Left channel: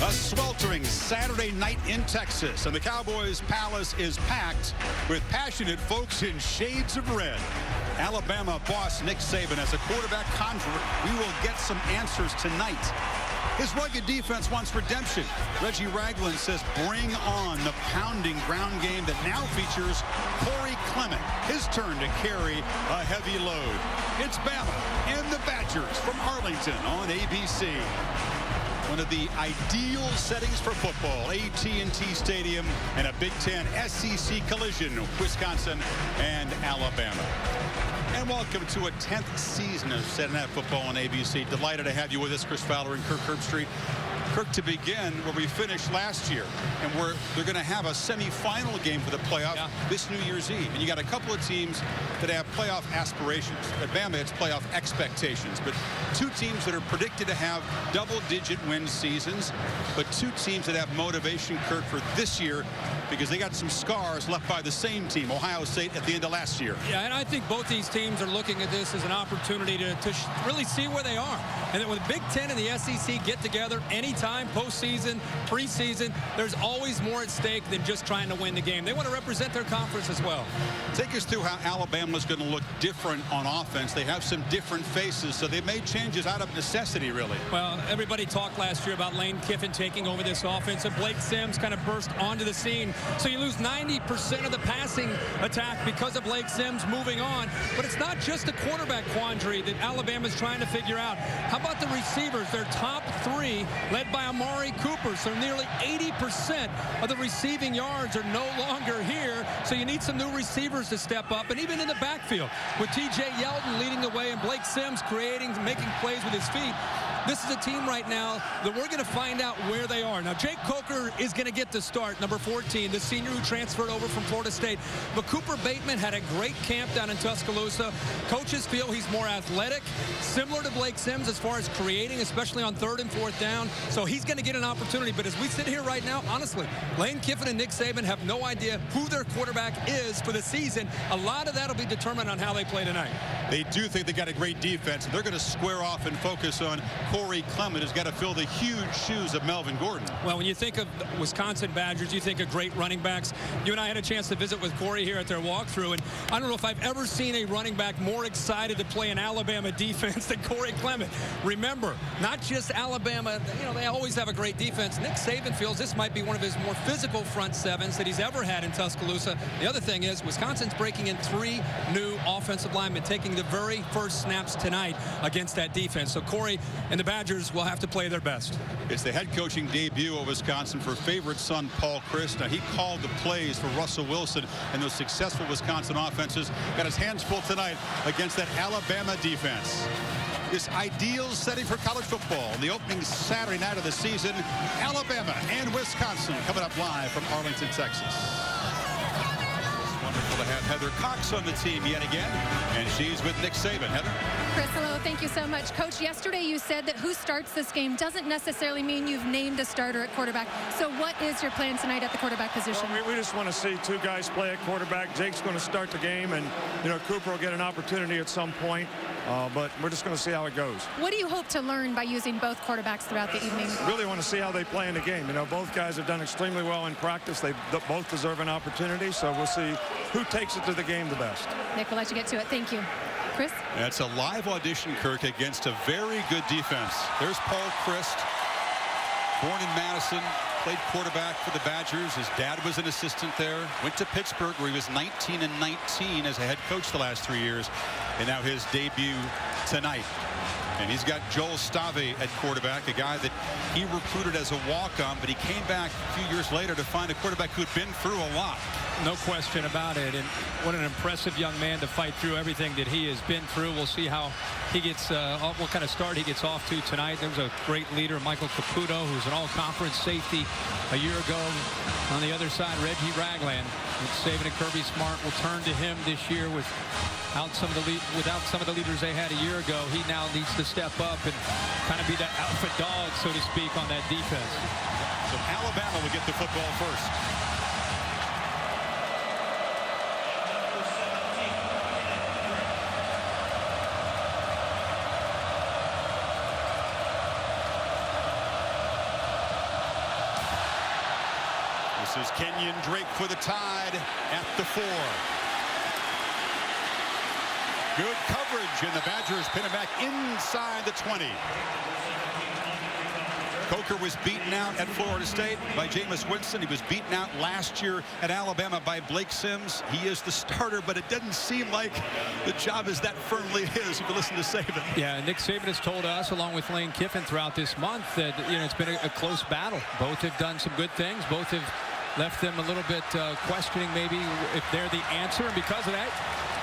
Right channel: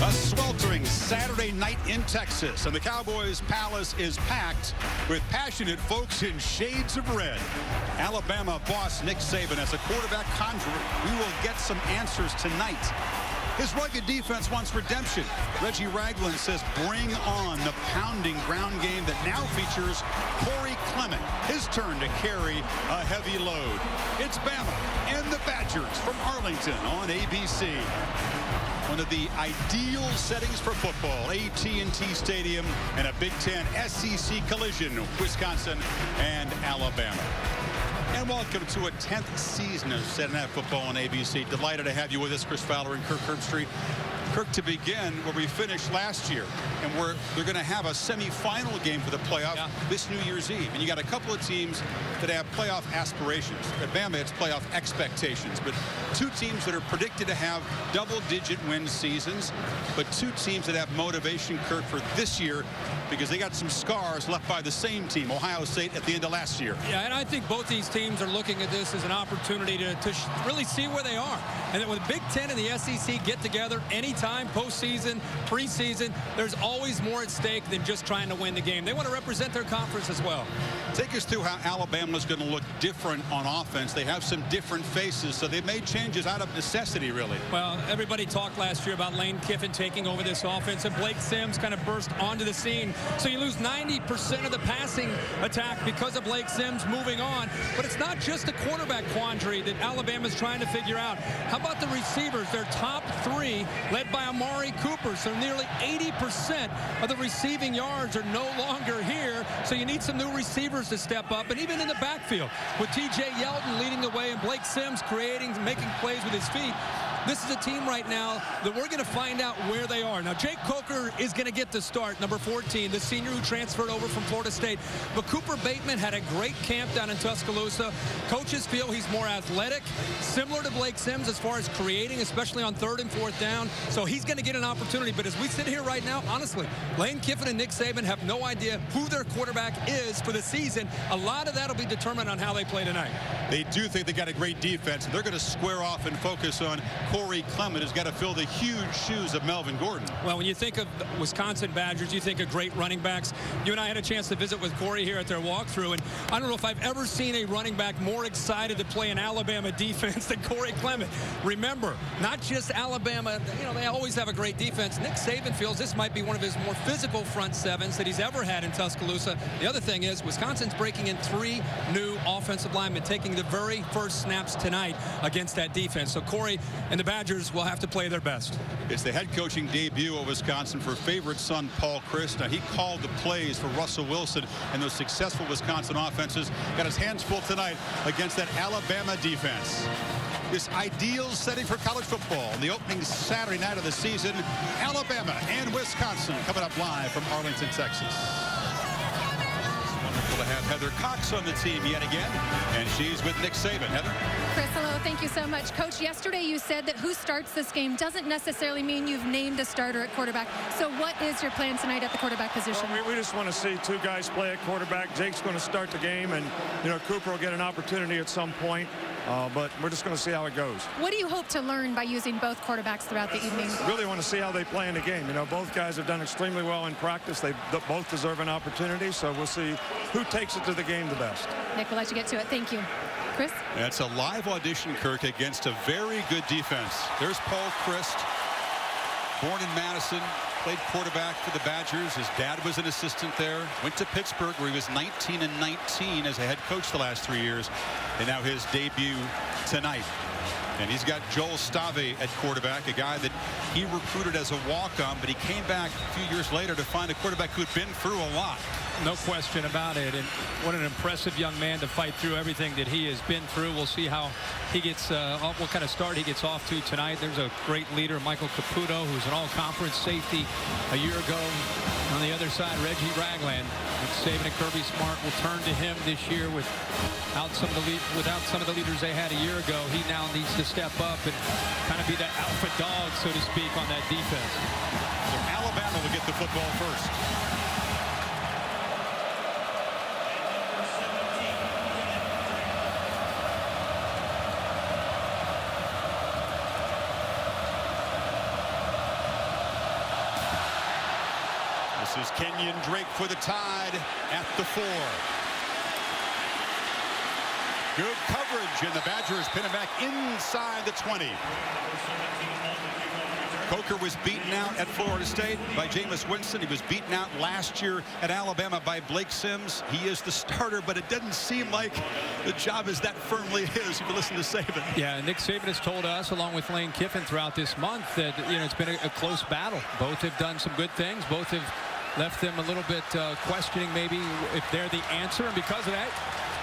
A sweltering Saturday night in Texas, and the Cowboys' palace is packed with passionate folks in shades of red. Alabama boss Nick Saban as a quarterback conjurer. We will get some answers tonight. His rugged defense wants redemption. Reggie Ragland says bring on the pounding ground game that now features Cory Clement. His turn to carry a heavy load. It's Bama and the Badgers from Arlington on ABC. One of the ideal settings for football, AT&T Stadium, and a Big Ten SEC collision, Wisconsin and Alabama. And welcome to a 10th season of Saturday Night Football on ABC. Delighted to have you with us, Chris Fowler and Kirk Herbstreit. Kirk, to begin where we finished last year, and they're going to have a semifinal game for the playoff this New Year's Eve. And you got a couple of teams that have playoff aspirations. At Bama, it's playoff expectations. But two teams that are predicted to have double-digit win seasons, but two teams that have motivation, Kirk, for this year because they got some scars left by the same team, Ohio State, at the end of last year. Yeah, and I think both these teams are looking at this as an opportunity to really see where they are. And then when the Big Ten and the SEC get together anytime, postseason, preseason, there's always more at stake than just trying to win the game. They want to represent their conference as well. Take us through how Alabama's going to look different on offense. They have some different faces, so they made changes out of necessity, really. Well, everybody talked last year about Lane Kiffin taking over this offense, and Blake Sims kind of burst onto the scene. So you lose 90% of the passing attack because of Blake Sims moving on. But it's not just a quarterback quandary that Alabama's trying to figure out. How about the receivers? Their top three, led by Amari Cooper. So nearly 80% of the receiving yards are no longer here. So you need some new receivers to step up. And even in the backfield, with T.J. Yeldon leading the way and Blake Sims making plays with his feet, this is a team right now that we're going to find out where they are. Now, Jake Coker is going to get the start, number 14, the senior who transferred over from Florida State. But Cooper Bateman had a great camp down in Tuscaloosa. Coaches feel he's more athletic, similar to Blake Sims as far as creating, especially on 3rd and 4th down. So he's going to get an opportunity. But as we sit here right now, honestly, Lane Kiffin and Nick Saban have no idea who their quarterback is for the season. A lot of that will be determined on how they play tonight. They do think they got a great defense, and they're going to square off and focus on Cory Clement, who's got to fill the huge shoes of Melvin Gordon. Well, when you think of Wisconsin Badgers, you think of great running backs. You and I had a chance to visit with Cory here at their walkthrough, and I don't know if I've ever seen a running back more excited to play an Alabama defense than Cory Clement. Remember, not just Alabama, they always have a great defense. Nick Saban feels this might be one of his more physical front sevens that he's ever had in Tuscaloosa. The other thing is Wisconsin's breaking in 3 new offensive linemen, taking the very first snaps tonight against that defense. So Cory and the Badgers will have to play their best. It's the head coaching debut of Wisconsin for favorite son Paul Chryst. Now, he called the plays for Russell Wilson and those successful Wisconsin offenses. Got his hands full tonight against that Alabama defense. This ideal setting for college football on the opening Saturday night of the season. Alabama and Wisconsin coming up live from Arlington, Texas. Wonderful to have Heather Cox on the team yet again, and she's with Nick Saban. Heather? Chris, hello. Thank you so much. Coach, yesterday you said that who starts this game doesn't necessarily mean you've named a starter at quarterback. So what is your plan tonight at the quarterback position? Well, we just want to see 2 guys play at quarterback. Jake's going to start the game, and, Cooper will get an opportunity at some point. But we're just going to see how it goes. What do you hope to learn by using both quarterbacks throughout the evening? Really want to see how they play in the game. Both guys have done extremely well in practice. They both deserve an opportunity, so we'll see who takes it to the game the best. Nick, we'll let you get to it. Thank you. Chris? That's a live audition, Kirk, against a very good defense. There's Paul Chryst, born in Madison, played quarterback for the Badgers. His dad was an assistant there. Went to Pittsburgh, where he was 19-19 as a head coach the last 3 years. And now his debut tonight. And he's got Joel Stave at quarterback, a guy that he recruited as a walk-on, but he came back a few years later to find a quarterback who'd been through a lot. No question about it. And what an impressive young man to fight through everything that he has been through. We'll see how he gets, what kind of start he gets off to tonight. There's a great leader, Michael Caputo, who's an all-conference safety a year ago. On the other side, Reggie Ragland. Nick Saban and Kirby Smart will turn to him this year without some of the leaders they had a year ago. He now needs to step up and kind of be that alpha dog, so to speak, on that defense. So Alabama will get the football first. This is Kenyon Drake for the Tide at the 4. Good coverage, and the Badgers pin him back inside the 20. Coker was beaten out at Florida State by Jameis Winston. He was beaten out last year at Alabama by Blake Sims. He is the starter, but it doesn't seem like the job is that firmly his, if you listen to Saban. Yeah, Nick Saban has told us, along with Lane Kiffin throughout this month, that it's been a close battle. Both have done some good things. Both have left them a little bit questioning maybe if they're the answer, and because of that,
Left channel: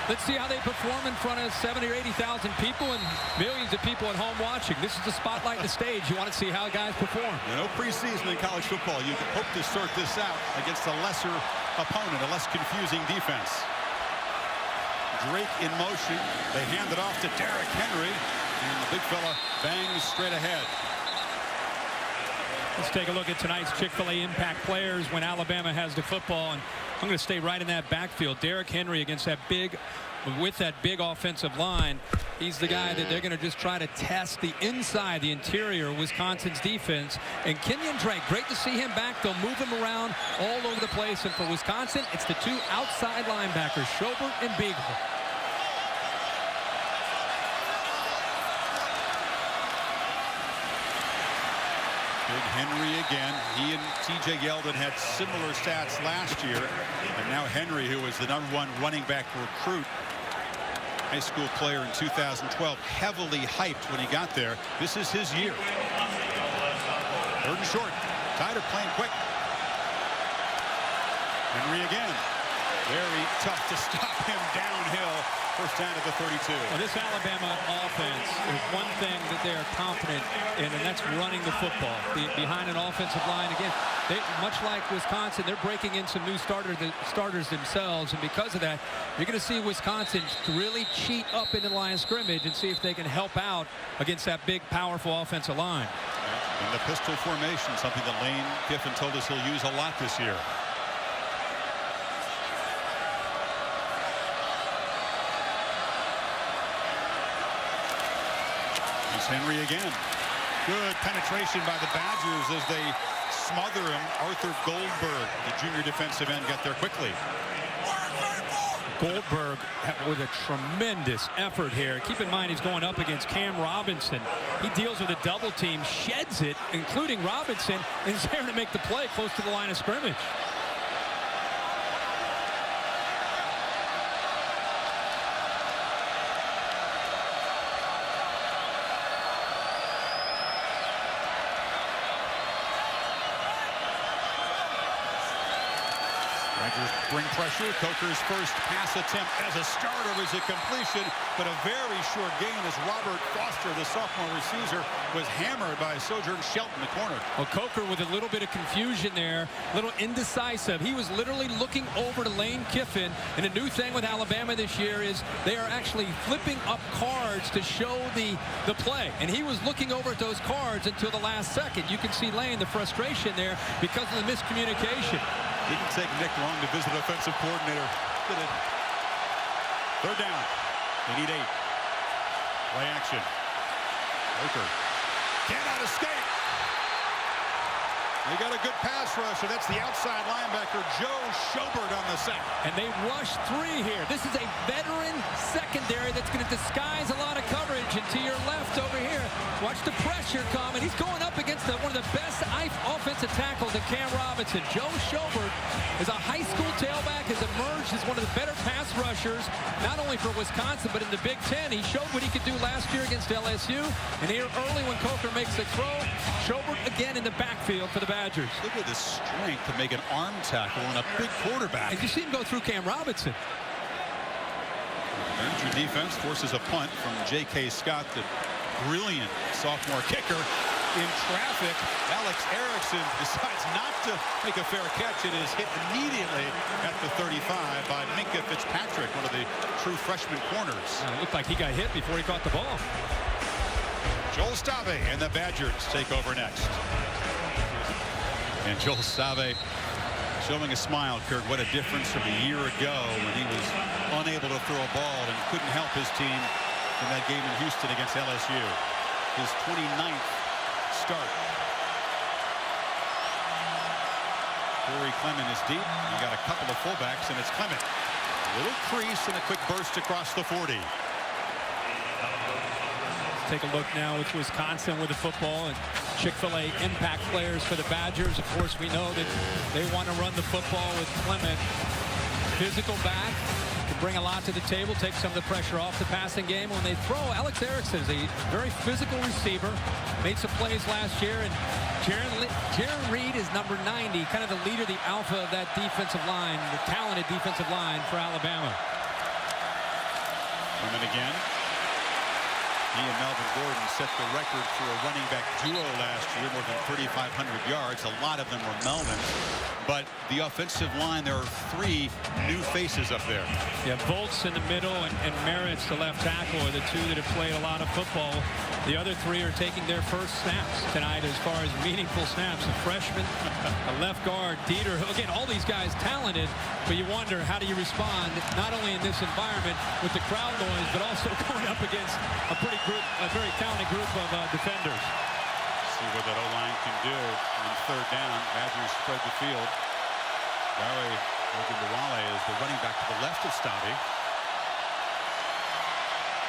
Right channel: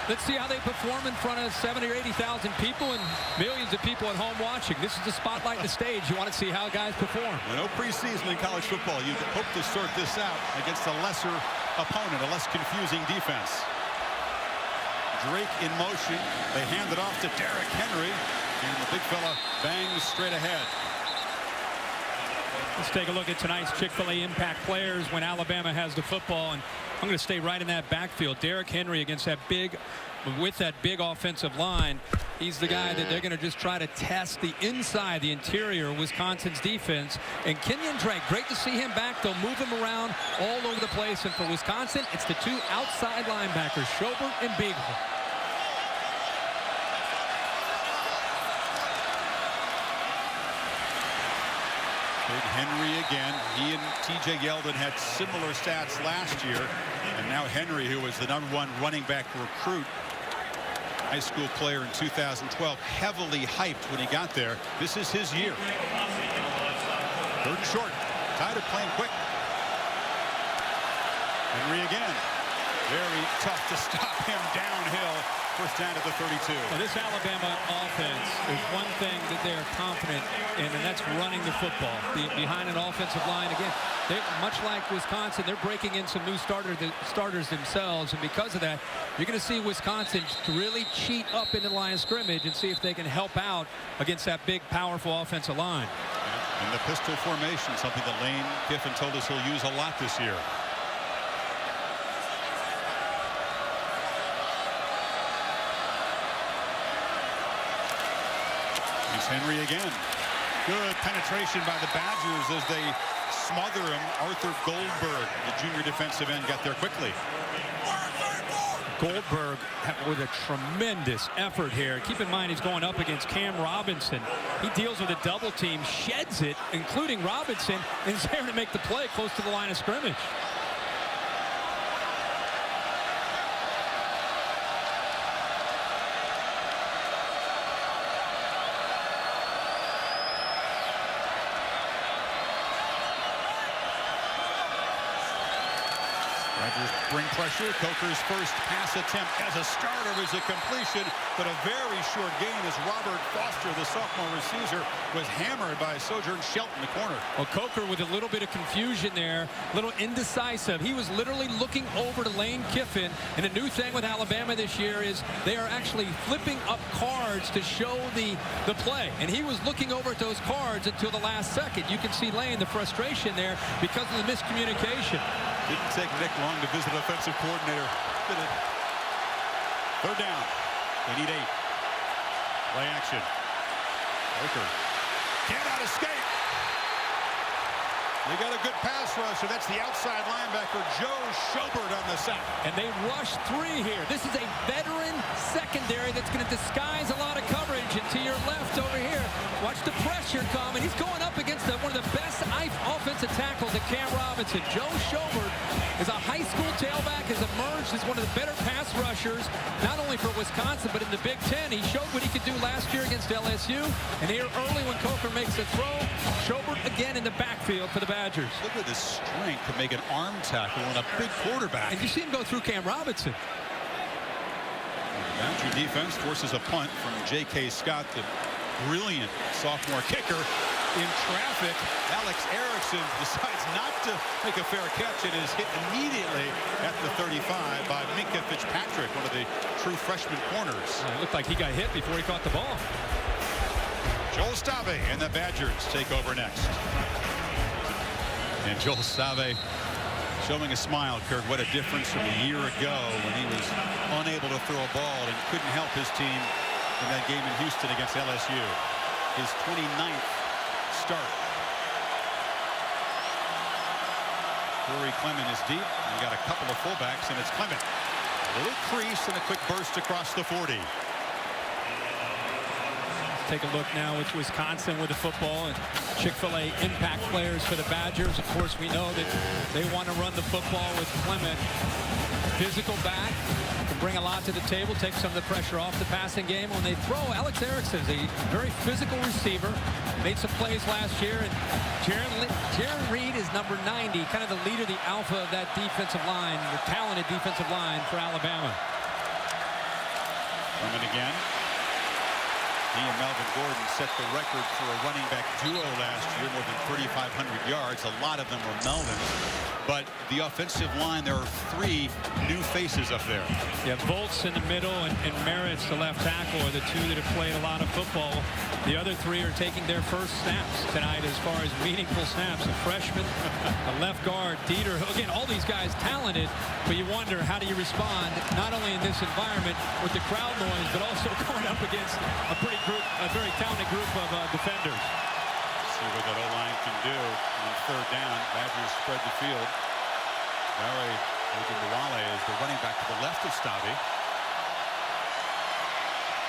let's see how they perform in front of 70 or 80,000 people and millions of people at home watching. This is the spotlight, the stage. You want to see how guys perform. No preseason in college football. You hope to sort this out against a lesser opponent, a less confusing defense. Drake in motion. They hand it off to Derrick Henry, and the big fella bangs straight ahead. Let's take a look at tonight's Chick-fil-A impact players when Alabama has the football, and I'm going to stay right in that backfield. Derrick Henry against that big offensive line. He's the guy that they're going to just try to test the inside, the interior of Wisconsin's defense. And Kenyon Drake, great to see him back. They'll move him around all over the place. And for Wisconsin, it's the two outside linebackers, Schobert and Beagle. Big Henry again. He and TJ Yeldon had similar stats last year. And now Henry, who was the #1 running back recruit, high school player in 2012, heavily hyped when he got there. This is his year. 3rd and short. Tide are playing quick. Henry again. Very tough to stop him downhill. First down at the 32. Well, this Alabama offense, there's one thing that they are confident in, and that's running the football. Behind an offensive line, again, much like Wisconsin, they're breaking in some new starters themselves, and because of that, you're going to see Wisconsin really cheat up into the line of scrimmage and see if they can help out against that big, powerful offensive line. Yeah, in the pistol formation, something that Lane Kiffin told us he'll use a lot this year. Here's Henry again. Good penetration by the Badgers as they smother him. Arthur Goldberg, the junior defensive end, got there quickly. Goldberg with a tremendous effort here. Keep in mind he's going up against Cam Robinson. He deals with a double team, sheds it, including Robinson, and is there to make the play close to the line of scrimmage. Badgers bring pressure. Coker's first pass attempt as a starter is a completion, but a very short gain as Robert Foster, the sophomore receiver, was hammered by Sojourn Shelton, the corner. Well, Coker with a little bit of confusion there, a little indecisive. He was literally looking over to Lane Kiffin, and a new thing with Alabama this year is they are actually flipping up cards to show the play, and he was looking over at those cards until the last second. You can see Lane, the frustration there because of the miscommunication. Didn't take Nick long to visit offensive coordinator. Did it. 3rd down. They need 8. Play action. Coker cannot escape. They got a good pass rusher. That's the outside linebacker, Joe Schobert, on the sack. And they rush 3 here. This is a veteran secondary that's going to disguise a lot of coverage. And to your left over here, watch the pressure come. And he's going up against one of the best offensive tackles at Cam Robinson. Joe Schobert is a high school tailback, has emerged as one of the better pass rushers, not only for Wisconsin, but in the Big Ten. He showed what he could do last year against LSU. And here early when Coker makes a throw, Schobert again in the backfield for the Badgers. Look at the strength to make an arm tackle on a big quarterback. And you see him go through Cam Robinson. The Badger defense forces a punt from J.K. Scott, the brilliant sophomore kicker. In traffic, Alex Erickson decides not to make a fair catch. It is hit immediately at the 35 by Minka Fitzpatrick, one of the true freshman corners. It looked like he got hit before he caught the ball. Joel Stave and the Badgers take over next. And Joel Stave showing a smile, Kirk. What a difference from a year ago when he was unable to throw a ball and couldn't help his team in that game in Houston against LSU. His 29th start. Cory Clement is deep. You got a couple of fullbacks, and it's Clement. A little crease and a quick burst across the 40. Let's take a look now with Wisconsin with the football and Chick-fil-A impact players for the Badgers. Of course, we know that they want to run the football with Clement. Physical back, can bring a lot to the table, take some of the pressure off the passing game. When they throw, Alex Erickson is a very physical receiver. Made some plays last year, and Jaron Reed is number 90, kind of the leader, the alpha of that defensive line, the talented defensive line for Alabama. Clement again. He and Melvin Gordon set the record for a running back duo last year, more than 3,500 yards. A lot of them were Melvin's. But the offensive line, there are 3 new faces up there. Yeah, Volts in the middle and Merritt's the left tackle are the 2 that have played a lot of football. The other 3 are taking their first snaps tonight as far as meaningful snaps. A freshman, a left guard, Dieter. Again, all these guys talented, but you wonder, how do you respond, not only in this environment with the crowd noise, but also going up against a very talented group of defenders. See what that O-line can do on third down. Badgers spread the field. Dare Ogunbowale is the running back to the left of Stavi.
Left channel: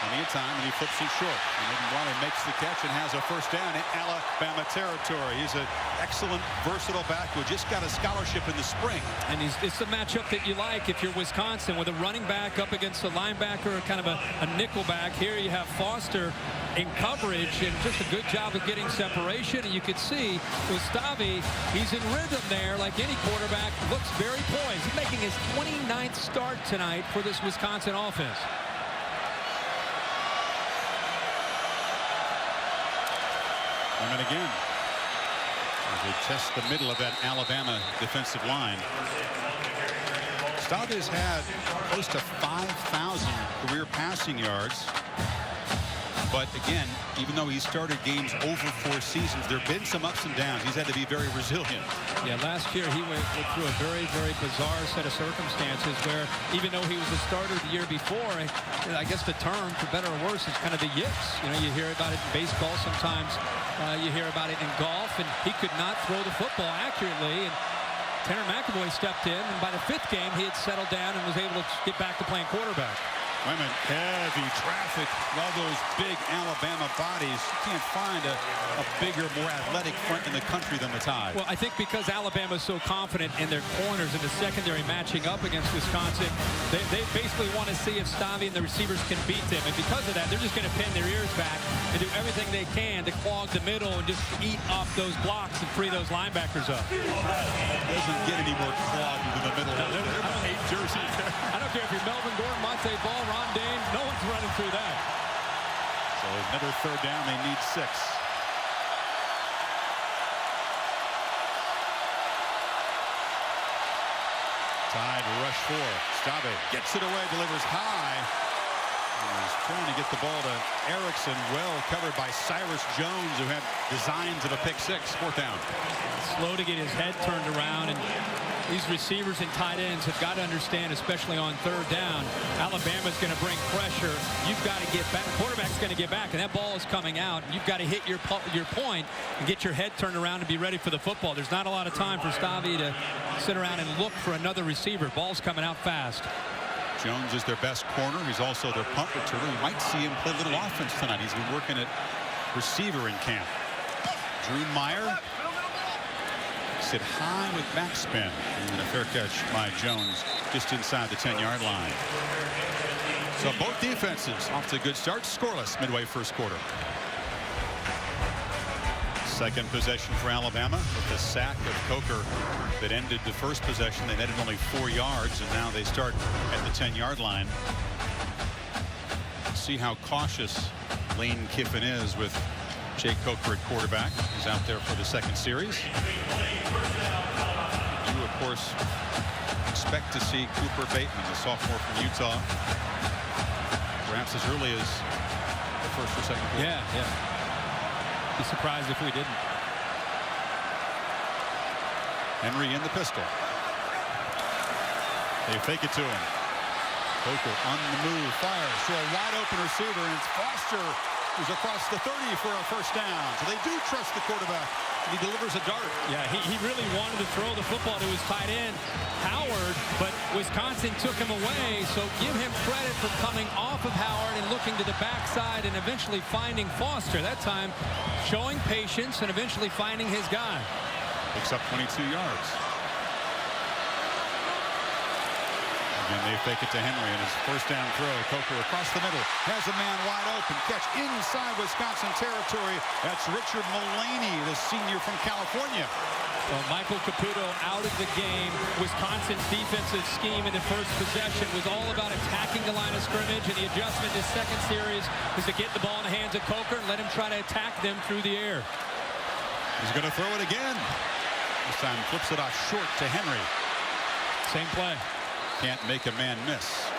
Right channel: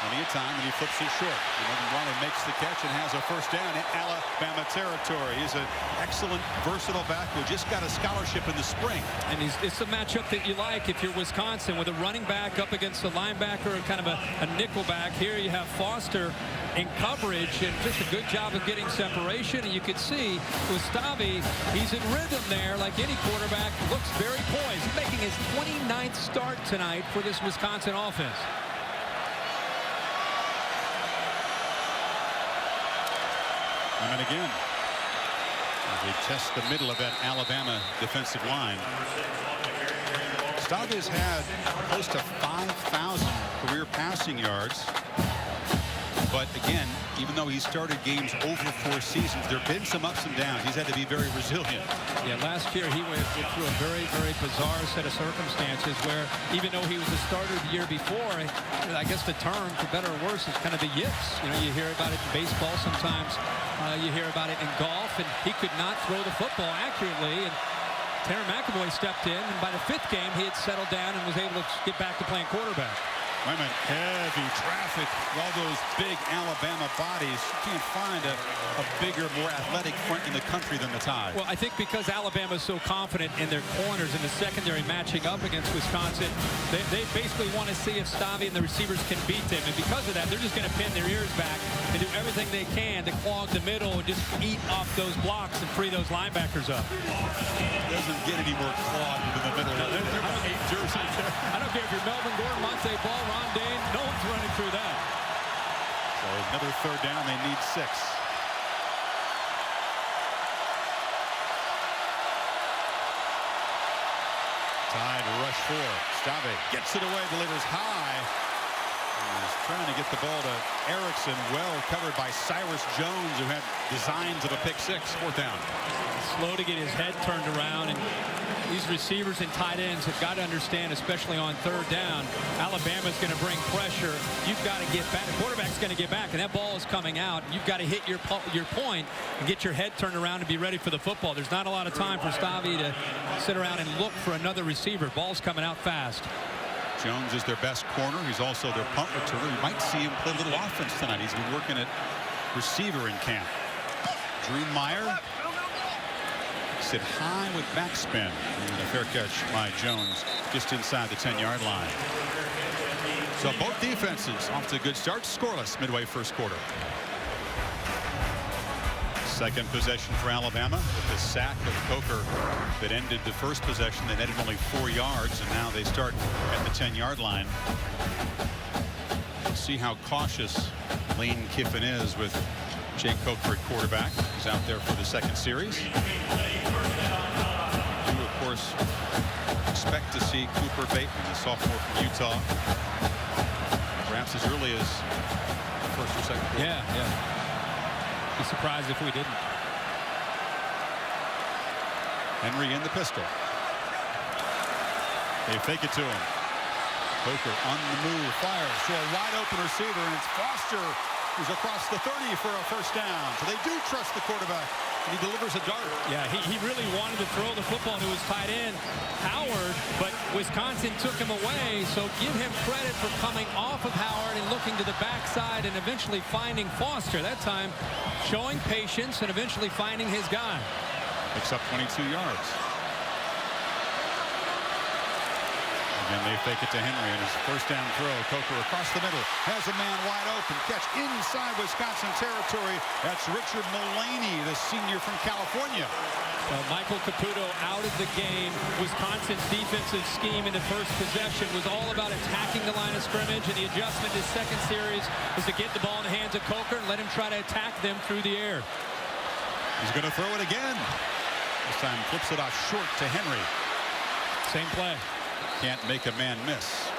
Plenty of time, and he flips it short. And Ogunbowale makes the catch and has a first down in Alabama territory. He's an excellent, versatile back who just got a scholarship in the spring. And it's the matchup that you like if you're Wisconsin, with a running back up against a linebacker, kind of a nickel back. Here you have Foster in coverage, and just a good job of getting separation. And you could see with Stavi, he's in rhythm there like any quarterback. Looks very poised. He's making his 29th start tonight for this Wisconsin offense. Clement again as they test the middle of that Alabama defensive line. Stavi has had close to 5,000 career passing yards. But again, even though he started games over 4 seasons, there have been some ups and downs. He's had to be very resilient. Yeah, last year he went through a very, very bizarre set of circumstances where, even though he was a starter the year before, I guess the term, for better or worse, is kind of the yips. You know, you hear about it in baseball sometimes. You hear about it in golf, and he could not throw the football accurately. And Tanner McAvoy stepped in, and by the 5th game, he had settled down and was able to get back to playing quarterback. Clement, heavy traffic, all those big Alabama bodies. You can't find a bigger, more athletic front in the country than the Tide. Well, I think because Alabama is so confident in their corners in the secondary matching up against Wisconsin, they basically want to see if Stavi and the receivers can beat them. And because of that, they're just going to pin their ears back and do everything they can to clog the middle and just eat off those blocks and free those linebackers up. Doesn't get any more clogged within the middle. No, there are about 8 jerseys there. I don't care if you're Melvin Gordon, Monte Ball, Ron Dane, no one's running through that. So another third down, they need 6. Tide rush 4. Stavi gets it away, delivers high. He's trying to get the ball to Erickson, well covered by Cyrus Jones, who had designs of a pick 6. 4th down. Slow to get his head turned around, and these receivers and tight ends have got to understand, especially on third down, Alabama's going to bring pressure. You've got to get back. The quarterback's going to get back, and that ball is coming out. You've got to hit your point and get your head turned around and be ready for the football. There's not a lot of time for Stavi to sit around and look for another receiver. Ball's coming out fast. Jones is their best corner. He's also their punt returner. You might see him play a little offense tonight. He's been working at receiver in camp. Drew Meyer sit high with backspin, and a fair catch by Jones just inside the 10-yard line. So both defenses off to a good start. Scoreless midway first quarter. Second possession for Alabama with the sack of Coker that ended the first possession. They netted only 4 yards, and now they start at the 10-yard line. See how cautious Lane Kiffin is with Jake Coker at quarterback. He's out there for the second series. We do, of course, expect to see Cooper Bateman, the sophomore from Utah, perhaps as early as the first or second quarter. Yeah. Be surprised if we didn't. Henry in the pistol. They fake it to him. Coker on the move, fires to a wide open receiver, and it's Foster who's across the 30 for a first down. So they do trust the quarterback and he delivers a dart. Yeah, he really wanted to throw the football to his tight end, Howard, but Wisconsin took him away, so give him credit for coming off of Howard and looking to the backside and eventually finding Foster. That time showing patience and eventually finding his guy. Picks up 22 yards. Again, they fake it to Henry in his first down throw. Coker across the middle, has a man wide open. Catch inside Wisconsin territory. That's Richard Mullaney, the senior from California. Michael Caputo out of the game. Wisconsin's defensive scheme in the first possession was all about attacking the line of scrimmage, and the adjustment in his second series is to get the ball in the hands of Coker and let him try to attack them through the air. He's going to throw it again. This time flips it off short to Henry. Same play. Can't make a man miss.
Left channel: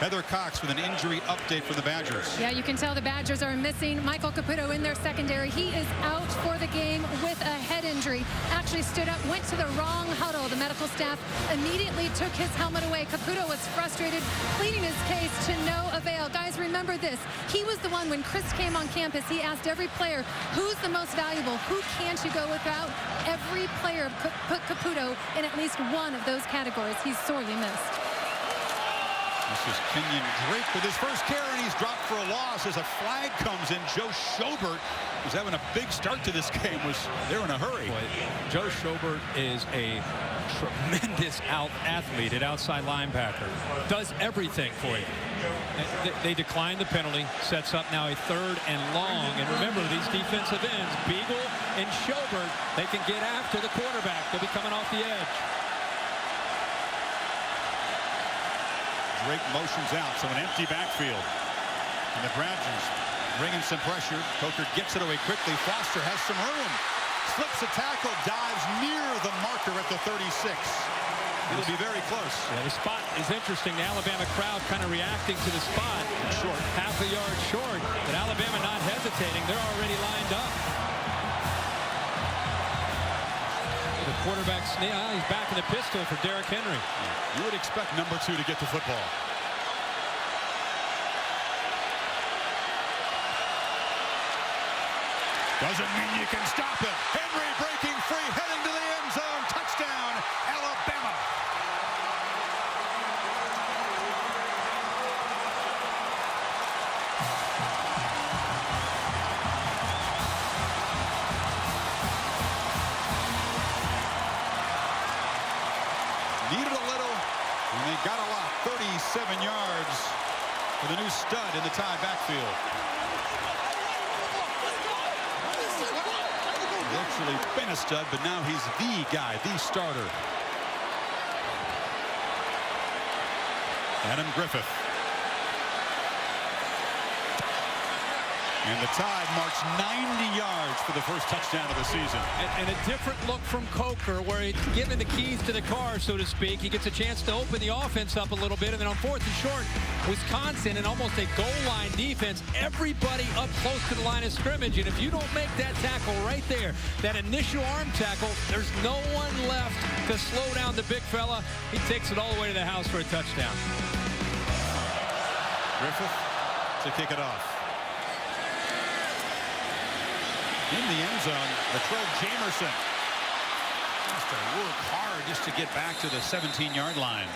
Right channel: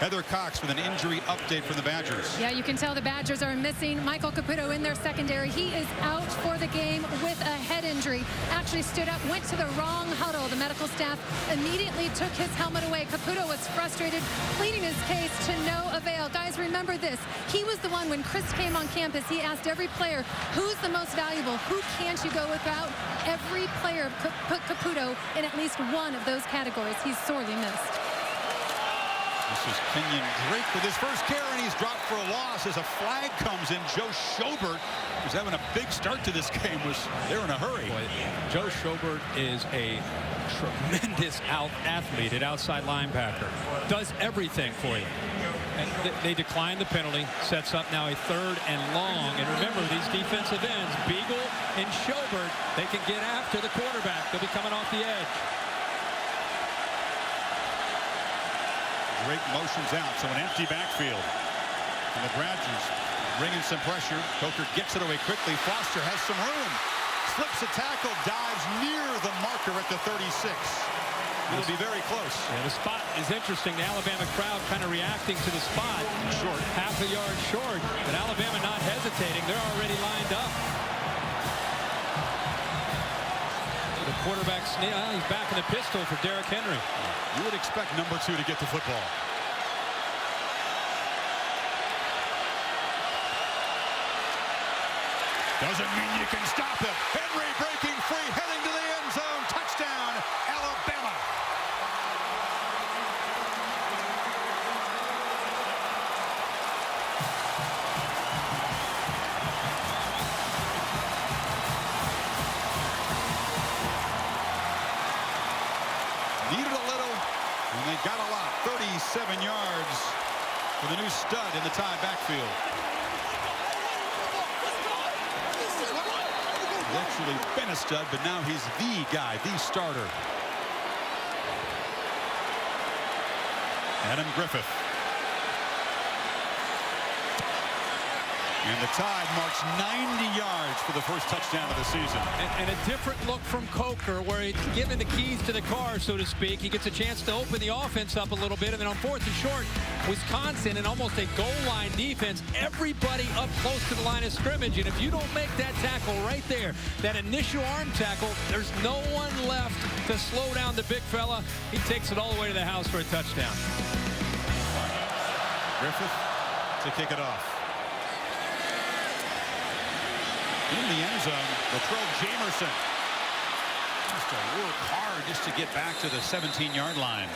Heather Cox with an injury update from the Badgers. Yeah, you can tell the Badgers are missing Michael Caputo in their secondary. He is out for the game with a head injury. Actually stood up, went to the wrong huddle. The medical staff immediately took his helmet away. Caputo was frustrated, pleading his case to no avail. Guys, remember this. He was the one when Chryst came on campus. He asked every player, who's the most valuable? Who can't you go without? Every player put Caputo in at least one of those categories. He's sorely missed. This is Kenyon Drake with his first carry, and he's dropped for a loss as a flag comes in. Joe Schobert, who's having a big start to this game, was there in a hurry. Boy, Joe Schobert is a tremendous athlete at outside linebacker. Does everything for you. They decline the penalty, sets up now a 3rd and long. And remember, these defensive ends, Beagle and Schobert, they can get after the quarterback. They'll be coming off the edge. Drake motions out, so an empty backfield. And the Badgers bringing some pressure. Coker gets it away quickly. Foster has some room. Slips a tackle, dives near the marker at the 36. It'll be very close. Yeah, the spot is interesting. The Alabama crowd kind of reacting to the spot. Short. Half a yard short, but Alabama not hesitating. They're already lined up. The quarterback, he's back in the pistol for Derrick Henry. You would expect number 2 to get the football. Doesn't mean you can stop him. Henry breaking free, heading to the end zone. Touchdown, Alabama. Needed a little, and they got a lot. 37 yards for the new stud in the tied backfield. He's actually been a stud, but now he's the guy, the starter. Adam Griffith. And the Tide march 90 yards for the first touchdown of the season. And a different look from Coker, where he's given the keys to the car, so to speak. He gets a chance to open the offense up a little bit. And then on 4th and short, Wisconsin in almost a goal line defense. Everybody up close to the line of scrimmage. And if you don't make that tackle right there, that initial arm tackle, there's no one left to slow down the big fella. He takes it all the way to the house for a touchdown. Griffith to kick it off. In the end zone, Latrell Jamerson has to work hard just to get back to the 17-yard line.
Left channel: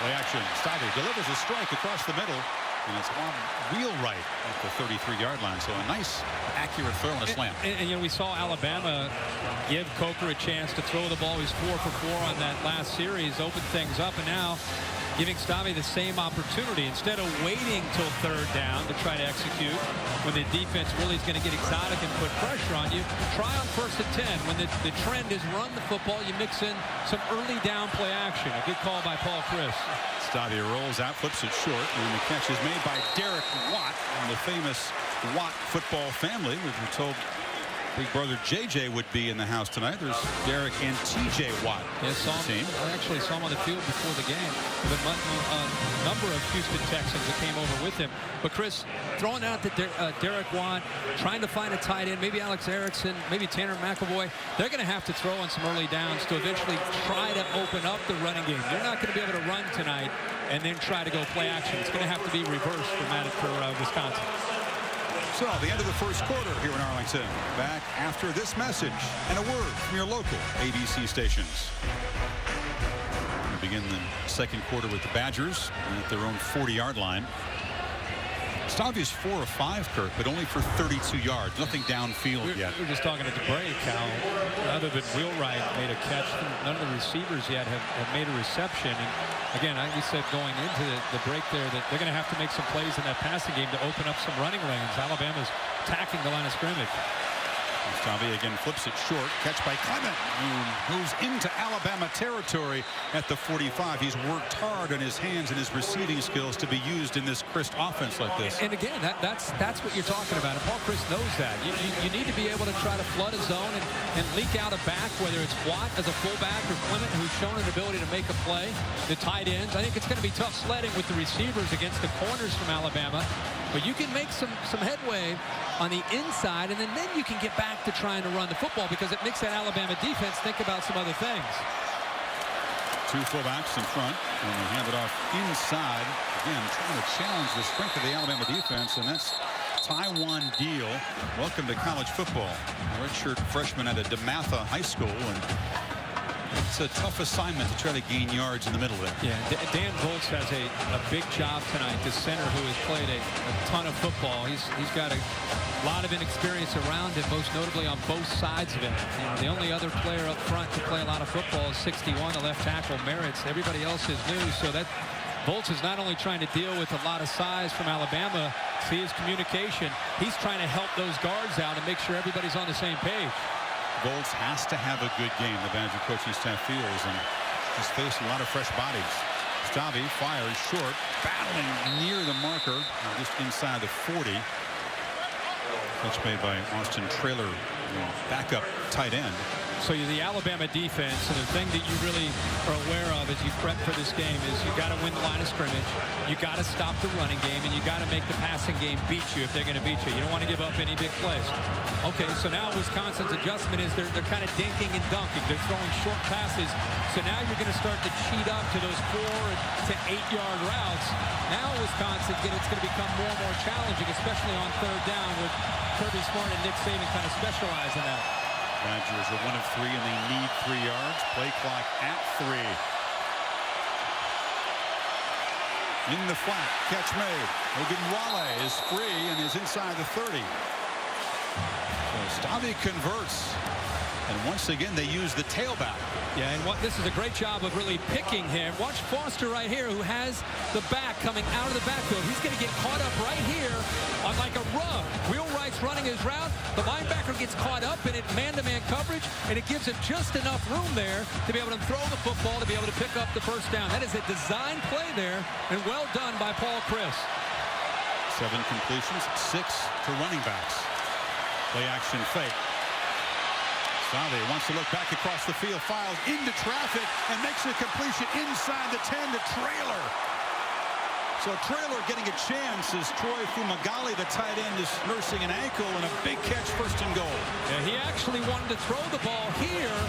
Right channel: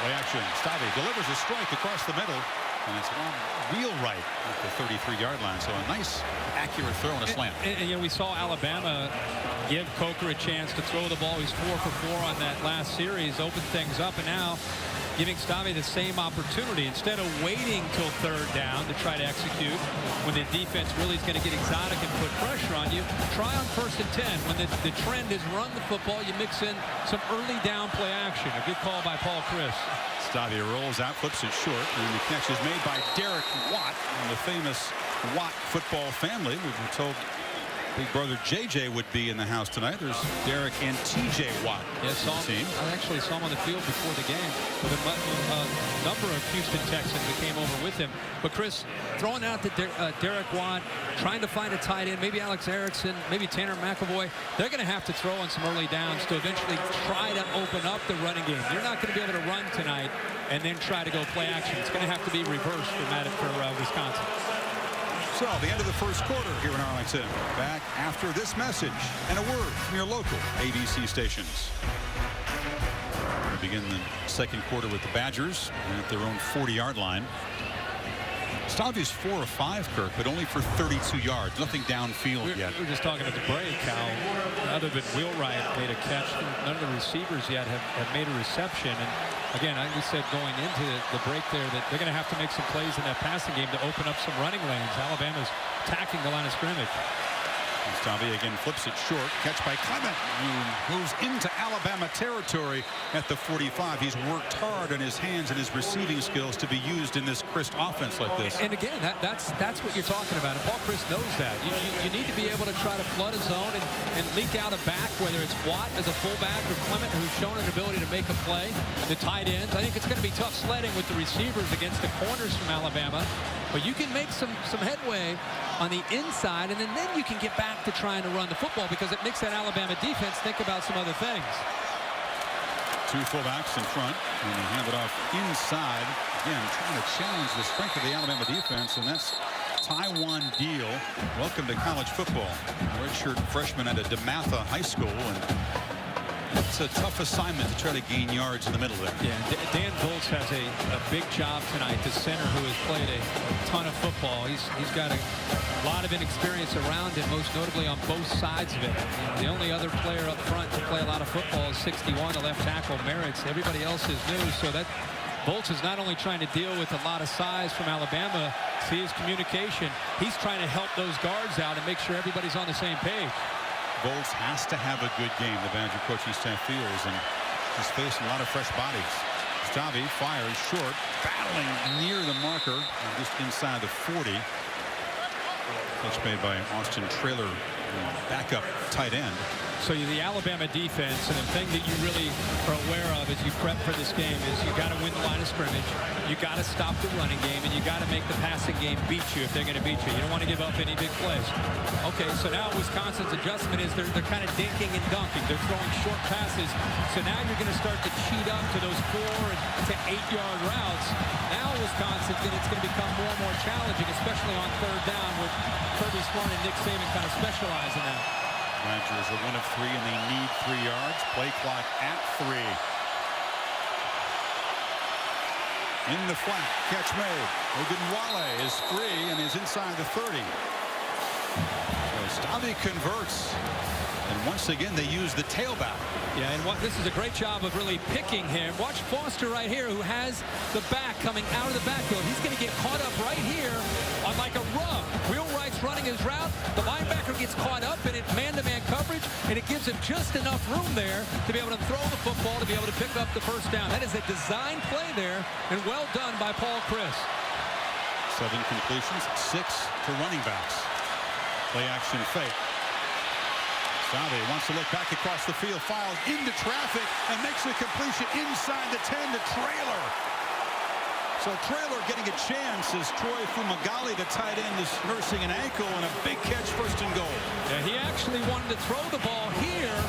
Play action. Stave delivers a strike across the middle, and it's one wheelwright at the 33-yard line. So a nice, accurate throw and a slant. And you know, we saw Alabama give Coker a chance to throw the ball. He's 4 for 4 on that last series, opened things up, and now giving Stave the same opportunity. Instead of waiting till 3rd down to try to execute when the defense really is going to get exotic and put pressure on you, try on 1st and 10. When the trend is run the football, you mix in some early down play action. A good call by Paul Chryst. Stave rolls out, flips it short, and the catch is made by Derek Watt, the famous Watt football family. We were told Big brother JJ would be in the house tonight. There's Derek and TJ Watt. Yeah, I actually saw him on the field before the game with a number of Houston Texans that came over with him. But Chris, throwing out to Derek Watt, trying to find a tight end, maybe Alex Erickson, maybe Tanner McAvoy. They're going to have to throw on some early downs to eventually try to open up the running game. You're not going to be able to run tonight and then try to go play action. It's going to have to be reversed for Wisconsin. So, the end of the first quarter here in Arlington. Back after this message and a word from your local ABC stations. We're going to begin the second quarter with the Badgers at their own 40-yard line. Stavi's 4 of 5, Kirk, but only for 32 yards. Nothing downfield yet. We were just talking at the break how, other than Wheelwright made a catch, none of the receivers yet have made a reception. And again, we said going into the break there that they're going to have to make some plays in that passing game to open up some running lanes. Alabama's attacking the line of scrimmage. Stavi again flips it short. Catch by Clement, who moves into Alabama territory at the 45. He's worked hard on his hands and his receiving skills to be used in this Chryst offense like this. And again, that's what you're talking about. And Paul Chryst knows that. You need to be able to try to flood a zone and leak out a back, whether it's Watt as a fullback or Clement, who's shown an ability to make a play. The tight ends. I think it's going to be tough sledding with the receivers against the corners from Alabama. But you can make some headway on the inside, and then you can get back to trying to run the football because it makes that Alabama defense think about some other things. Two fullbacks in front, and they hand it off inside. Again, trying to challenge the strength of the Alabama defense, and that's Taiwan Deal. Welcome to college football. A redshirt freshman at a DeMatha High School, and it's a tough assignment to try to gain yards in the middle there. Yeah, Dan Volz has a big job tonight. The center who has played a ton of football. He's got a lot of inexperience around him, most notably on both sides of it. You know, the only other player up front to play a lot of football is 61, the left tackle, Merritt's. Everybody else is new, so that Volz is not only trying to deal with a lot of size from Alabama, see his communication, he's trying to help those guards out and make sure everybody's on the same page. Volz has to have a good game, the Badger coaching staff feels, and he's facing a lot of fresh bodies. Stavi fires short, battling near the marker, just inside the 40. Pitch made by Austin Traylor, the backup tight end. So the Alabama defense, and the thing that you really are aware of as you prep for this game is you got to win the line of scrimmage, you got to stop the running game, and you got to make the passing game beat you if they're going to beat you. You don't want to give up any big plays. Okay, so now Wisconsin's adjustment is they're kind of dinking and dunking. They're throwing short passes. So now you're going to start to cheat up to those 4 to 8 yard routes. Now Wisconsin's it's going to become more and more challenging, especially on third down with Kirby Smart and Nick Saban kind of specialize in that. Badgers are 1 of 3 and they need 3 yards. Play clock at 3. In the flat, catch made. Ogunwale is free and is inside the 30. So Stavi converts, and once again they use the tailback. Yeah, and this is a great job of really picking him. Watch Foster right here, who has the back coming out of the backfield. He's going to get caught up right here on like a rub. Wheelwright's running his route. The linebacker gets caught up in it, man-to-man coverage, and it gives him just enough room there to be able to throw the football, to be able to pick up the first down. That is a design play there, and well done by Paul Chryst. 7 completions, 6 to running backs. Play action fake. Stavi wants to look back across the field, files into traffic, and makes a completion inside the 10 to Traylor. So Traylor getting a chance as Troy Fumagalli, the tight end, is nursing an ankle, and a big catch, first and goal. Yeah, he actually wanted to throw the ball here,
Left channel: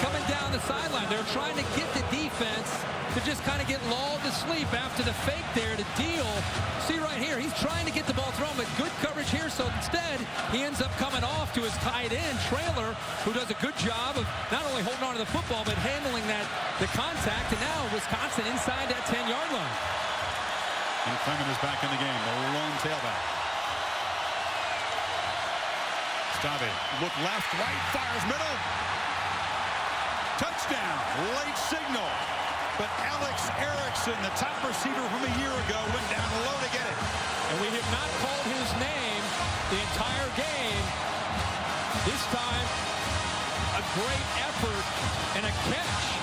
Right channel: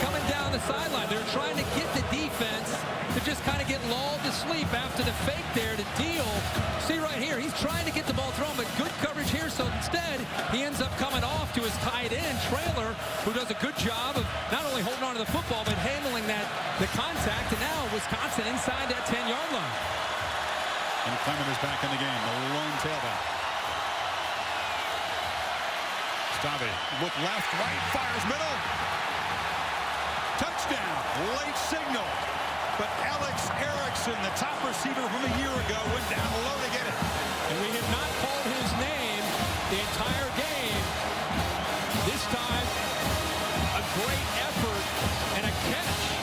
coming down the sideline. They're trying to get the defense to just kind of get lulled to sleep after the fake there to Deal. See right here, he's trying to get the ball thrown, but good coverage here. So instead, he ends up coming off to his tight end, Traylor, who does a good job of not only holding on to the football, but handling the contact. And now Wisconsin inside that 10-yard line. And Clemens is back in the game, the lone tailback. Stavi, look left, right, fires middle. Touchdown, late signal. But Alex Erickson, the top receiver from a year ago, went down low to get it. And we have not called his name the entire game. This time, a great effort and a catch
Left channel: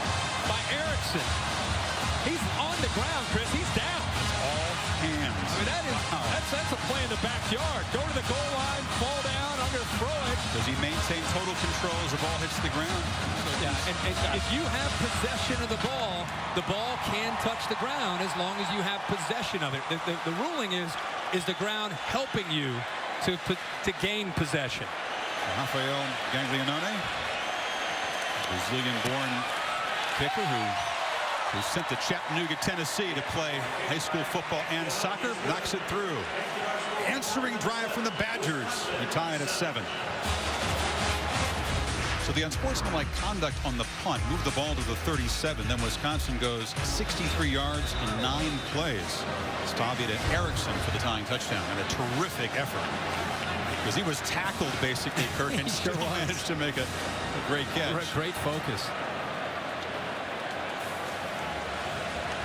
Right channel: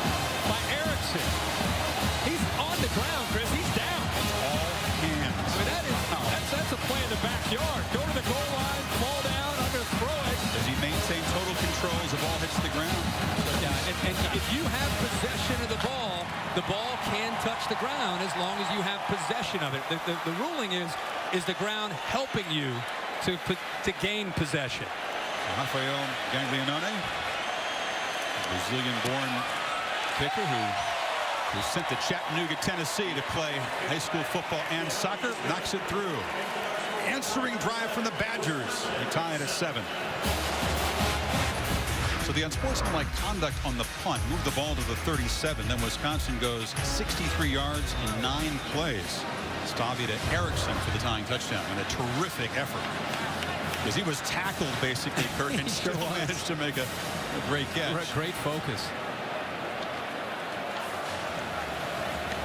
by Erickson. He's on the ground, Chris. He's down. That's all hands. I mean, that is wow. that's a play in the backyard. Go to the goal line, fall down longer throw it. Does he maintain total control as the ball hits the ground? Yeah, and if you have possession of the ball can touch the ground as long as you have possession of it. The ruling is the ground helping you to gain possession. Rafael Gaglianone, Brazilian-born kicker who sent to Chattanooga, Tennessee to play high school football and soccer, knocks it through. Answering drive from the Badgers, who tie it at 7. So the unsportsmanlike conduct on the punt moved the ball to the 37. Then Wisconsin goes 63 yards in 9 plays. Stavia to Erickson for the tying touchdown, and a terrific effort. Because he was tackled basically, Kirk, and still managed to make a great catch. Great focus.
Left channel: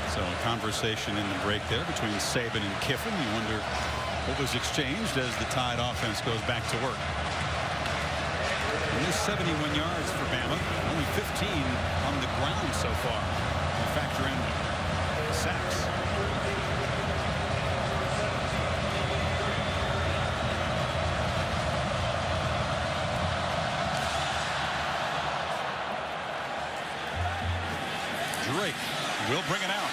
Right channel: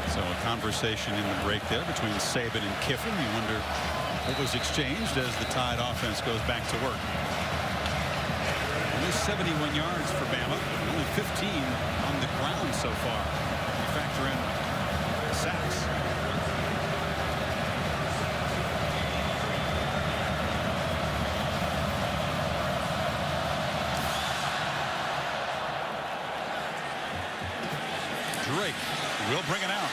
So a conversation in the break there between Saban and Kiffin. You wonder what was exchanged as the Tide offense goes back to work. Only 71 yards for Bama, and only 15 on the ground so far. We factor in the sacks. Drake will bring it out.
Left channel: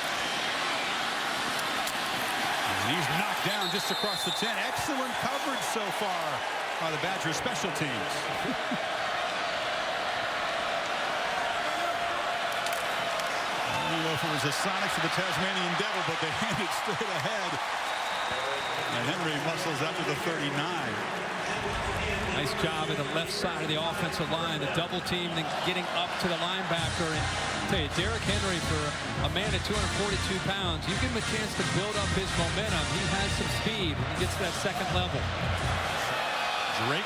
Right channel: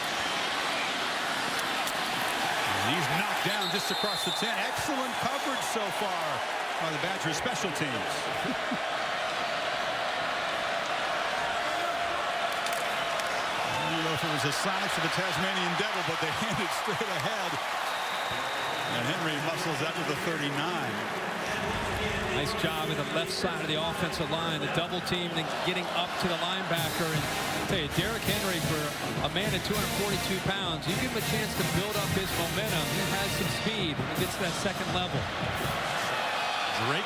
And he's knocked down just across the 10. Excellent coverage so far by the Badgers special teams. I don't know if it was the Sonics or the Tasmanian Devil, but they handed straight ahead. And Henry muscles out to the 39. Nice job at the left side of the offensive line, the double team, and then getting up to the linebacker. And I tell you, Derrick Henry, for a man at 242 pounds, you give him a chance to build up his momentum. He has some speed when he gets to that second level. Drake,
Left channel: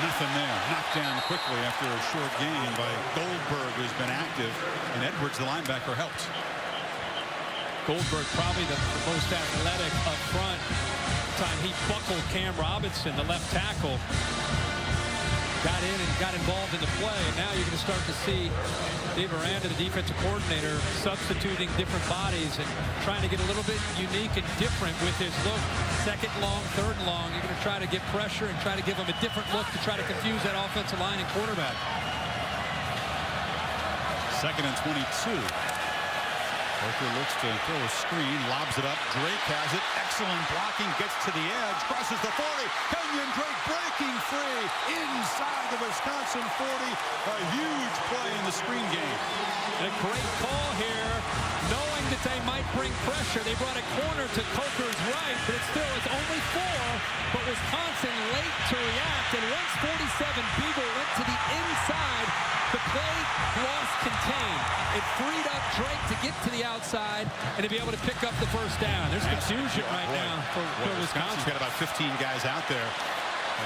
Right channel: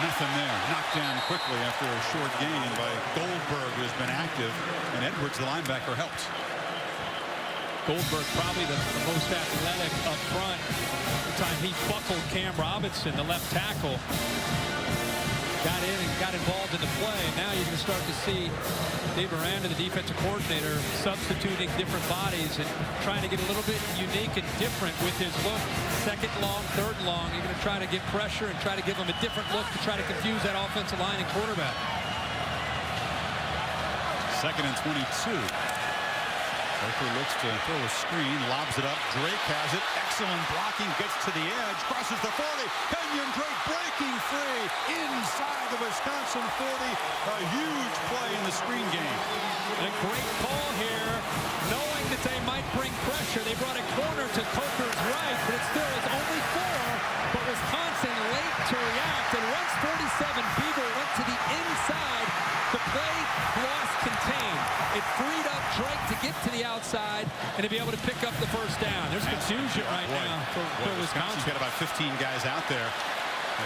nothing there. Knocked down quickly after a short gain by Goldberg, who's been active, and Edwards, the linebacker, helped. Goldberg, probably the most athletic up front. The time he buckled Cam Robinson, the left tackle, got in and got involved in the play. And now you're going to start to see Dave Aranda, the defensive coordinator, substituting different bodies and trying to get a little bit unique and different with his look. Second long, third long, you're going to try to get pressure and try to give him a different look to try to confuse that offensive line and quarterback. 2nd and 22. Coker looks to throw a screen, lobs it up. Drake has it. Excellent blocking, gets to the edge, crosses the 40. Kenyon Drake breaking free inside the Wisconsin 40. A huge play in the screen game. And a great call here, knowing that they might bring pressure. They brought a corner to Coker's right, but it still is only 4. But Wisconsin late to react, and once 47 Beagle went to the inside, the play loss contained. It freed up Drake to get to the outside and to be able to pick up the first down. There's confusion right now for Wisconsin. Wisconsin's got about 15 guys out there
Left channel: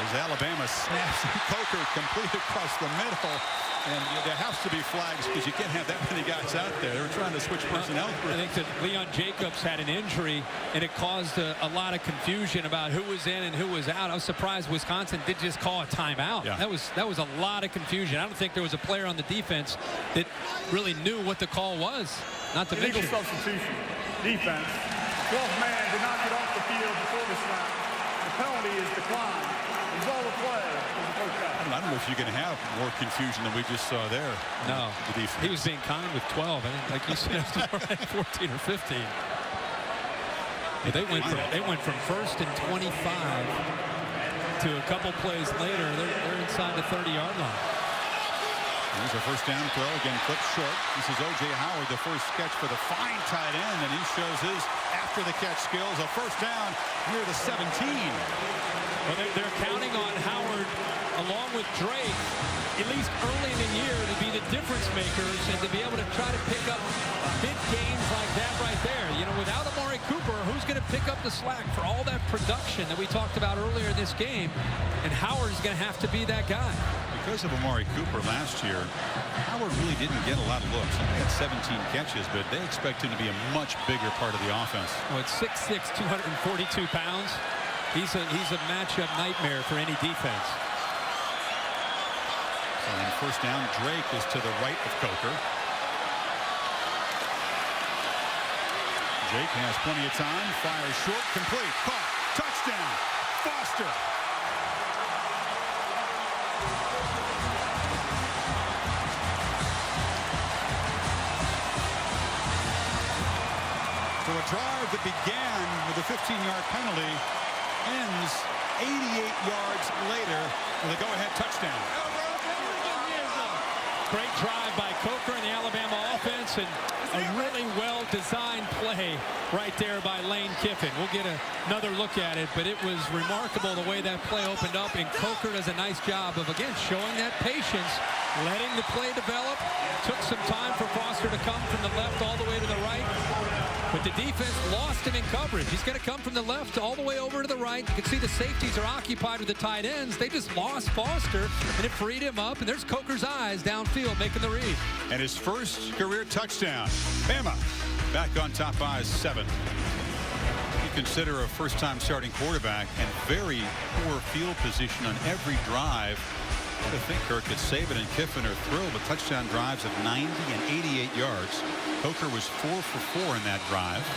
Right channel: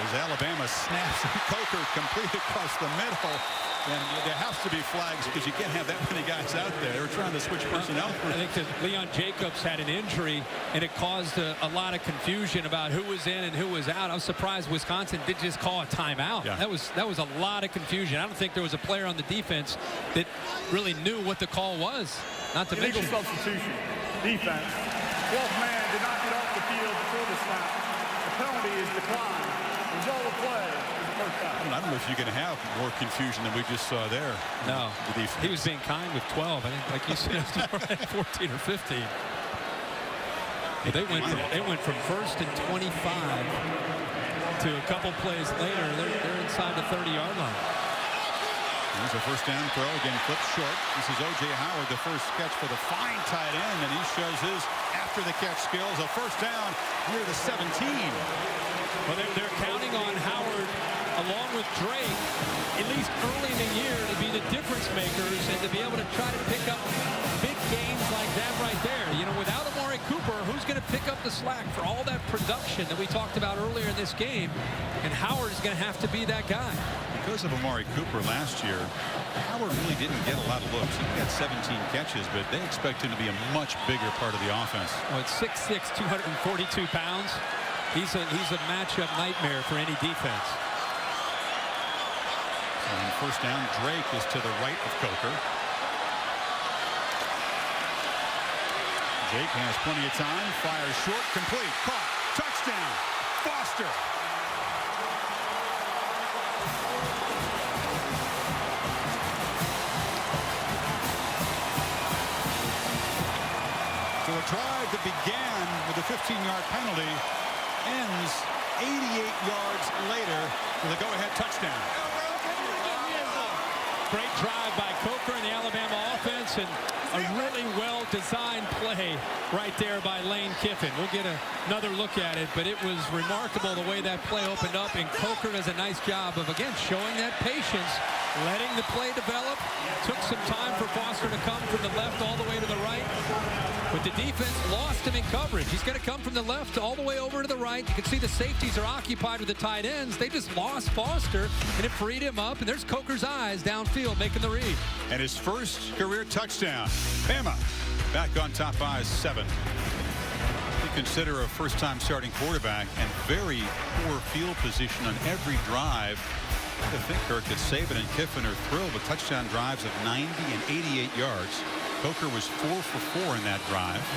as Alabama snaps Coker complete across the middle. And there has to be flags because you can't have that many guys out there. They were trying to switch personnel. I think that Leon Jacobs had an injury, and it caused a lot of confusion about who was in and who was out. I was surprised Wisconsin did just call a timeout. Yeah. That was a lot of confusion. I don't think there was a player on the defense that really knew what the call was. Not to mention illegal substitution. Defense. The 12th man did not get off the field before the snap. The penalty is declined. Result of play is a first down. I don't know if you can have more confusion than we just saw there. No. The defense. He was being kind with 12. I think, like you said, 14 or 15. But they went from 1st and 25 to a couple plays later. They're inside the 30-yard line. Here's a first down throw, again flipped short. This is O.J. Howard, the first catch for the fine tight end, and he shows his after-the-catch skills. A first down near the 17. Well, they're counting on Howard, along with Drake, at least early in the year, to be the difference makers and to be able to try to pick up big gains like that right there. You know, without Amari Cooper, who's going to pick up the slack for all that production that we talked about earlier in this game? And Howard is going to have to be that guy. Because of Amari Cooper last year, Howard really didn't get a lot of looks. He only had 17 catches, but they expect him to be a much bigger part of the offense. Well, at 6'6", 242 pounds, he's a matchup nightmare for any defense. So on first down, Drake is to the right of Coker. Jake has plenty of time, fires short, complete, caught, touchdown, Foster. So a drive that began with a 15-yard penalty ends 88 yards later with a go-ahead touchdown. Great drive by Coker and the Alabama offense, and a really well-designed play right there by Lane Kiffin. We'll get another look at it, but it was remarkable the way that play opened up, and Coker does a nice job of, again, showing that patience, letting the play develop. Took some time for Foster to come from the left all the way to the right. But the defense lost him in coverage. He's going to come from the left all the way over to the right. You can see the safeties are occupied with the tight ends. They just lost Foster, and it freed him up. And there's Coker's eyes downfield making the read. And his first career touchdown. Bama back on top by 7. You consider a first-time starting quarterback and very poor field position on every drive. I think Kirk that Saban and Kiffin are thrilled with touchdown drives of 90 and 88 yards. Coker was 4 for 4 in that drive.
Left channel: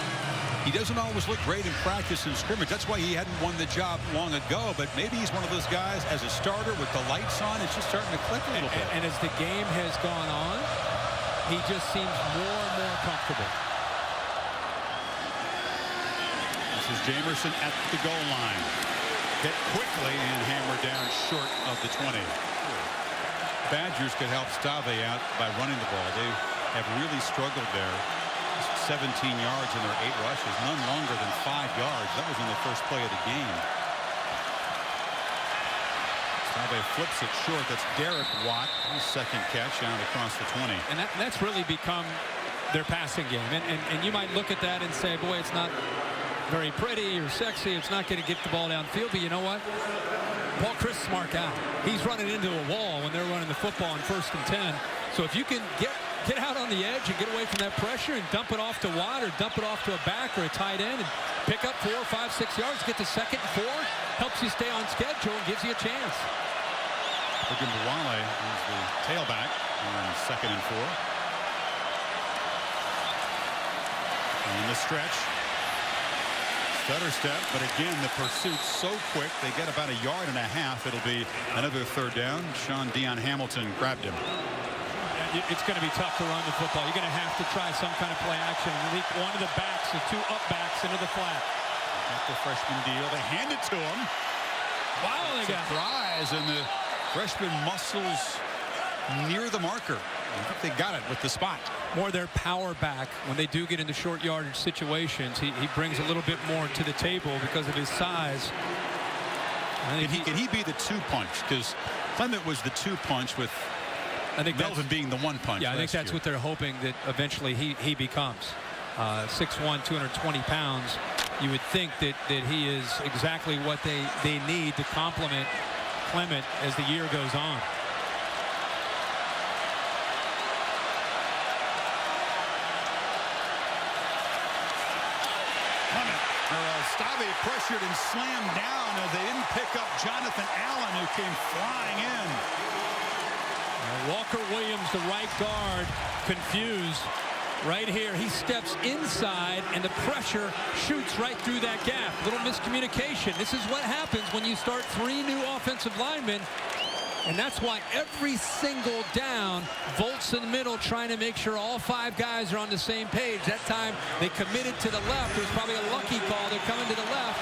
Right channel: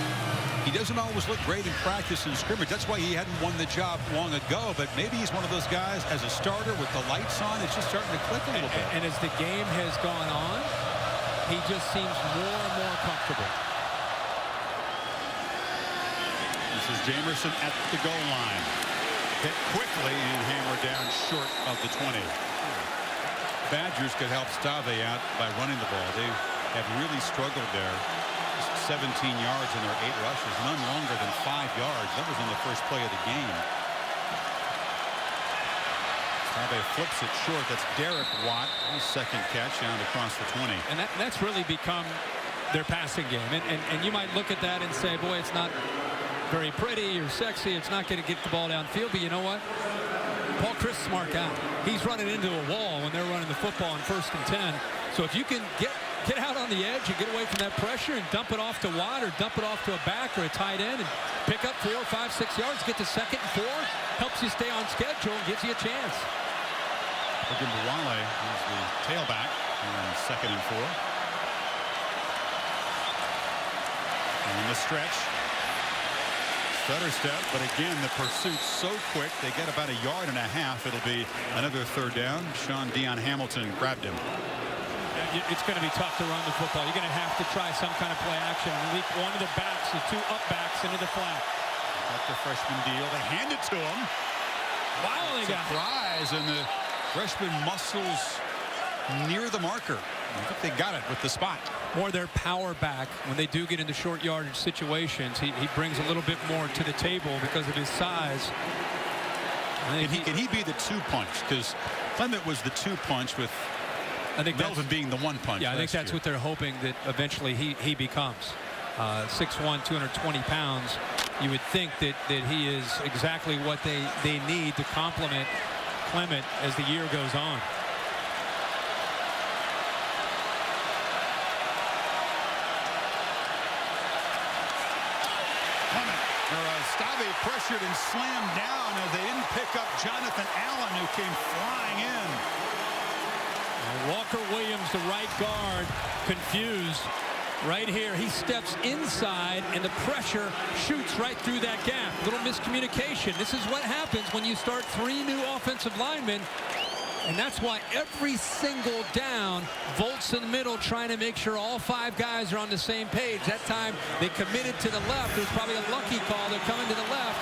He doesn't always look great in practice and scrimmage. That's why he hadn't won the job long ago. But maybe he's one of those guys as a starter with the lights on. It's just starting to click a little bit. And as the game has gone on, he just seems more and more comfortable. This is Jamerson at the goal line. Hit quickly and hammered down short of the 20. Badgers could help Stave out by running the ball. They have really struggled there. Just 17 yards in their 8 rushes, none longer than 5 yards. That was on the first play of the game. Stave flips it short. That's Derek Watt. His second catch out across the 20. And that's really become their passing game. And you might look at that and say, boy, it's not very pretty or sexy. It's not going to get the ball downfield. But you know what? Paul Chryst, smart guy. He's running into a wall when they're running the football on 1st and 10. So if you can get out on the edge and get away from that pressure and dump it off to Watt or dump it off to a back or a tight end and pick up 4, 5, 6 yards, get to 2nd and 4, helps you stay on schedule and gives you a chance. Ogunbowale is the tailback on 2nd and 4. And the stretch. Stutter step, but again, the pursuit's so quick. They get about 1.5 yards. It'll be another 3rd down. Sean Dion Hamilton grabbed him. Yeah, it's going to be tough to run the football. You're going to have to try some kind of play action and leap one of the backs, the 2 up backs into the flat. Got the freshman deal. They hand it to him. Wow, they got surprise, and the freshman muscles near the marker. I think they got it with the spot. More their power back when they do get into short yardage situations. He brings a little bit more to the table because of his size. Can he be the 2-punch? Because Clement was the 2-punch with Melvin being the 1-punch. Yeah, I think that's what they're hoping that eventually he becomes. 6'1", 220 pounds. You would think that he is exactly what they need to complement Clement as the year goes on. Clement, Stave pressured and slammed down as they didn't pick up Jonathan Allen, who came flying in. Walker Williams, the right guard, confused. Right here, he steps inside, and the pressure shoots right through that gap. Little miscommunication. This is what happens when you start 3 new offensive linemen. And that's why every single down, Volt's in the middle trying to make sure all 5 guys are on the same page. That time they committed to the left. There's probably a lucky call. They're coming to the left.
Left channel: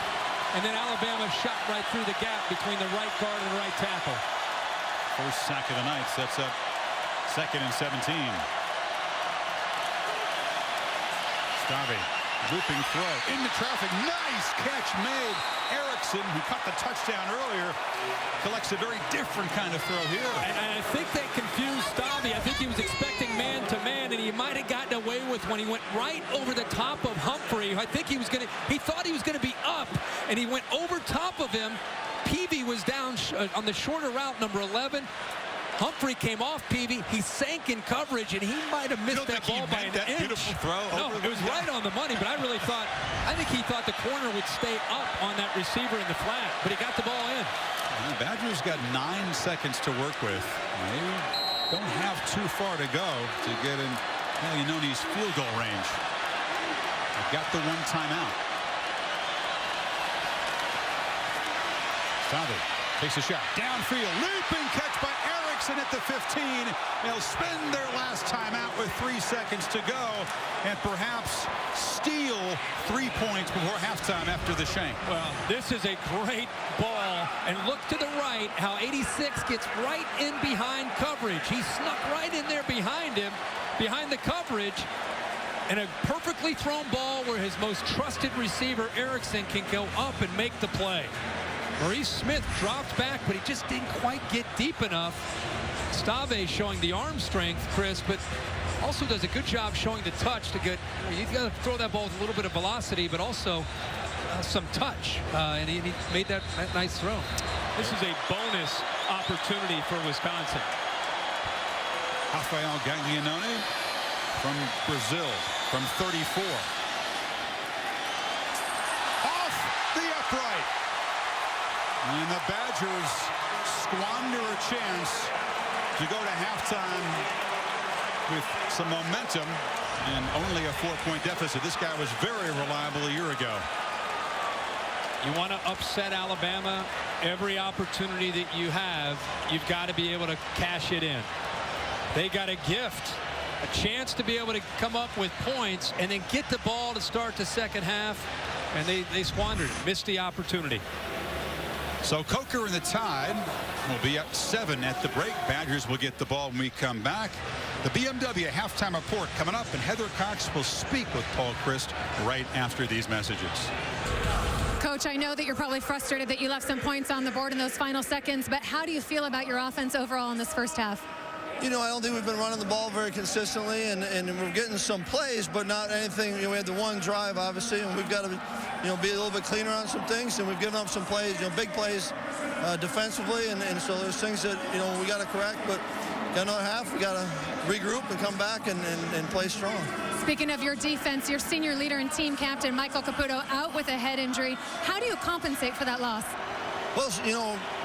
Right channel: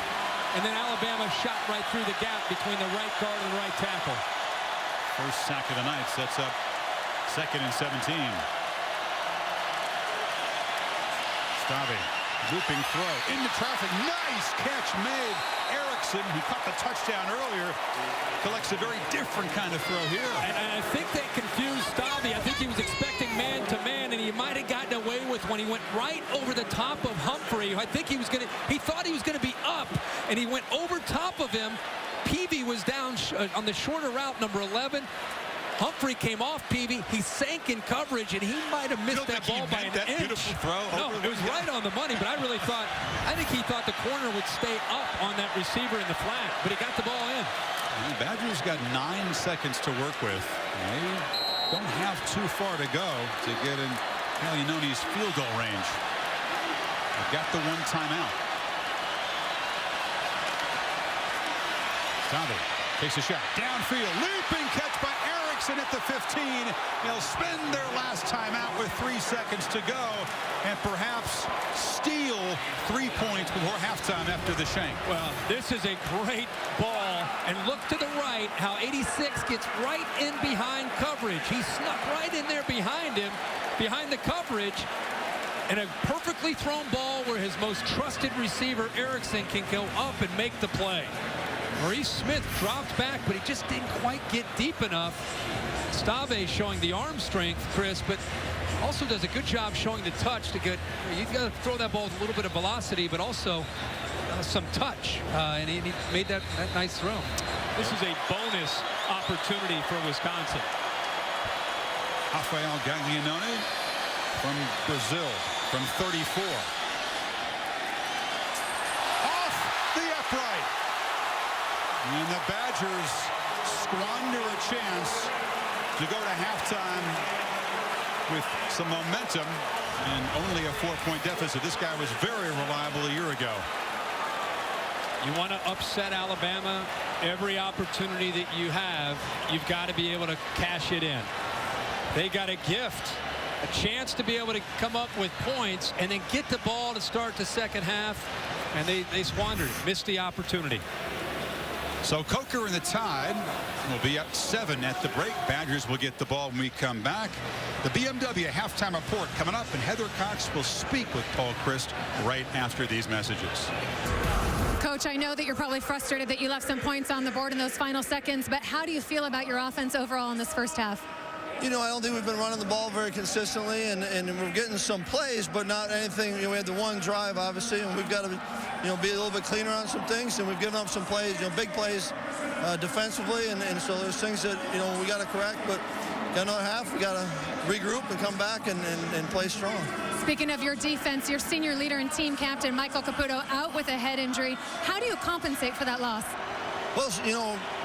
And then Alabama shot right through the gap between the right guard and the right tackle. First sack of the night sets up 2nd and 17. Stave, looping throw into traffic. Nice catch made. Erickson, who caught the touchdown earlier, collects a very different kind of throw here. And I think they confused Stave. I think he was expecting man-to-man, and he might have gotten away with when he went right over the top of Humphrey. I think he thought he was going to be up, and he went over top of him. Peavy was down on the shorter route, number 11. Humphrey came off Peavy. He sank in coverage, and he might have missed that ball by an inch. Beautiful throw. No, it was right on the money, but I think he thought the corner would stay up on that receiver in the flat, but he got the ball in. And the Badgers got 9 seconds to work with. They don't have too far to go to get in Caglianone's field goal range. They've got the 1 timeout. Stave Takes a shot. Downfield. Leaping catch by Erickson at the 15. They'll spend their last timeout with 3 seconds to go and perhaps steal 3 points before halftime after the shank. Well, this is a great ball. And look to the right how 86 gets right in behind coverage. He snuck right in there behind him, behind the coverage. And a perfectly thrown ball where his most trusted receiver, Erickson, can go up and make the play. Maurice Smith dropped back, but he just didn't quite get deep enough. Stave showing the arm strength, Chris, but also does a good job showing the touch to get, you got to throw that ball with a little bit of velocity, but also some touch. And he made that nice throw. This is a bonus opportunity for Wisconsin. Rafael Gaglianone from Brazil from 34. Off the upright. And the Badgers squander a chance to go to halftime with some momentum and only a 4-point deficit. This guy was very reliable a year ago. You want to upset Alabama, every opportunity that you have, you've got to be able to cash it in. They got a gift, a chance to be able to come up with points and then get the ball to start the second half, and they squandered it, missed the opportunity. So Coker and the Tide will be up 7 at the break. Badgers will get the ball when we come back. The BMW Halftime Report coming up, and Heather Cox will speak with Paul Chryst right after these messages. Coach, I know that you're probably frustrated that you left some points on the board in those final seconds, but how do you feel about your offense overall in this first half? You know, I don't think we've been running the ball very consistently, and we're getting some plays, but not anything. You know, we had the one drive, obviously, and we've got to, be a little bit cleaner on some things, and we've given up some plays, big plays defensively, and so there's things that, we got to correct, but got another half. We got to regroup and come back and play strong. Speaking of your defense, your senior leader and team captain, Michael Caputo, out with a head injury. How do you compensate for that loss? Well,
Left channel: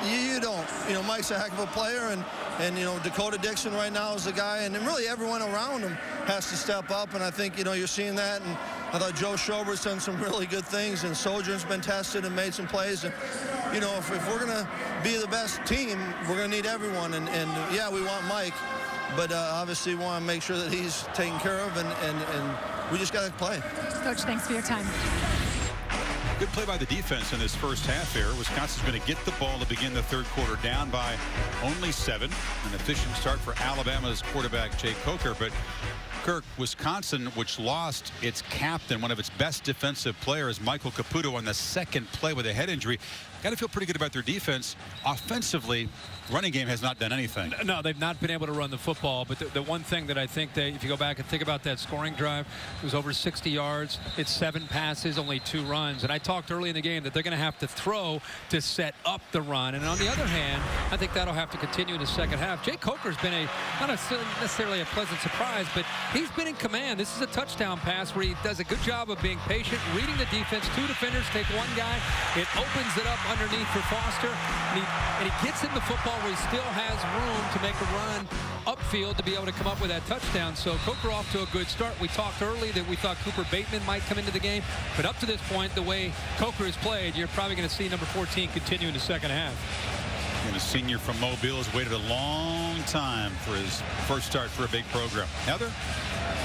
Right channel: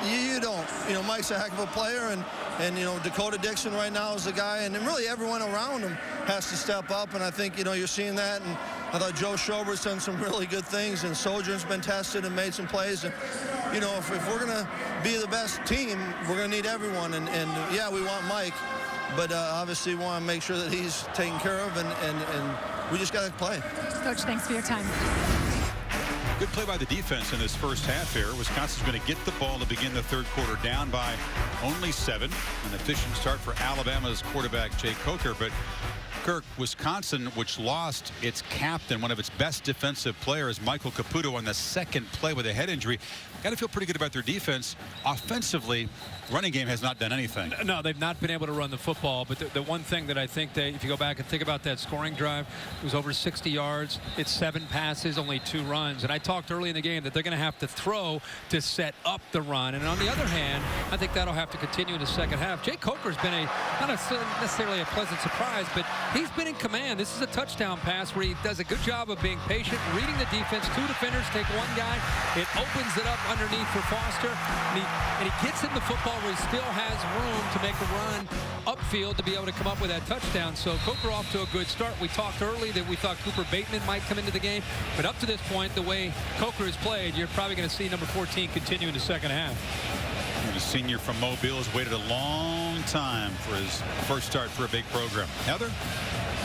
you don't. Mike's a heck of a player, and Dakota Dixon right now is the guy, and really everyone around him has to step up, and I think, you're seeing that, and I thought Joe Schobert's done some really good things, and Sojourn's been tested and made some plays, and, if we're going to be the best team, we're going to need everyone, and yeah, we want Mike, but obviously we want to make sure that he's taken care of, and we just got to play. Coach, thanks for your time. Good play by the defense in this first half here. Wisconsin's going to get the ball to begin the third quarter down by only 7. An efficient start for Alabama's quarterback, Jake Coker. But Kirk, Wisconsin, which lost its captain, one of its best defensive players, Michael Caputo, on the second play with a head injury. Got to feel pretty good about their defense. Offensively, running game has not done anything. No, they've not been able to run the football. But the one thing that I think that if you go back and think about that scoring drive, it was over 60 yards. It's 7 passes, only 2 runs. And I talked early in the game that they're going to have to throw to set up the run. And on the other hand, I think that'll have to continue in the second half. Jake Coker's been not necessarily a pleasant surprise, but he's been in command. This is a touchdown pass where he does a good job of being patient, reading the defense. 2 defenders take 1 guy. It opens it up underneath for Foster. And he gets in the football where he still has room to make a run upfield to be able to come up with that touchdown. So Coker off to a good start. We talked early that we thought Cooper Bateman might come into the game, but up to this point, the way Coker has played, you're probably going to see number 14 continue in the second half. And a senior from Mobile has waited a long time for his first start for a big program. Heather?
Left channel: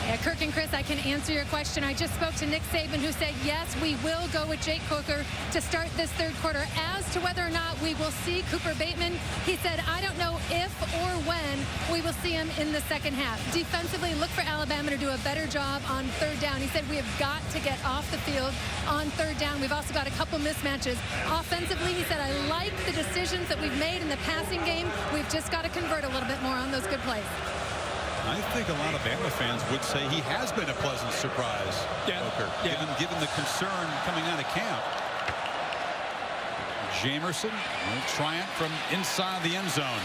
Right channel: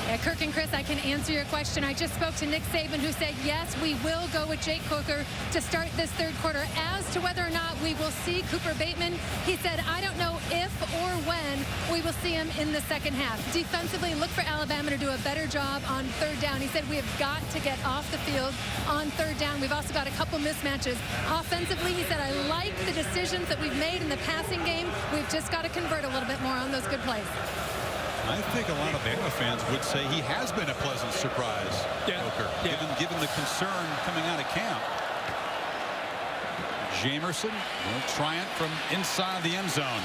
Yeah, Kirk and Chris, I can answer your question. I just spoke to Nick Saban, who said, yes, we will go with Jake Coker to start this third quarter. As to whether or not we will see Cooper Bateman, he said, I don't know if or when we will see him in the second half. Defensively, look for Alabama to do a better job on third down. He said, we have got to get off the field on third down. We've also got a couple mismatches. Offensively, he said, I like the decisions that we've made in the passing game. We've just got to convert a little bit more on those good plays. I think a lot of Bama fans would say he has been a pleasant surprise, Coker, given the concern coming out of camp. Jamerson will try it from inside the end zone.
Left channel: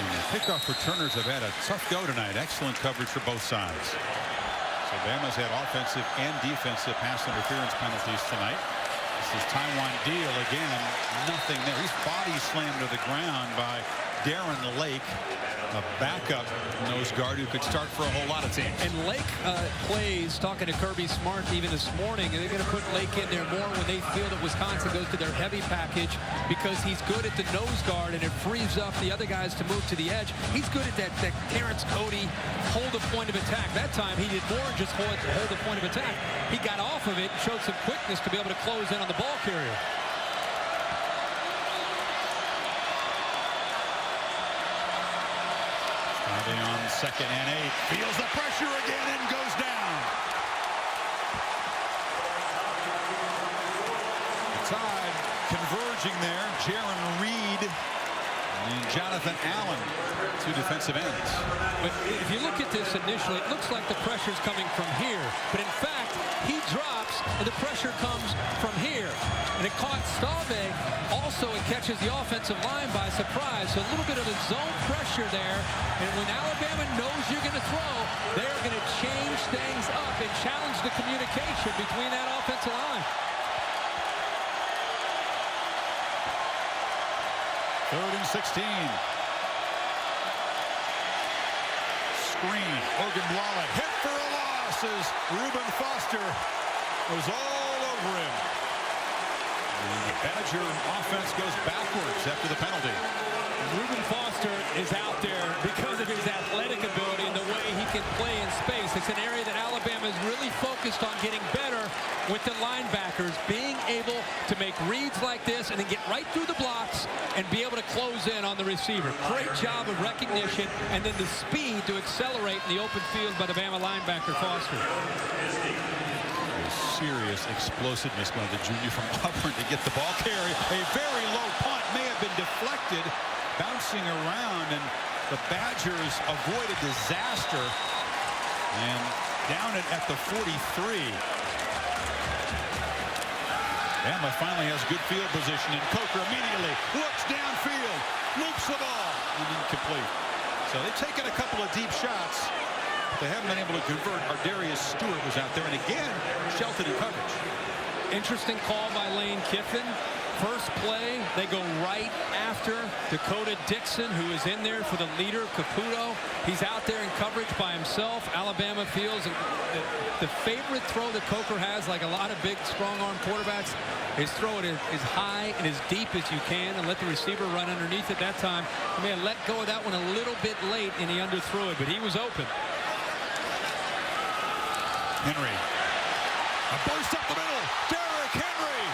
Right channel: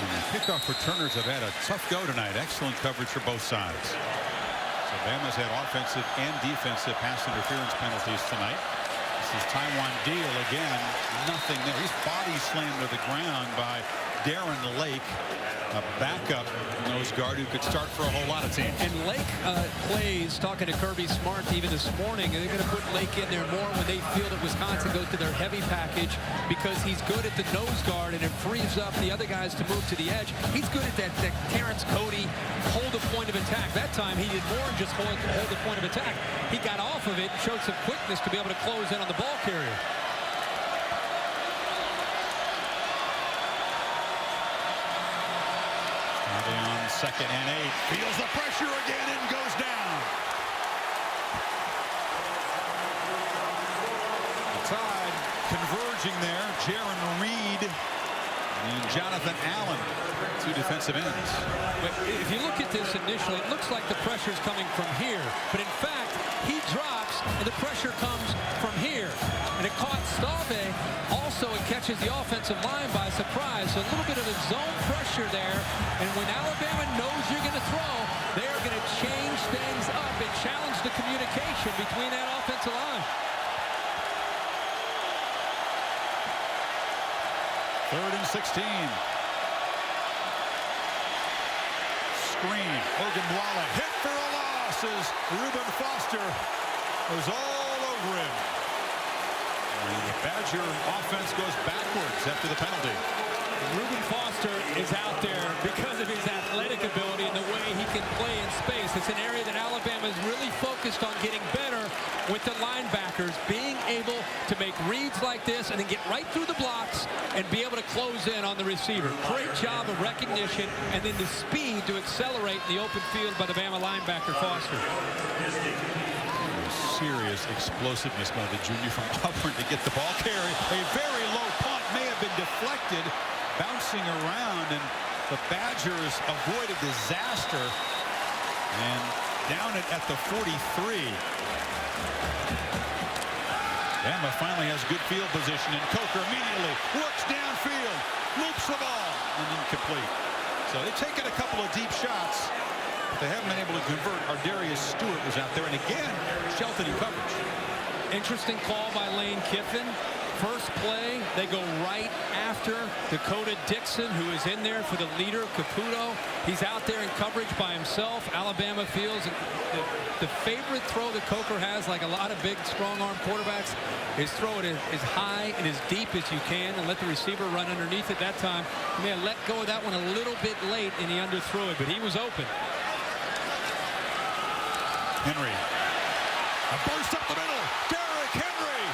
And the kickoff returners have had a tough go tonight. Excellent coverage for both sides. So Bama's had offensive and defensive pass interference penalties tonight. This is Taiwan Deal again. Nothing there. He's body slammed to the ground by Darren Lake. a backup nose guard who could start for a whole lot of teams. And Lake plays, talking to Kirby Smart even this morning, and they're going to put Lake in there more when they feel that Wisconsin goes to their heavy package, because he's good at the nose guard and it frees up the other guys to move to the edge. He's good at that Terrence Cody hold the point of attack. That time he did more than just hold the point of attack. He got off of it and showed some quickness to be able to close in on the ball carrier. On 2nd and 8, feels the pressure again and goes down. The Tide converging there. Jaron Reed and Jonathan Allen, 2 defensive ends. If you look at this initially, it looks like the pressure's coming from here, but in fact he drops and the pressure comes from here, and it caught Stave. Also, it catches the offensive line by surprise, so a little bit of a zone pressure there. And when Alabama knows you're going to throw, they are going to change things up and challenge the communication between that offensive line. 3rd and 16. Screen. Ogunbowale hit for a loss as Reuben Foster was all over him. And the Badger offense goes backwards after the penalty. Reuben Foster is out there because of his athletic ability and the way he can play in space. It's an area that Alabama is really focused on getting better with the linebackers, being able to make reads like this and then get right through the blocks and be able to close in on the receiver. Great job of recognition, and then the speed to accelerate in the open field by the Bama linebacker Foster. Serious explosiveness by the junior from Auburn to get the ball carry. A very low punt may have been deflected, bouncing around, and the Badgers avoid a disaster and down it at the 43. Bama finally has good field position, and Coker immediately looks downfield, loops the ball, and incomplete. So they've taken a couple of deep shots. They haven't been able to convert. Ardarius Stewart was out there, and again Shelton in coverage. Interesting call by Lane Kiffin. First play, they go right after Dakota Dixon, who is in there for the leader, Caputo. He's out there in coverage by himself. Alabama feels the favorite throw that Coker has, like a lot of big, strong-arm quarterbacks, is throw it as high and as deep as you can and let the receiver run underneath it. That time, he may have let go of that one a little bit late, and he underthrew it, but he was open. Henry, a burst up the middle. Derrick Henry,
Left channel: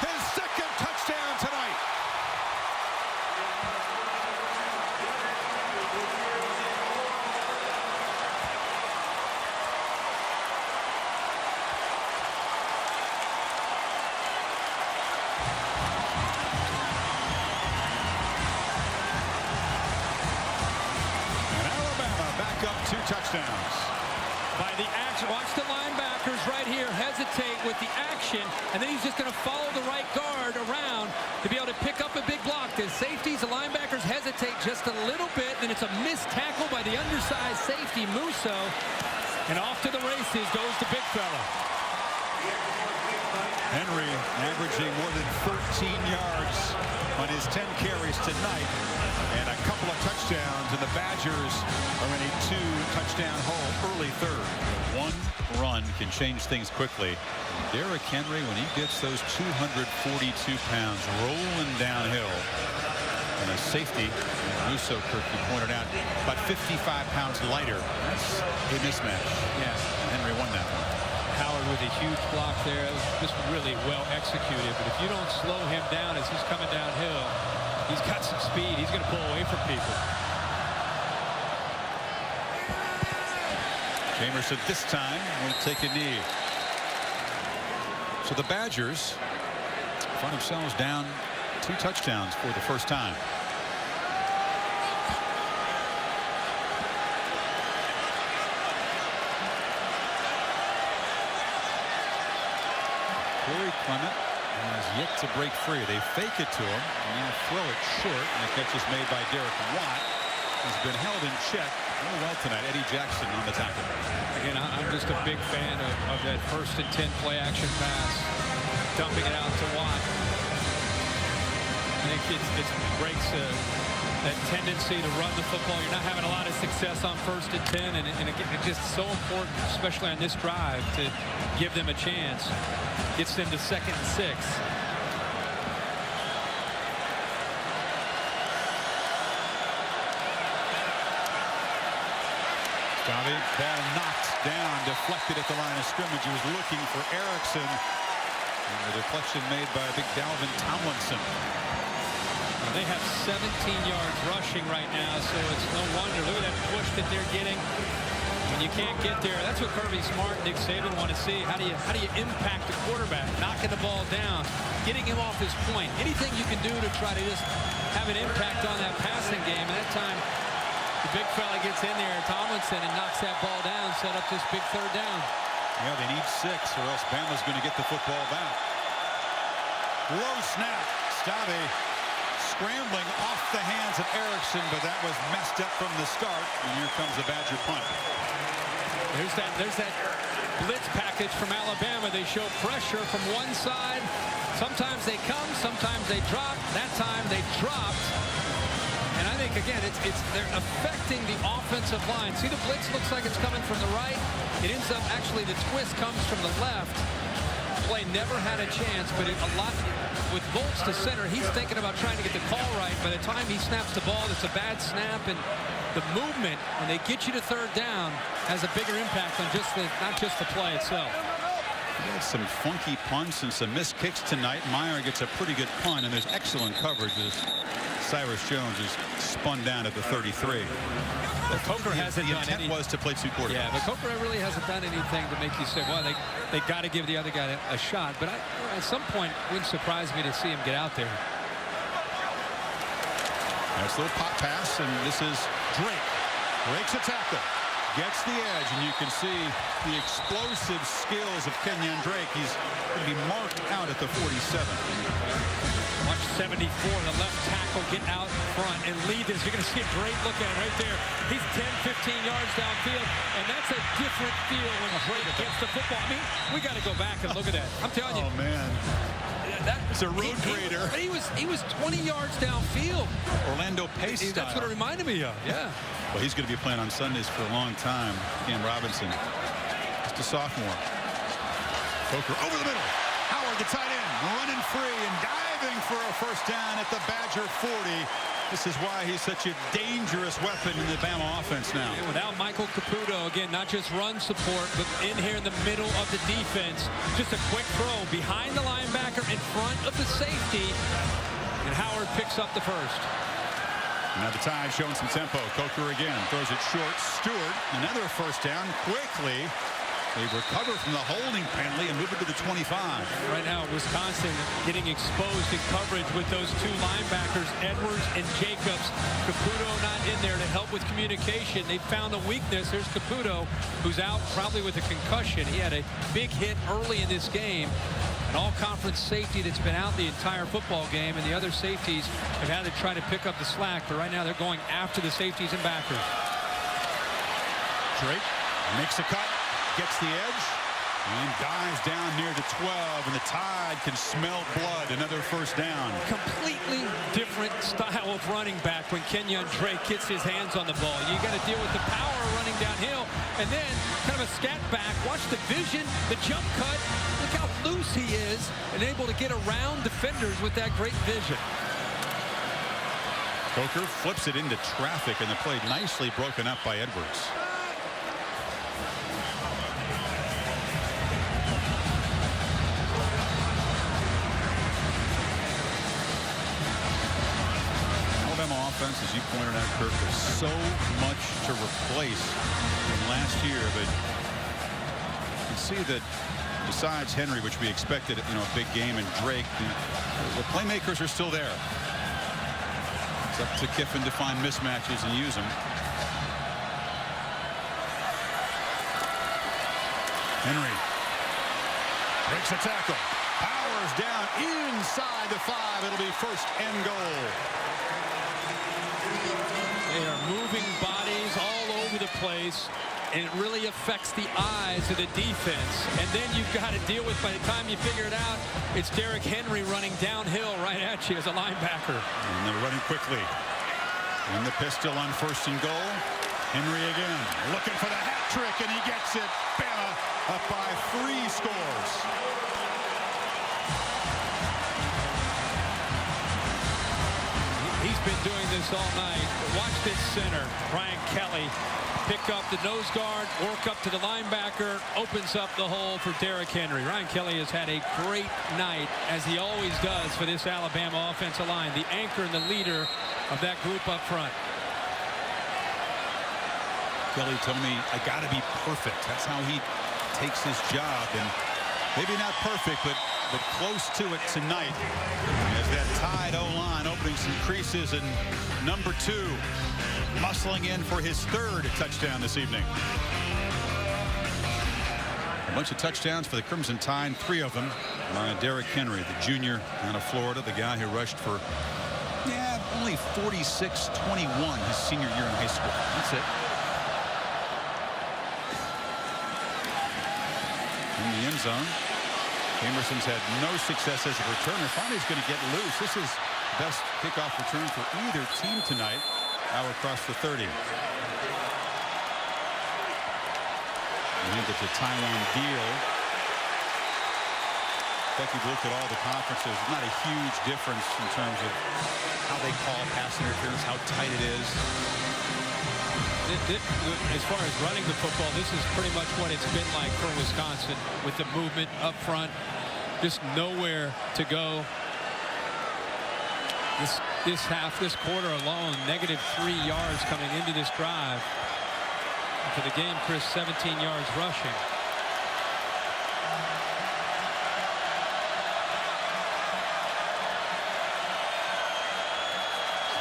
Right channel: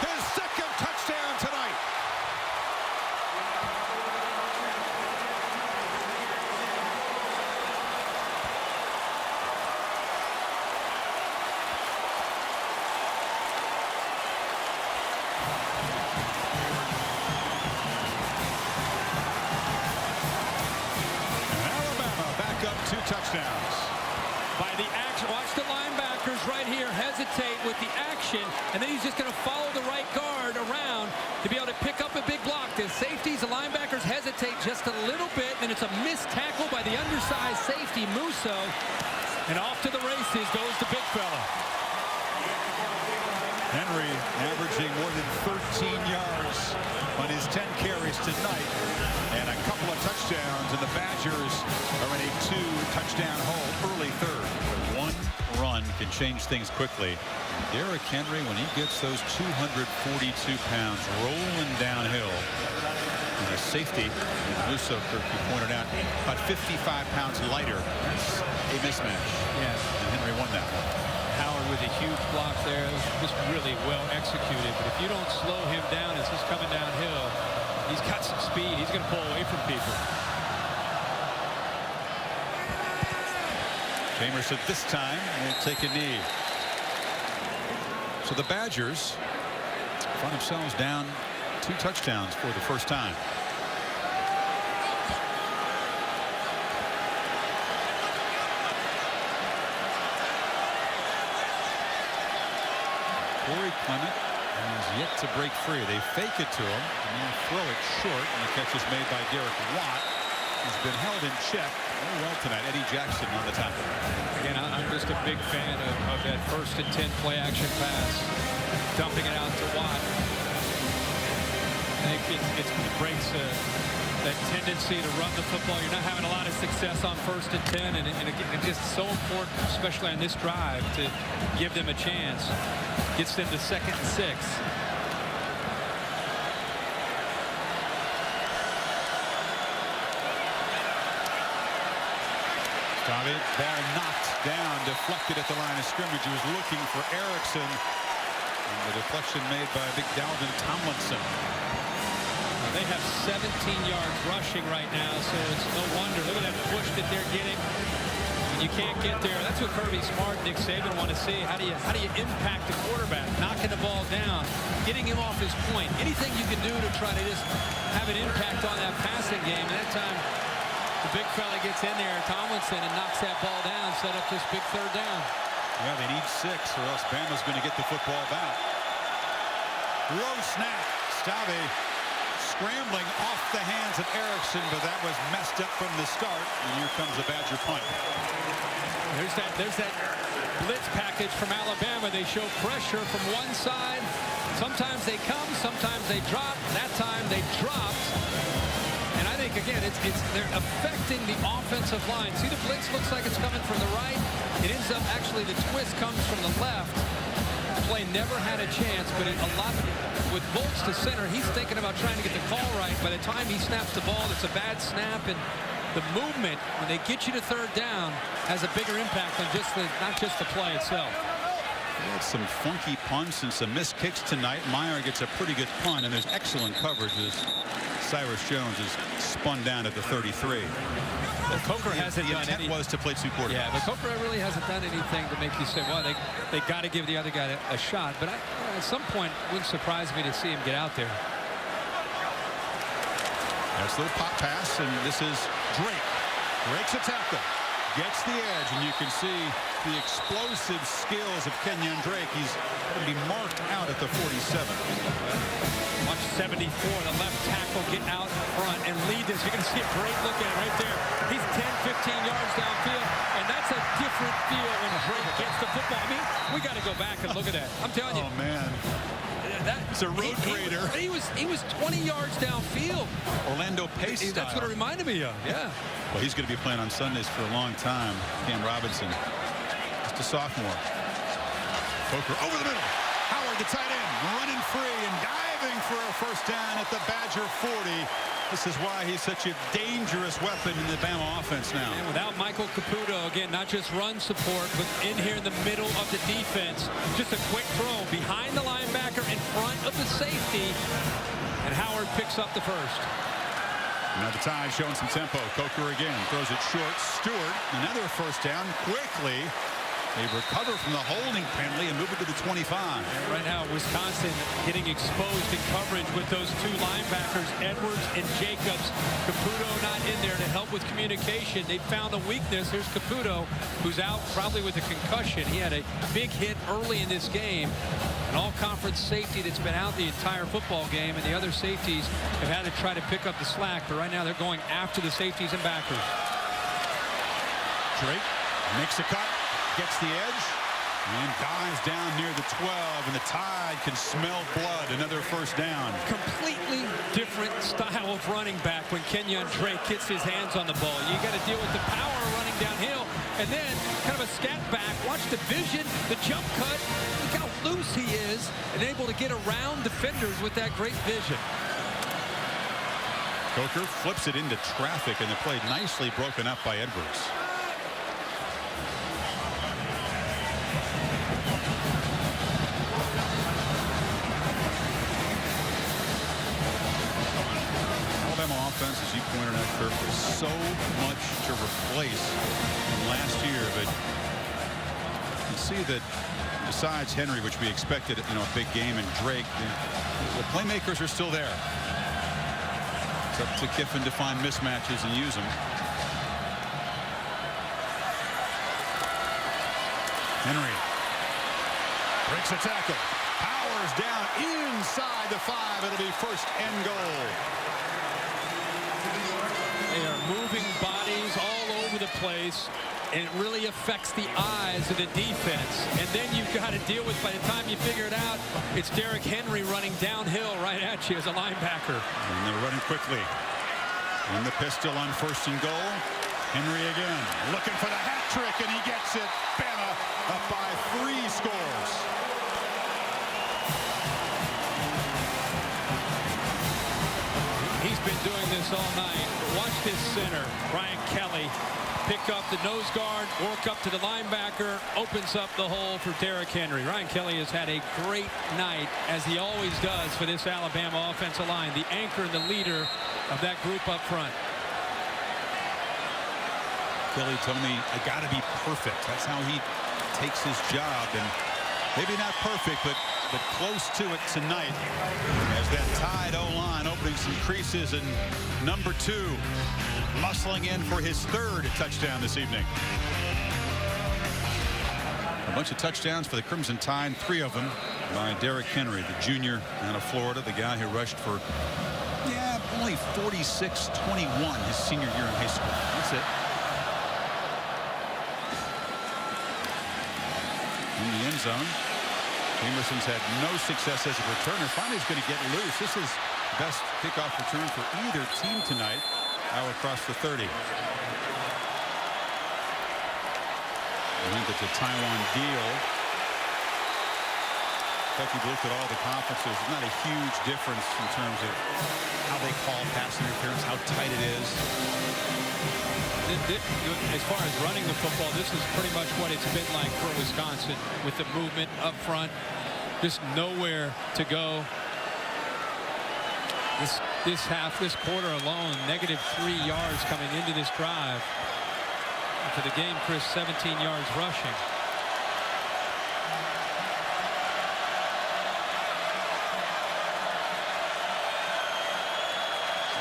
his 2nd touchdown tonight. And Alabama back up 2 touchdowns. By the action, watch the linebackers right here hesitate with the action, and then he's just going to follow the right guard around to be able to pick up a big block. The safeties, the linebackers hesitate just a little bit, and it's a missed tackle by the undersized safety, Musso, and off to the races goes the big fella. Henry averaging more than 13 yards on his 10 carries tonight, and a couple of touchdowns, and the Badgers are in a 2-touchdown hole early 3rd. But one run can change things quickly. And Derrick Henry, when he gets those 242 pounds rolling downhill, and a safety, and Musso, Kirk, you pointed out, about 55 pounds lighter. That's a mismatch. Yeah. And Henry won that one. Howard with a huge block there. It was just really well executed, but if you don't slow him down as he's coming downhill, he's got some speed. He's going to pull away from people. Jamerson this time will take a knee. So the Badgers find themselves down 2 touchdowns for the first time. Cory Clement has yet to break free. They fake it to him and now throw it short, and the catch is made by Derek Watt. He's been held in check well tonight. Eddie Jackson on the tackle. Again, I'm just a big fan of that 1st and 10 play action pass, dumping it out to Watt. I think it breaks that tendency to run the football. You're not having a lot of success on 1st and 10, and again, it's just so important, especially on this drive, to give them a chance. Gets them to 2nd and 6. Stave, ball knocked down, deflected at the line of scrimmage. He was looking for Erickson, and the deflection made by big Dalvin Tomlinson. Now they have 17 yards rushing right now, so it's no wonder. Look at that push that they're getting. When you can't get there, that's what Kirby Smart and Nick Saban want to see. How do you impact the quarterback? Knocking the ball down, getting him off his point. Anything you can do to try to just have an impact on that passing game. And that time, the big fella gets in there, Tomlinson, and knocks that ball down, set up this big 3rd down. Yeah, they need 6, or else Bama's going to get the football back. Low snap. Stave scrambling off the hands of Erickson, but that was messed up from the start. And here comes a Badger punt. There's that blitz package from Alabama. They show pressure from one side. Sometimes they come, sometimes they drop. That time they dropped. And I think, again, they're affecting the offensive line. See, the blitz looks like it's coming from the right. It ends up, actually, the twist comes from the left. Play never had a chance, but with Volts to center, he's thinking about trying to get the call right. By the time he snaps the ball, that's a bad snap, and the movement, when they get you to 3rd down, has a bigger impact on not just the play itself. We had some funky punts and some missed kicks tonight. Meyer gets a pretty good punt, and there's excellent coverage as Cyrus Jones is spun down at the 33. Well, Coker hasn't done anything. The intent was to play 2 quarterbacks. Yeah, but Coker really hasn't done anything to make you say, well, they got to give the other guy a shot. But at some point, it wouldn't surprise me to see him get out there. That's a little pop pass, and this is Drake. Breaks a tackle, gets the edge, and you can see the explosive skills of Kenyon Drake. He's going to be marked out at the 47. Watch 74, the left tackle, get out front and lead this. You're going to see a great look at it right there. He's 10, 15 yards downfield, and that's a different feel when Drake gets the football. I mean, we got to go back and look at that. I'm telling you. Oh, man. It's a road grader. He was 20 yards downfield. Orlando Pace style. That's what it reminded me of. Yeah. Well, he's going to be playing on Sundays for a long time. Cam Robinson, just a sophomore. Coker over the middle. Howard, the tight end, running free and diving for a 1st down at the Badger 40. This is why he's such a dangerous weapon in the Bama offense now. And without Michael Caputo, again, not just run support, but in here in the middle of the defense. Just a quick throw behind the linebacker in front of the safety. And Howard picks up the 1st. Now the Tide showing some tempo. Coker again throws it short. Stewart, another 1st down quickly. They recover from the holding penalty and move it to the 25. And right now, Wisconsin getting exposed in coverage with those 2 linebackers, Edwards and Jacobs. Caputo not in there to help with communication. They found a weakness. There's Caputo, who's out probably with a concussion. He had a big hit early in this game. An all-conference safety that's been out the entire football game, and the other safeties have had to try to pick up the slack. But right now, they're going after the safeties and backers. Drake makes a cut. Gets the edge and dives down near the 12, and the Tide can smell blood. Another 1st down. Completely different style of running back when Kenyon Drake gets his hands on the ball. You got to deal with the power running downhill, and then kind of a scat back. Watch the vision, the jump cut. Look how loose he is and able to get around defenders with that great vision. Coker flips it into traffic, and the play nicely broken up by Edwards. Alabama offense, as you pointed out, Kirk, was so much to replace from last year, but you can see that besides Henry, which we expected, a big game, and Drake, the playmakers are still there. It's up to Kiffin to find mismatches and use them. Henry breaks a tackle, powers down inside the 5. It'll be 1st and goal. They are moving bodies all over the place, and it really affects the eyes of the defense. And then you've got to deal with, by the time you figure it out, it's Derrick Henry running downhill right at you as a linebacker. And they're running quickly. In the pistol on 1st and goal. Henry again looking for the hat trick, and he gets it. Bama up by 3 scores. He's been doing this all night. But watch this center, Brian Kelly, pick up the nose guard, work up to the linebacker, opens up the hole for Derrick Henry. Ryan Kelly has had a great night, as he always does, for this Alabama offensive line, the anchor and the leader of that group up front. Kelly told me, I got to be perfect. That's how he takes his job, and maybe not perfect, but close to it tonight, as that tied O-line opening some creases, and number 2 muscling in for his 3rd touchdown this evening. A bunch of touchdowns for the Crimson Tide, 3 of them by Derrick Henry, the junior out of Florida, the guy who rushed for only 46-21 his senior year in high school. That's it. In the end zone, Jamerson's had no success as a returner. Finally, he's going to get loose. This is the best kickoff return for either team tonight. Now across the 30. And into to Taiwan Deal. In fact, you've looked at all the conferences. It's not a huge difference in terms of how they call pass interference, how tight it is. As far as running the football, this is pretty much what it's been like for Wisconsin, with the movement up front, just nowhere to go. This quarter alone, -3 yards coming into this drive. And for the game, Chryst, 17 yards rushing.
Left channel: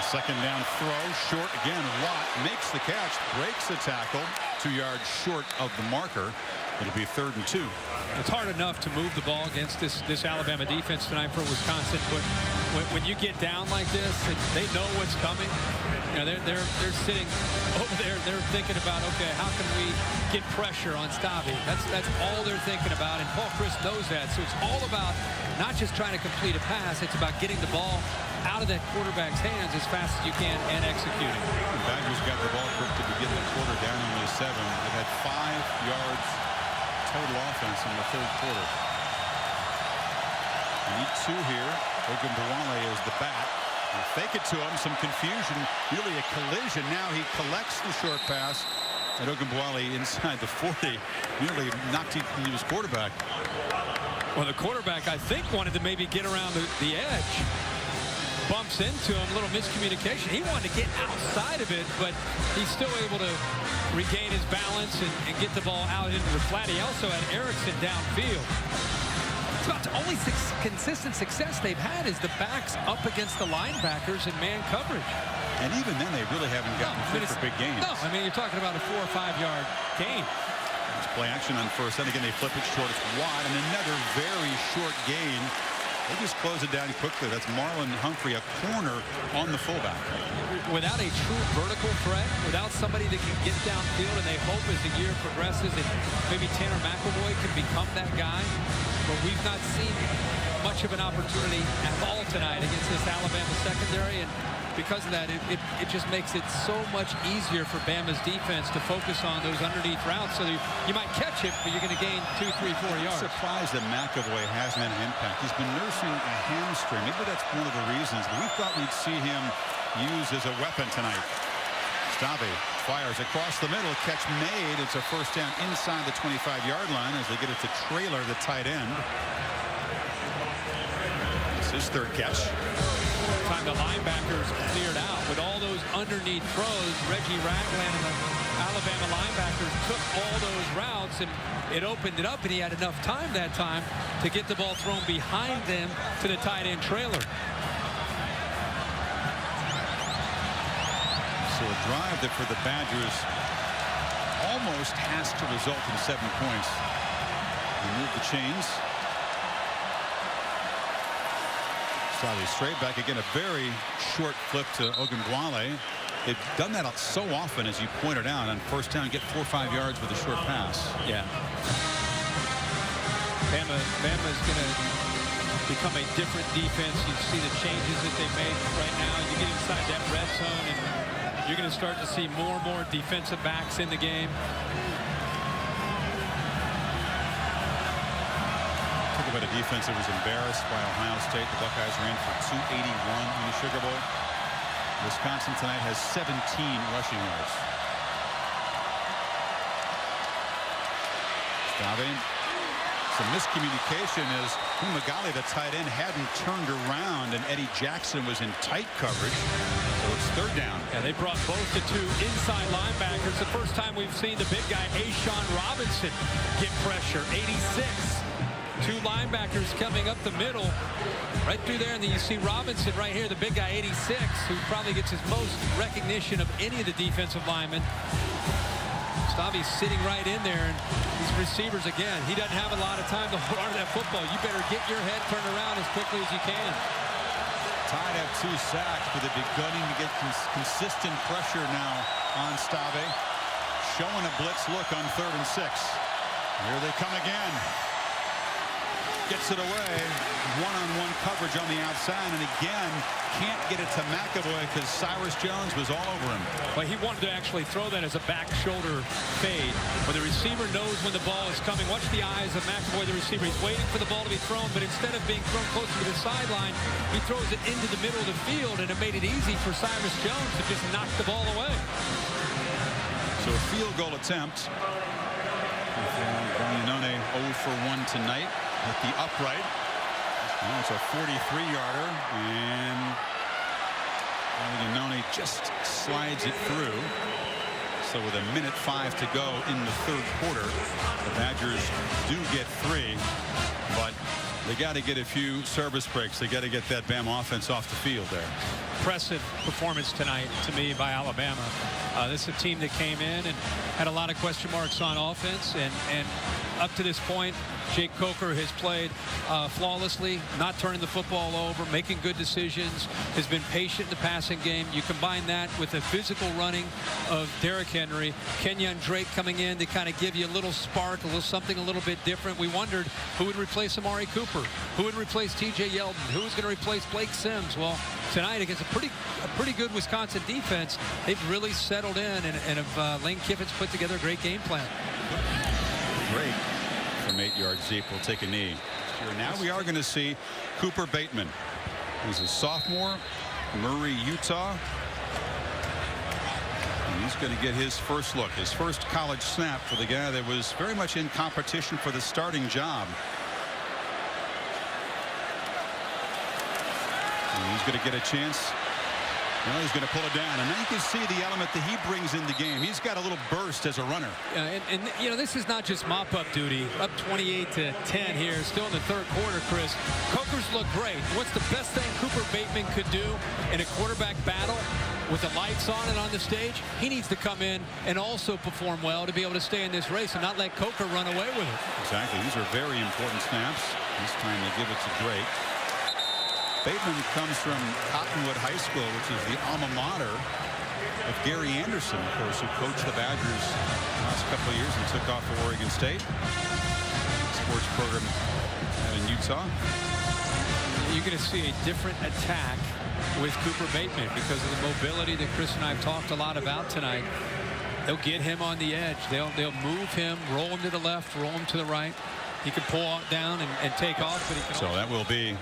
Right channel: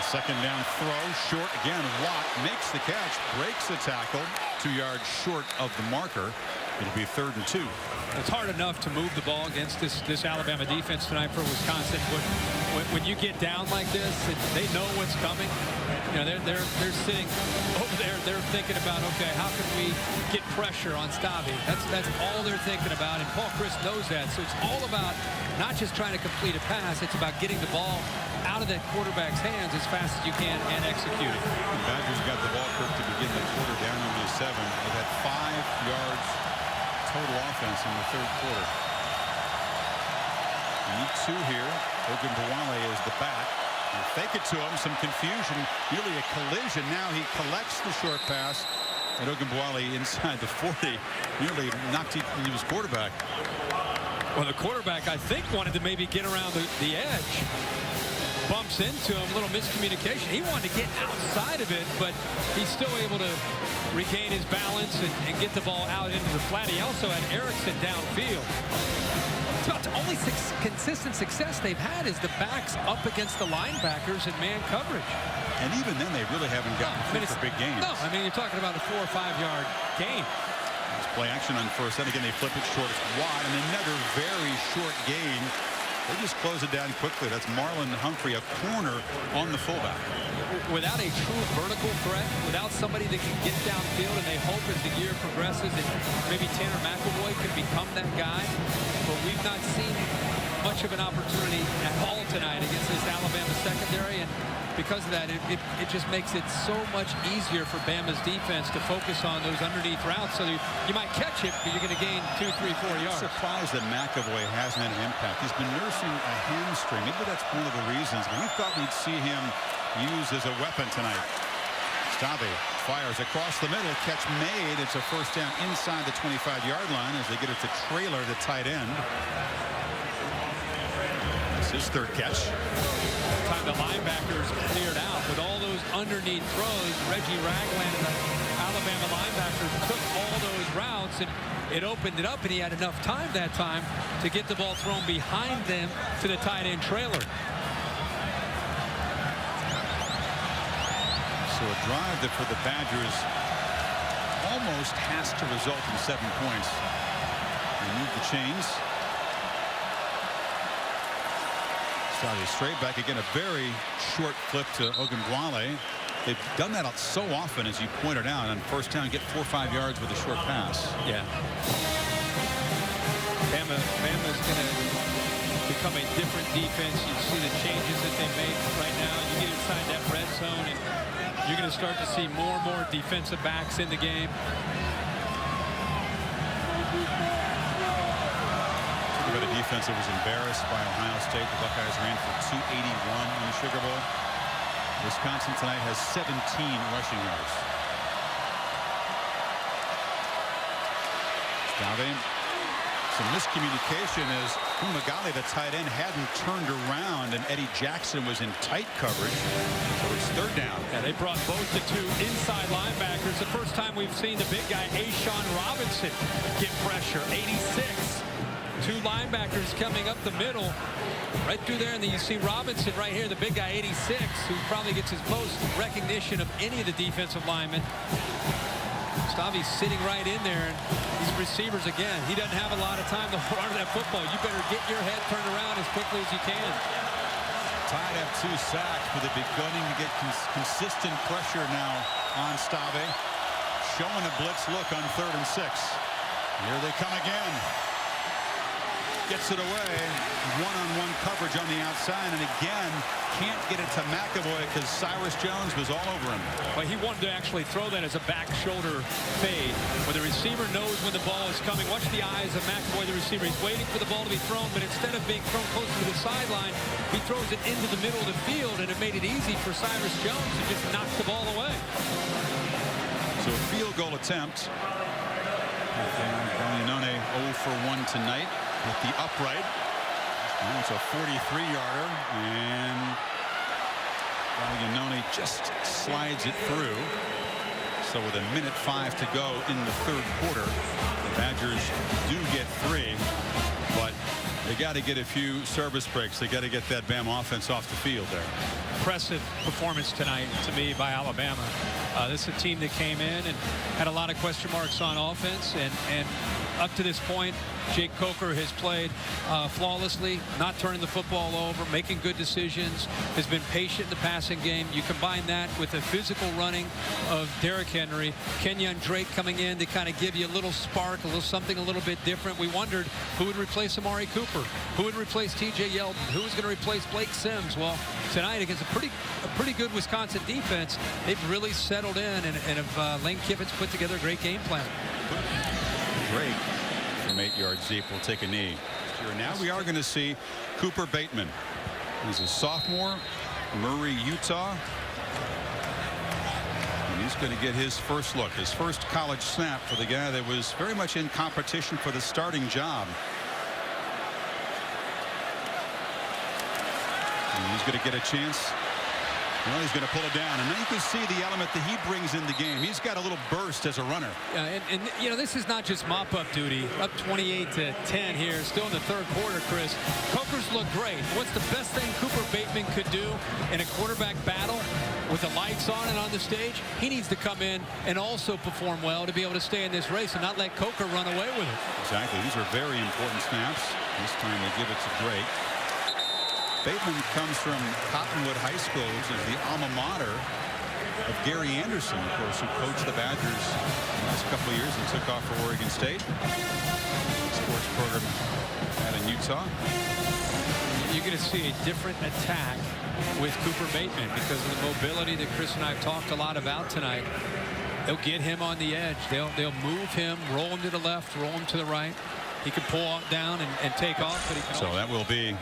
Second down throw, short again. Watt makes the catch, breaks the tackle, 2 yards short of the marker. It'll be 3rd and 2. It's hard enough to move the ball against this Alabama defense tonight for Wisconsin, but when you get down like this, they know what's coming. You know, they're sitting over there. They're thinking about, okay, how can we get pressure on Stavi? That's all they're thinking about, and Paul Chryst knows that. So it's all about not just trying to complete a pass. It's about getting the ball out of that quarterback's hands as fast as you can and executing. And Badgers got the ball, Kirk, to begin the quarter, down only 7. They've had 5 yards total offense in the 3rd quarter. You need 2 here. Ogunbowale is the back. You fake it to him, some confusion, nearly a collision. Now he collects the short pass, and Ogunbowale inside the 40 nearly knocked his quarterback. Well, the quarterback, I think, wanted to maybe get around the edge. Bumps into him, little miscommunication. He wanted to get outside of it, but he's still able to regain his balance and get the ball out into the flat. He also had Erickson downfield. It's about the only consistent success they've had is the backs up against the linebackers in man coverage. And even then, they really haven't gotten fit for big gains. No, I mean, you're talking about a 4 or 5 yard gain. It's play action on first. Then again, they flip it short. It's wide, and another very short gain. They just close it down quickly. That's Marlon Humphrey, a corner on the fullback. Without a true vertical threat, without somebody that can get downfield, and they hope as the year progresses that maybe Tanner McElroy can become that guy. But we've not seen much of an opportunity at all tonight against this Alabama secondary, and because of that, it just makes it so much easier for Bama's defense to focus on those underneath routes. So you might catch it, but you're going to gain 2, 3, 4 yards. I'm surprised that McElroy hasn't had an impact. He's been nursing a hamstring. Maybe that's one of the reasons. But we thought we'd see him used as a weapon tonight. Stave fires across the middle. Catch made. It's a first down inside the 25-yard line as they get it to Traylor, the tight end. It's his 3rd catch. Time the linebackers cleared out with all those underneath throws. Reggie Ragland and the Alabama linebackers took all those routes, and it opened it up, and he had enough time that time to get the ball thrown behind them to the tight end Traylor. So a drive that for the Badgers almost has to result in 7 points. They move the chains. Stave straight back again, a very short flip to Ogunbowale. They've done that so often, as you pointed out, on first down, get 4 or 5 yards with a short pass. Yeah. Bama's going to become a different defense. You see the changes that they make right now. You get inside that red zone, and you're going to start to see more and more defensive backs in the game. Talk about a defense that was embarrassed by Ohio State. The Buckeyes ran for 281 in the Sugar Bowl. Wisconsin tonight has 17 rushing yards. Stave. Some miscommunication as Umagali, the tight end, hadn't turned around, and Eddie Jackson was in tight coverage. So it's third down. Yeah, they brought both the two inside linebackers. The first time we've seen the big guy, Ashawn Robinson, get pressure. 86. Two linebackers coming up the middle. Right through there, and then you see Robinson right here, the big guy, 86, who probably gets his most recognition of any of the defensive linemen. Stavi's sitting right in there, and these receivers, again, he doesn't have a lot of time to hold on to that football. You better get your head turned around as quickly as you can. Tide have 2 sacks, but they're beginning to get consistent pressure now on Stave. Showing a blitz look on 3rd and 6. Here they come again. Gets it away. One-on-one coverage on the outside, and again can't get it to McAvoy because Cyrus Jones was all over him. Well, he wanted to actually throw that as a back shoulder fade where the receiver knows when the ball is coming. Watch the eyes of McAvoy, the receiver. He's waiting for the ball to be thrown, but instead of being thrown closer to the sideline, he throws it into the middle of the field, and it made it easy for Cyrus Jones to just knock the ball away. So a field goal attempt. Gallinone 0 for 1 tonight. Hit the upright. Now it's a 43-yarder, and Gallinone just slides it through. So with 1:05 to go in the 3rd quarter, the Badgers do get 3, but they got to get a few service breaks. They got to get that Bama offense off the field there. Impressive performance tonight to me by Alabama. This is a team that came in and had a lot of question marks on offense, and up to this point, Jake Coker has played flawlessly, not turning the football over, making good decisions, has been patient in the passing game. You combine that with the physical running of Derrick Henry, Kenyon Drake coming in to kind of give you a little spark, something a little bit different. We wondered who would replace Amari Cooper, who would replace T.J. Yeldon, who was going to replace Blake Sims. Well, tonight against a pretty good Wisconsin defense, they've really settled in, and have Lane Kiffin's put together a great game plan. Drake from 8 yards deep will take a knee. Now we are going to see Cooper Bateman. He's a sophomore, Murray, Utah. And he's going to get his first look, his first college snap for the guy that was very much in competition for the starting job. And he's going to get a chance. Well, he's going to pull it down, and now you can see the element that he brings in the game. He's got a little burst as a runner. And you know, this is not just mop-up duty. Up 28-10 here, still in the 3rd quarter, Chris. Coker's look great. What's the best thing Cooper Bateman could do in a quarterback battle with the lights on and on the stage? He needs to come in and also perform well to be able to stay in this race and not let Coker run away with it. Exactly. These are very important snaps. This time they give it to Drake. Bateman comes from Cottonwood High School, which is the alma mater of Gary Anderson, of course, who coached the Badgers the last couple of years and took off for Oregon State. Sports program out in Utah. You're going to see a different attack with Cooper Bateman because of the mobility that Chris and I have talked a lot about tonight. They'll get him on the edge. They'll move him, roll him to the left, roll him to the right. He can pull down and take off, but he can also... So that will be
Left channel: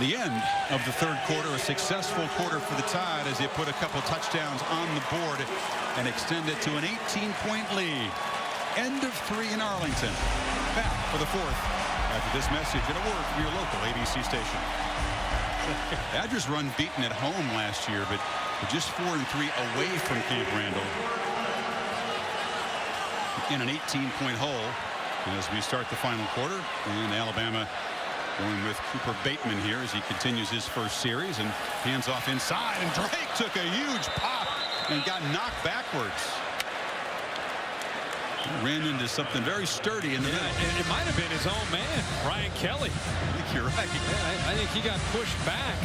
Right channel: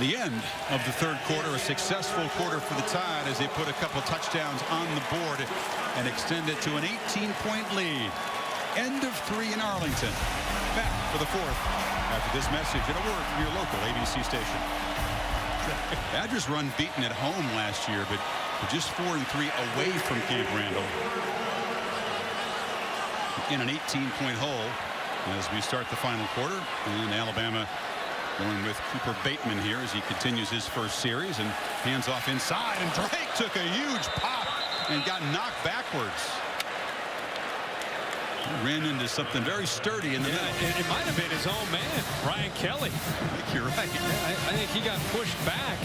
the end of the 3rd quarter. A successful quarter for the Tide as they put a couple touchdowns on the board and extend it to an 18-point lead. End of 3 in Arlington. Back for the 4th after this message and a word from your local ABC station. Badgers run beaten at home last year, but we're just 4-3 away from Camp Randall in an 18-point hole as we start the final quarter. And Alabama going with Cooper Bateman here as he continues his first series and hands off inside, and Drake took a huge pop and got knocked backwards. He ran into something very sturdy in the middle. It might have been his own man, Ryan Kelly. I think you're right. Yeah, I think he got pushed back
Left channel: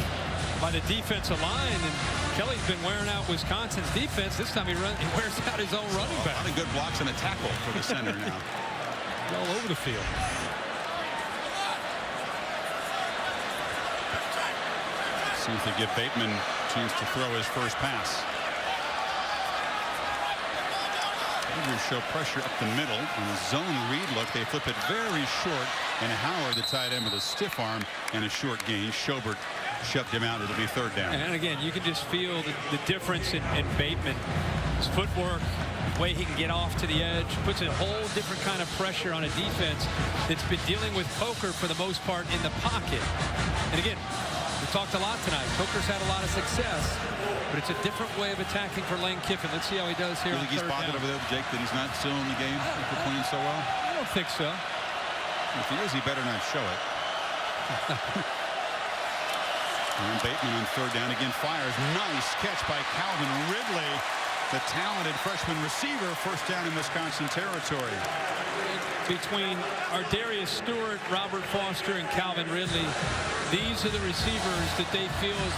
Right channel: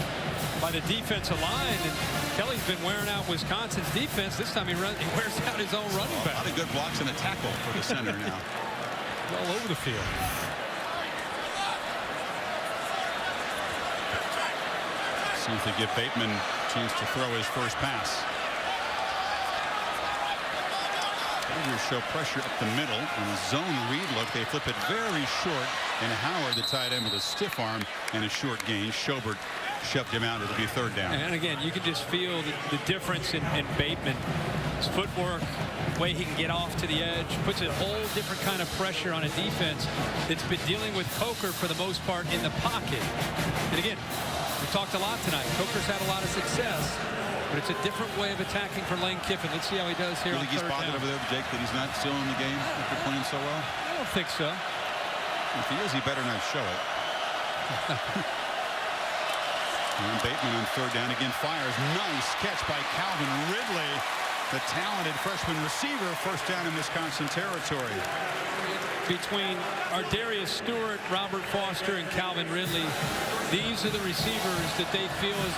by the defensive line, and Kelly's been wearing out Wisconsin's defense. This time he wears out his own running back. A lot of good blocks and a tackle for the center now. All over the field. See if they give Bateman a chance to throw his first pass. Tigers show pressure up the middle. In a zone read look, they flip it very short. And Howard, the tight end, with a stiff arm and a short gain. Schobert shoved him out. It'll be third down. And again, you can just feel the difference in Bateman. His footwork, way he can get off to the edge, puts a whole different kind of pressure on a defense that's been dealing with Coker for the most part in the pocket. And again, we talked a lot tonight. Coker's had a lot of success, but it's a different way of attacking for Lane Kiffin. Let's see how he does here on third down. You think he's bothered over there, Jake, that he's not still in the game after playing so well? I don't think so. If he is, he better not show it. And Bateman on third down again fires. Nice catch by Calvin Ridley, the talented freshman receiver. First down in Wisconsin territory. Between Ardarius Stewart, Robert Foster, and Calvin Ridley, these are the receivers that they feel as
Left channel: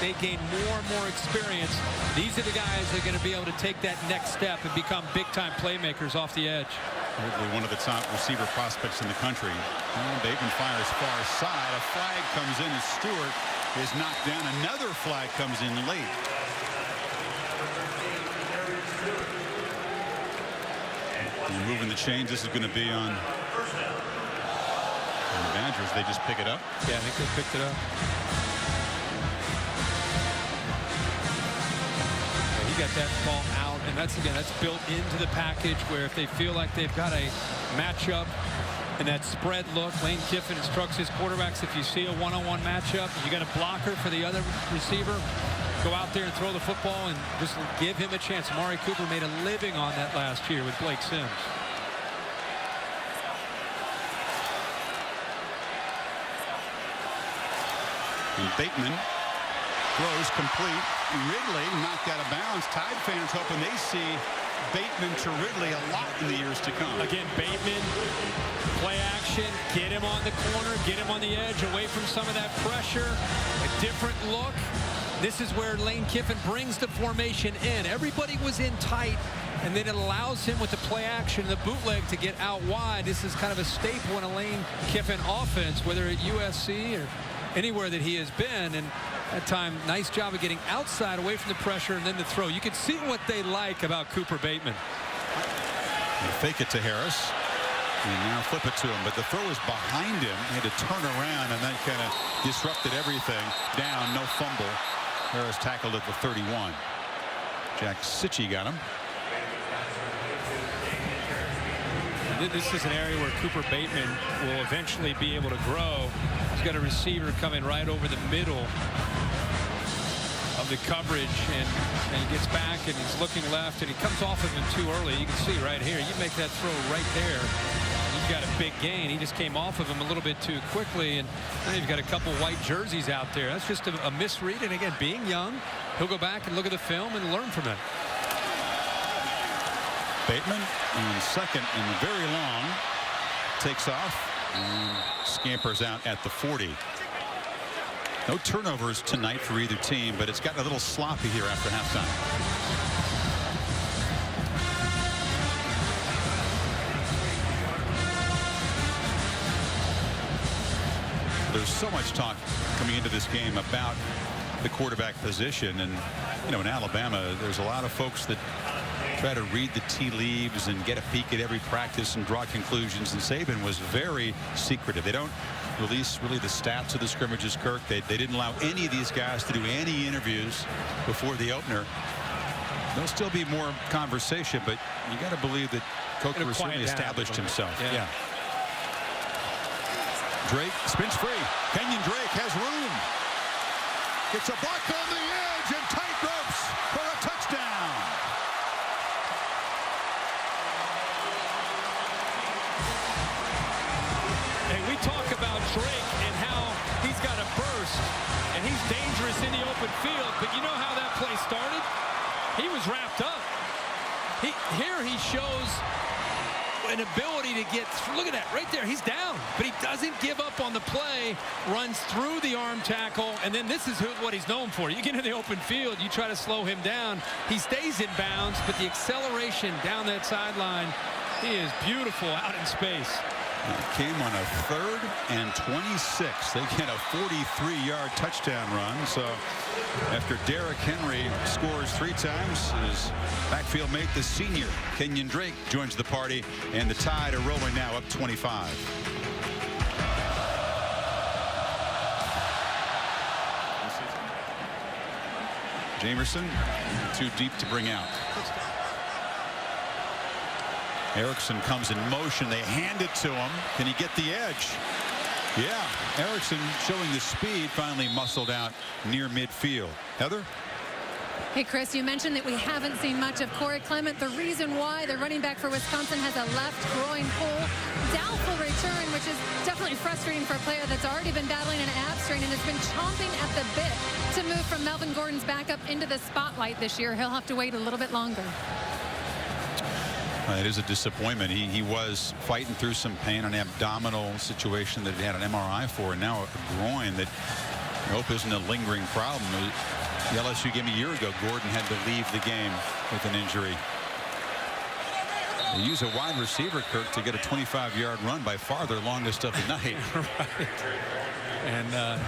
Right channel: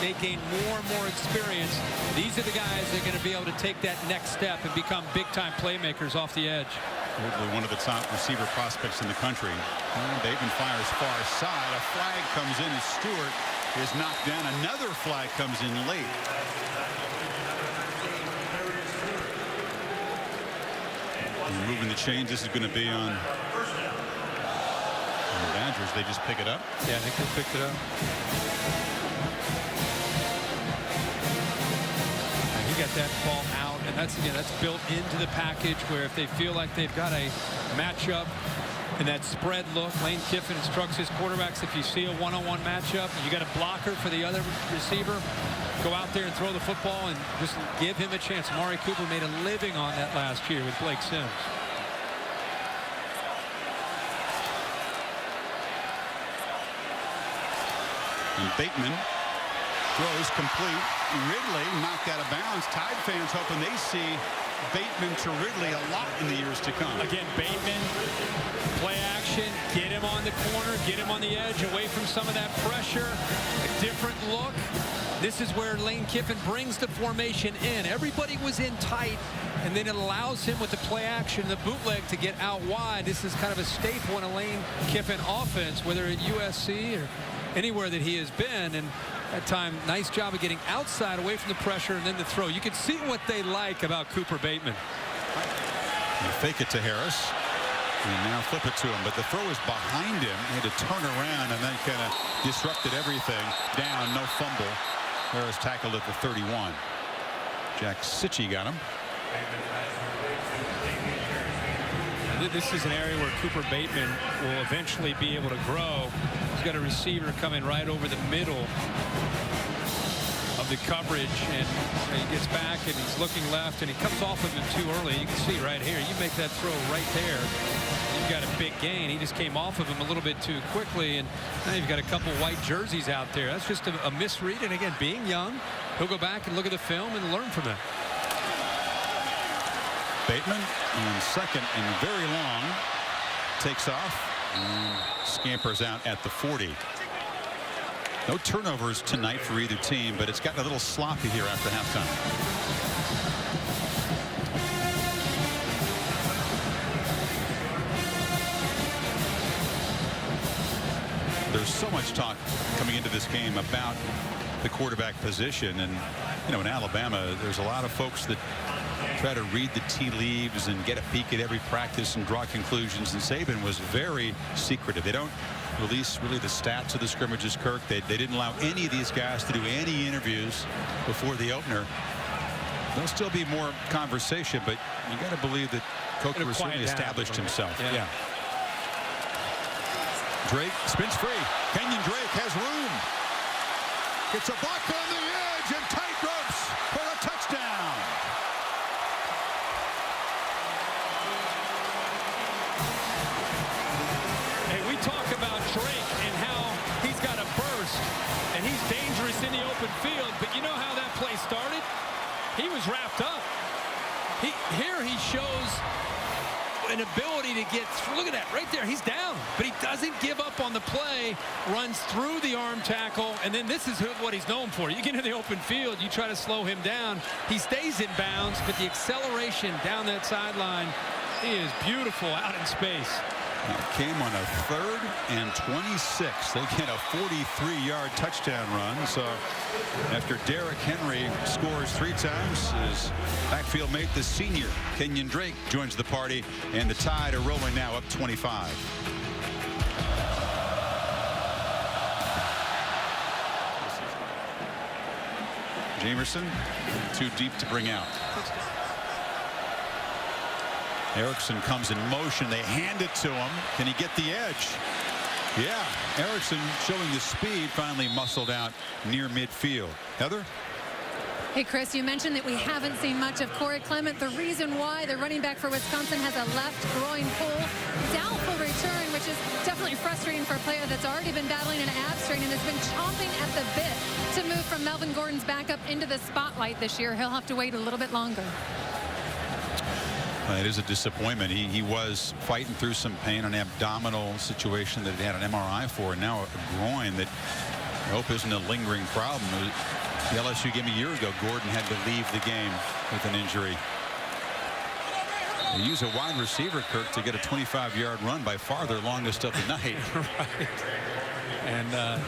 they gain more and more experience. These are the guys that are going to be able to take that next step and become big-time playmakers off the edge. Ridley, one of the top receiver prospects in the country. And Bateman fires far side. A flag comes in as Stewart is knocked down. Another flag comes in late. And moving the chains. This is going to be on the Badgers. They just pick it up. Yeah, I think they picked it up. Yeah, he got that ball out, and that's built into the package where if they feel like they've got a matchup and that spread look, Lane Kiffin instructs his quarterbacks, if you see a one-on-one matchup, you got a blocker for the other receiver, go out there and throw the football and just give him a chance. Amari Cooper made a living on that last year with Blake Sims. And Bateman throws complete. Ridley knocked out of bounds. Tide fans hoping they see Bateman to Ridley a lot in the years to come. Again, Bateman, play action, get him on the corner, get him on the edge, away from some of that pressure, a different look. This is where Lane Kiffin brings the formation in. Everybody was in tight, and then it allows him with the play action, the bootleg, to get out wide. This is kind of a staple in a Lane Kiffin offense, whether at USC or anywhere that he has been. And that time, nice job of getting outside, away from the pressure, and then the throw. You can see what they like about Cooper Bateman. You fake it to Harris. And now flip it to him, but the throw is behind him. He had to turn around, and that kind of disrupted everything. Down, no fumble. Harris tackled at the 31. Jack Sitchie got him. And this is an area where Cooper Bateman will eventually be able to grow. He's got a receiver coming right over the middle of the coverage, and he gets back and he's looking left, and he comes off of him too early. You can see right here, you make that throw right there, you've got a big gain. He just came off of him a little bit too quickly, and now you've got a couple white jerseys out there. That's just a misread, and again, being young, he'll go back and look at the film and learn from it. Bateman on second and very long, takes off and scampers out at the 40. No turnovers tonight for either team, but it's gotten a little sloppy here after halftime. There's so much talk coming into this game about the quarterback position, and you know, in Alabama there's a lot of folks that try to read the tea leaves and get a peek at every practice and draw conclusions, and Saban was very secretive. They don't release really the stats of the scrimmages, Kirk. They didn't allow any of these guys to do any interviews before the opener. There'll still be more conversation, but you got to believe that Coker certainly established himself. Yeah. Drake spins free. Kenyon Drake has room. It's a block on the edge and tight ropes for a touchdown. Hey, we talk about Drake and how he's got a burst and he's dangerous in the open field, but you know how that play started? He was wrapped up. Here he shows an ability to get through. Look at that right there. He's down, but he doesn't give up on the play, runs through the arm tackle, and then this is what he's known for. You get in the open field, you try to slow him down. He stays in bounds, but the acceleration down that sideline, he is beautiful out in space. It came on a 3rd and 26. They get a 43-yard touchdown run. So after Derrick Henry scores 3 times, his backfield mate, the senior Kenyon Drake, joins the party, and the Tide are rolling now up 25. Jamerson too deep to bring out. Erickson comes in motion. They hand it to him. Can he get the edge? Yeah, Erickson showing the speed, finally muscled out near midfield. Heather? Hey, Chris, you mentioned that we haven't seen much of Cory Clement. The reason why the running back for Wisconsin has a left groin pull, doubtful return, which is definitely frustrating for a player that's already been battling an ab strain and has been chomping at the bit to move from Melvin Gordon's backup into the spotlight this year. He'll have to wait a little bit longer. It is a disappointment. He was fighting through some pain, an abdominal situation that he had an MRI for, and now a groin that I hope isn't a lingering problem. The LSU game a year ago, Gordon had to leave the game with an injury. They use a wide receiver, Kirk, to get a 25-yard run, by far their longest of the night. Right. And I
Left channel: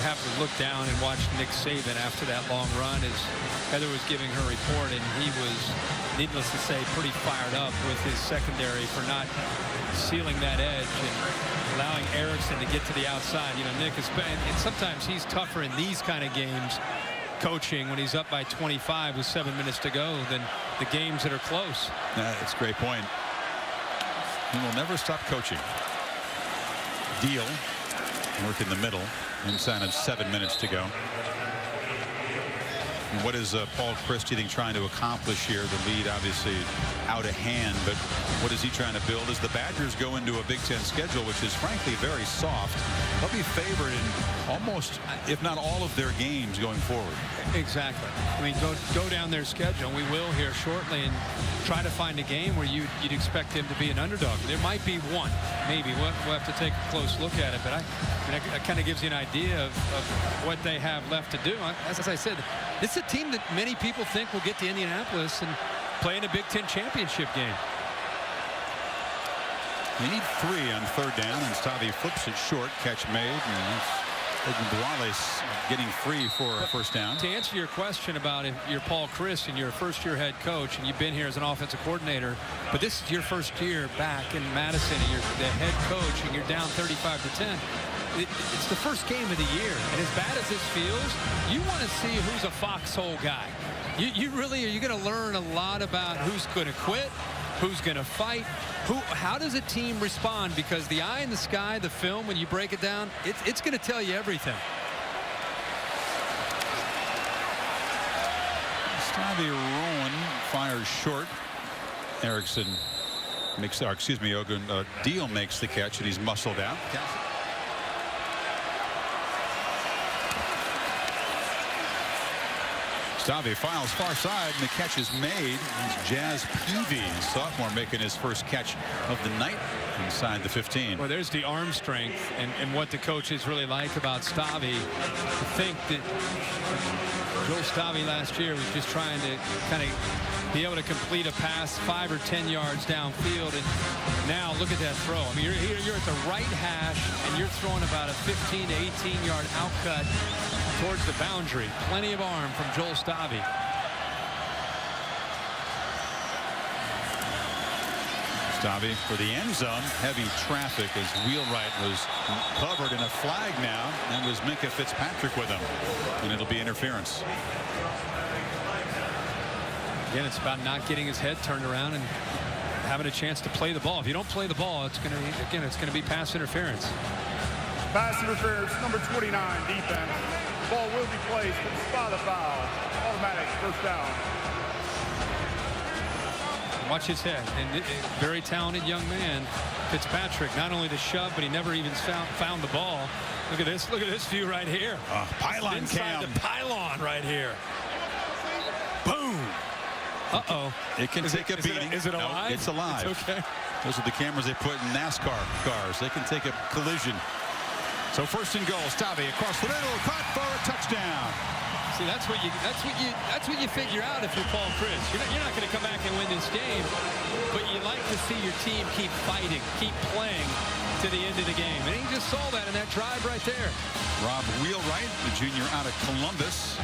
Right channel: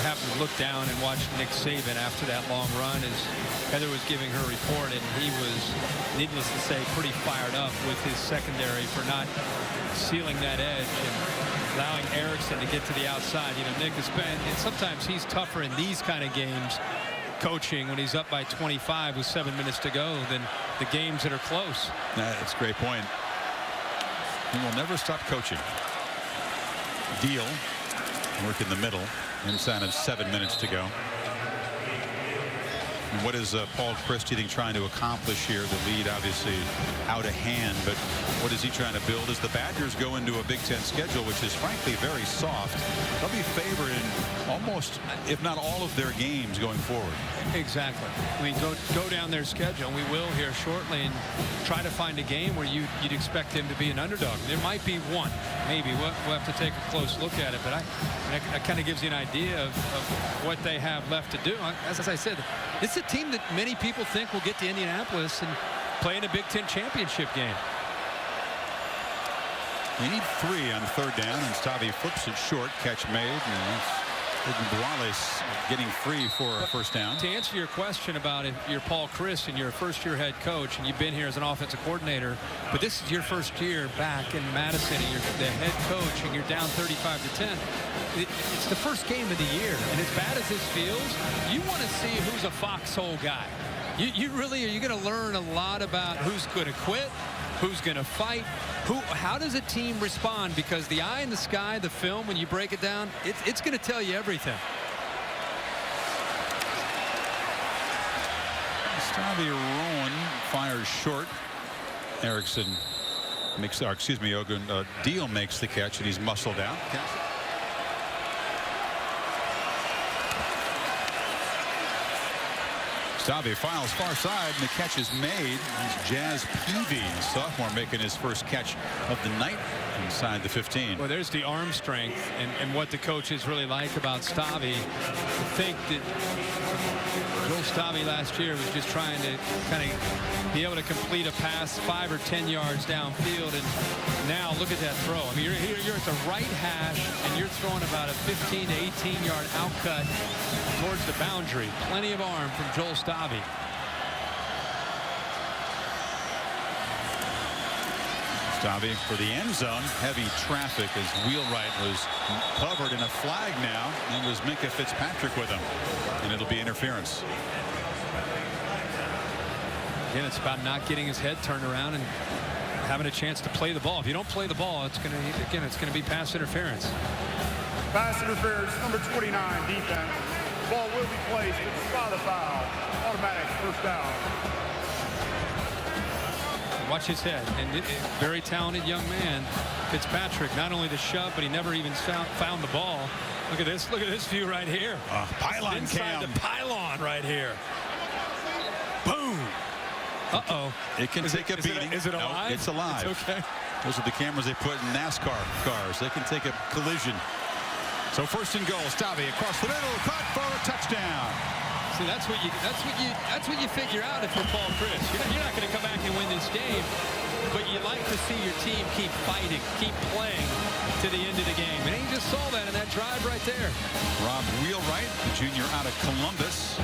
happened to look down and watch Nick Saban after that long run as Heather was giving her report, and he was, needless to say, pretty fired up with his secondary for not sealing that edge and allowing Erickson to get to the outside. You know, Nick is, and sometimes he's tougher in these kind of games, coaching, when he's up by 25 with 7 minutes to go, than the games that are close. That's a great point. He will never stop coaching. Deal, work in the middle, inside of 7 minutes to go. And what is Paul Chryst, you think, trying to accomplish here? The lead obviously out of hand, but what is he trying to build as the Badgers go into a Big Ten schedule, which is frankly very soft? They'll be favored in almost, if not all, of their games going forward. Exactly. I mean, go down their schedule, and we will here shortly, and try to find a game where you'd expect them to be an underdog. There might be one, maybe. We'll have to take a close look at it, but I mean, that kind of gives you an idea of what they have left to do. As I said, it's a team that many people think will get to Indianapolis and play in a Big Ten championship game. They need 3 on 3rd down, and Stavi flips it short. Catch made, and that's Buales getting free for a 1st down. To answer your question about if you're Paul Chryst and you're a first-year head coach and you've been here as an offensive coordinator, but this is your first year back in Madison and you're the head coach and you're down 35-10. It's the first game of the year, and as bad as this feels, you want to see who's a foxhole guy. You really are. You're going to learn a lot about who's going to quit, who's going to fight, how does a team respond, because the eye in the sky, the film, when you break it down, it's going to tell you everything. Stavi Rowan fires short. Erickson makes, Deal makes the catch, and he's muscled out. Stavi files far side, and the catch is made. It's Jazz Peavy, a sophomore, making his first catch of the night inside the 15. Well, there's the arm strength and what the coaches really like about Stavi. To think that Joel Stavi last year was just trying to kind of be able to complete a pass 5 or 10 yards downfield, and now look at that throw. I mean, you're at the right hash, and you're throwing about a 15 to 18 yard outcut towards the boundary. Plenty of arm from Joel Stavi. Stavi for the end zone. Heavy traffic as Wheelwright was covered in a flag now. And was Minka Fitzpatrick with him. And it'll be interference. Again, it's about not getting his head turned around and having a chance to play the ball. If you don't play the ball, it's going to be pass interference. Pass interference, number 29, defense. The ball will be placed to spot the foul. Automatic 1st down. Watch his head. And a very talented young man, Fitzpatrick. Not only the shove, but he never even found the ball. Look at this. Look at this view right here. Pylon inside cam. The pylon right here. Boom. Uh-oh. It can take a beating. Is it alive? No, it's alive. It's okay. Those are the cameras they put in NASCAR cars. They can take a collision. So 1st and goal. Stavi across the middle, caught for a touchdown. See, that's what you figure out if you're Paul Chryst. You're not going to come back and win this game. but you like to see your team keep fighting, keep playing to the end of the game. And he just saw that in that drive right there. Rob Wheelwright, the junior out of Columbus.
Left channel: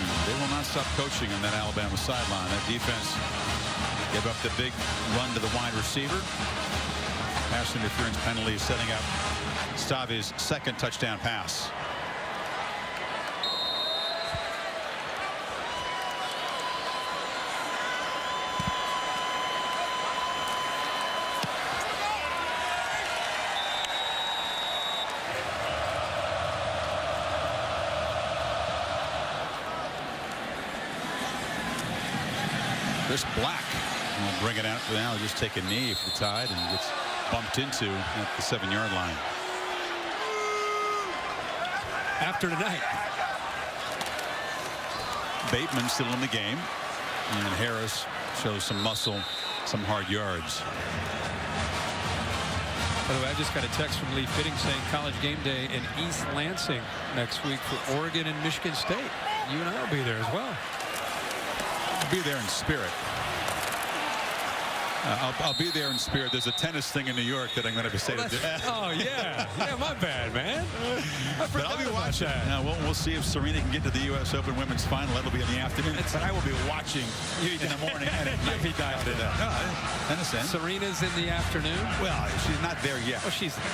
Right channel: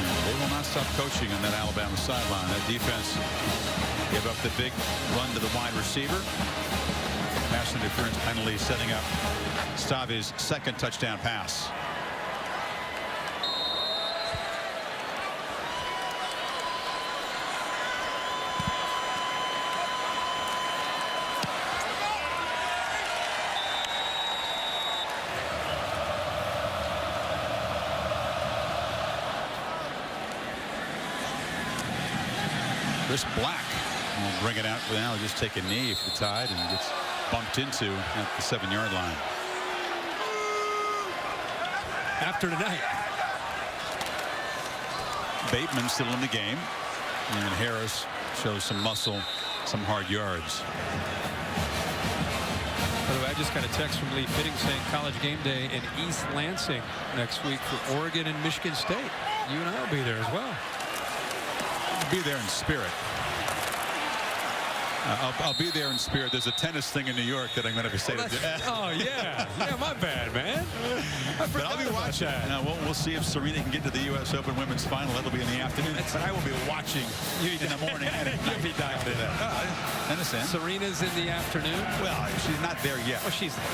And they will not stop coaching on that Alabama sideline. That defense gave up the big run to the wide receiver. Pass interference penalty setting up Stave's second touchdown pass. Chris Black will bring it out for now. Just take a knee for the Tide and gets bumped into at the 7-yard line. After tonight, Bateman still in the game, and Harris shows some muscle, some hard yards. By the way, I just got a text from Lee Fitting saying College Game Day in East Lansing next week for Oregon and Michigan State. You and I will be there as well. I'll be there in spirit. I'll be there in spirit. There's a tennis thing in New York that I'm going to say. Oh yeah, yeah, my bad, man. But I'll be watching. Now, we'll see if Serena can get to the U.S. Open Women's Final. That'll be in the afternoon. But I will be watching in the morning and at night. You'll be dialed in. Tennis in. Serena's in the afternoon. Well, she's not there yet. Well, she's there.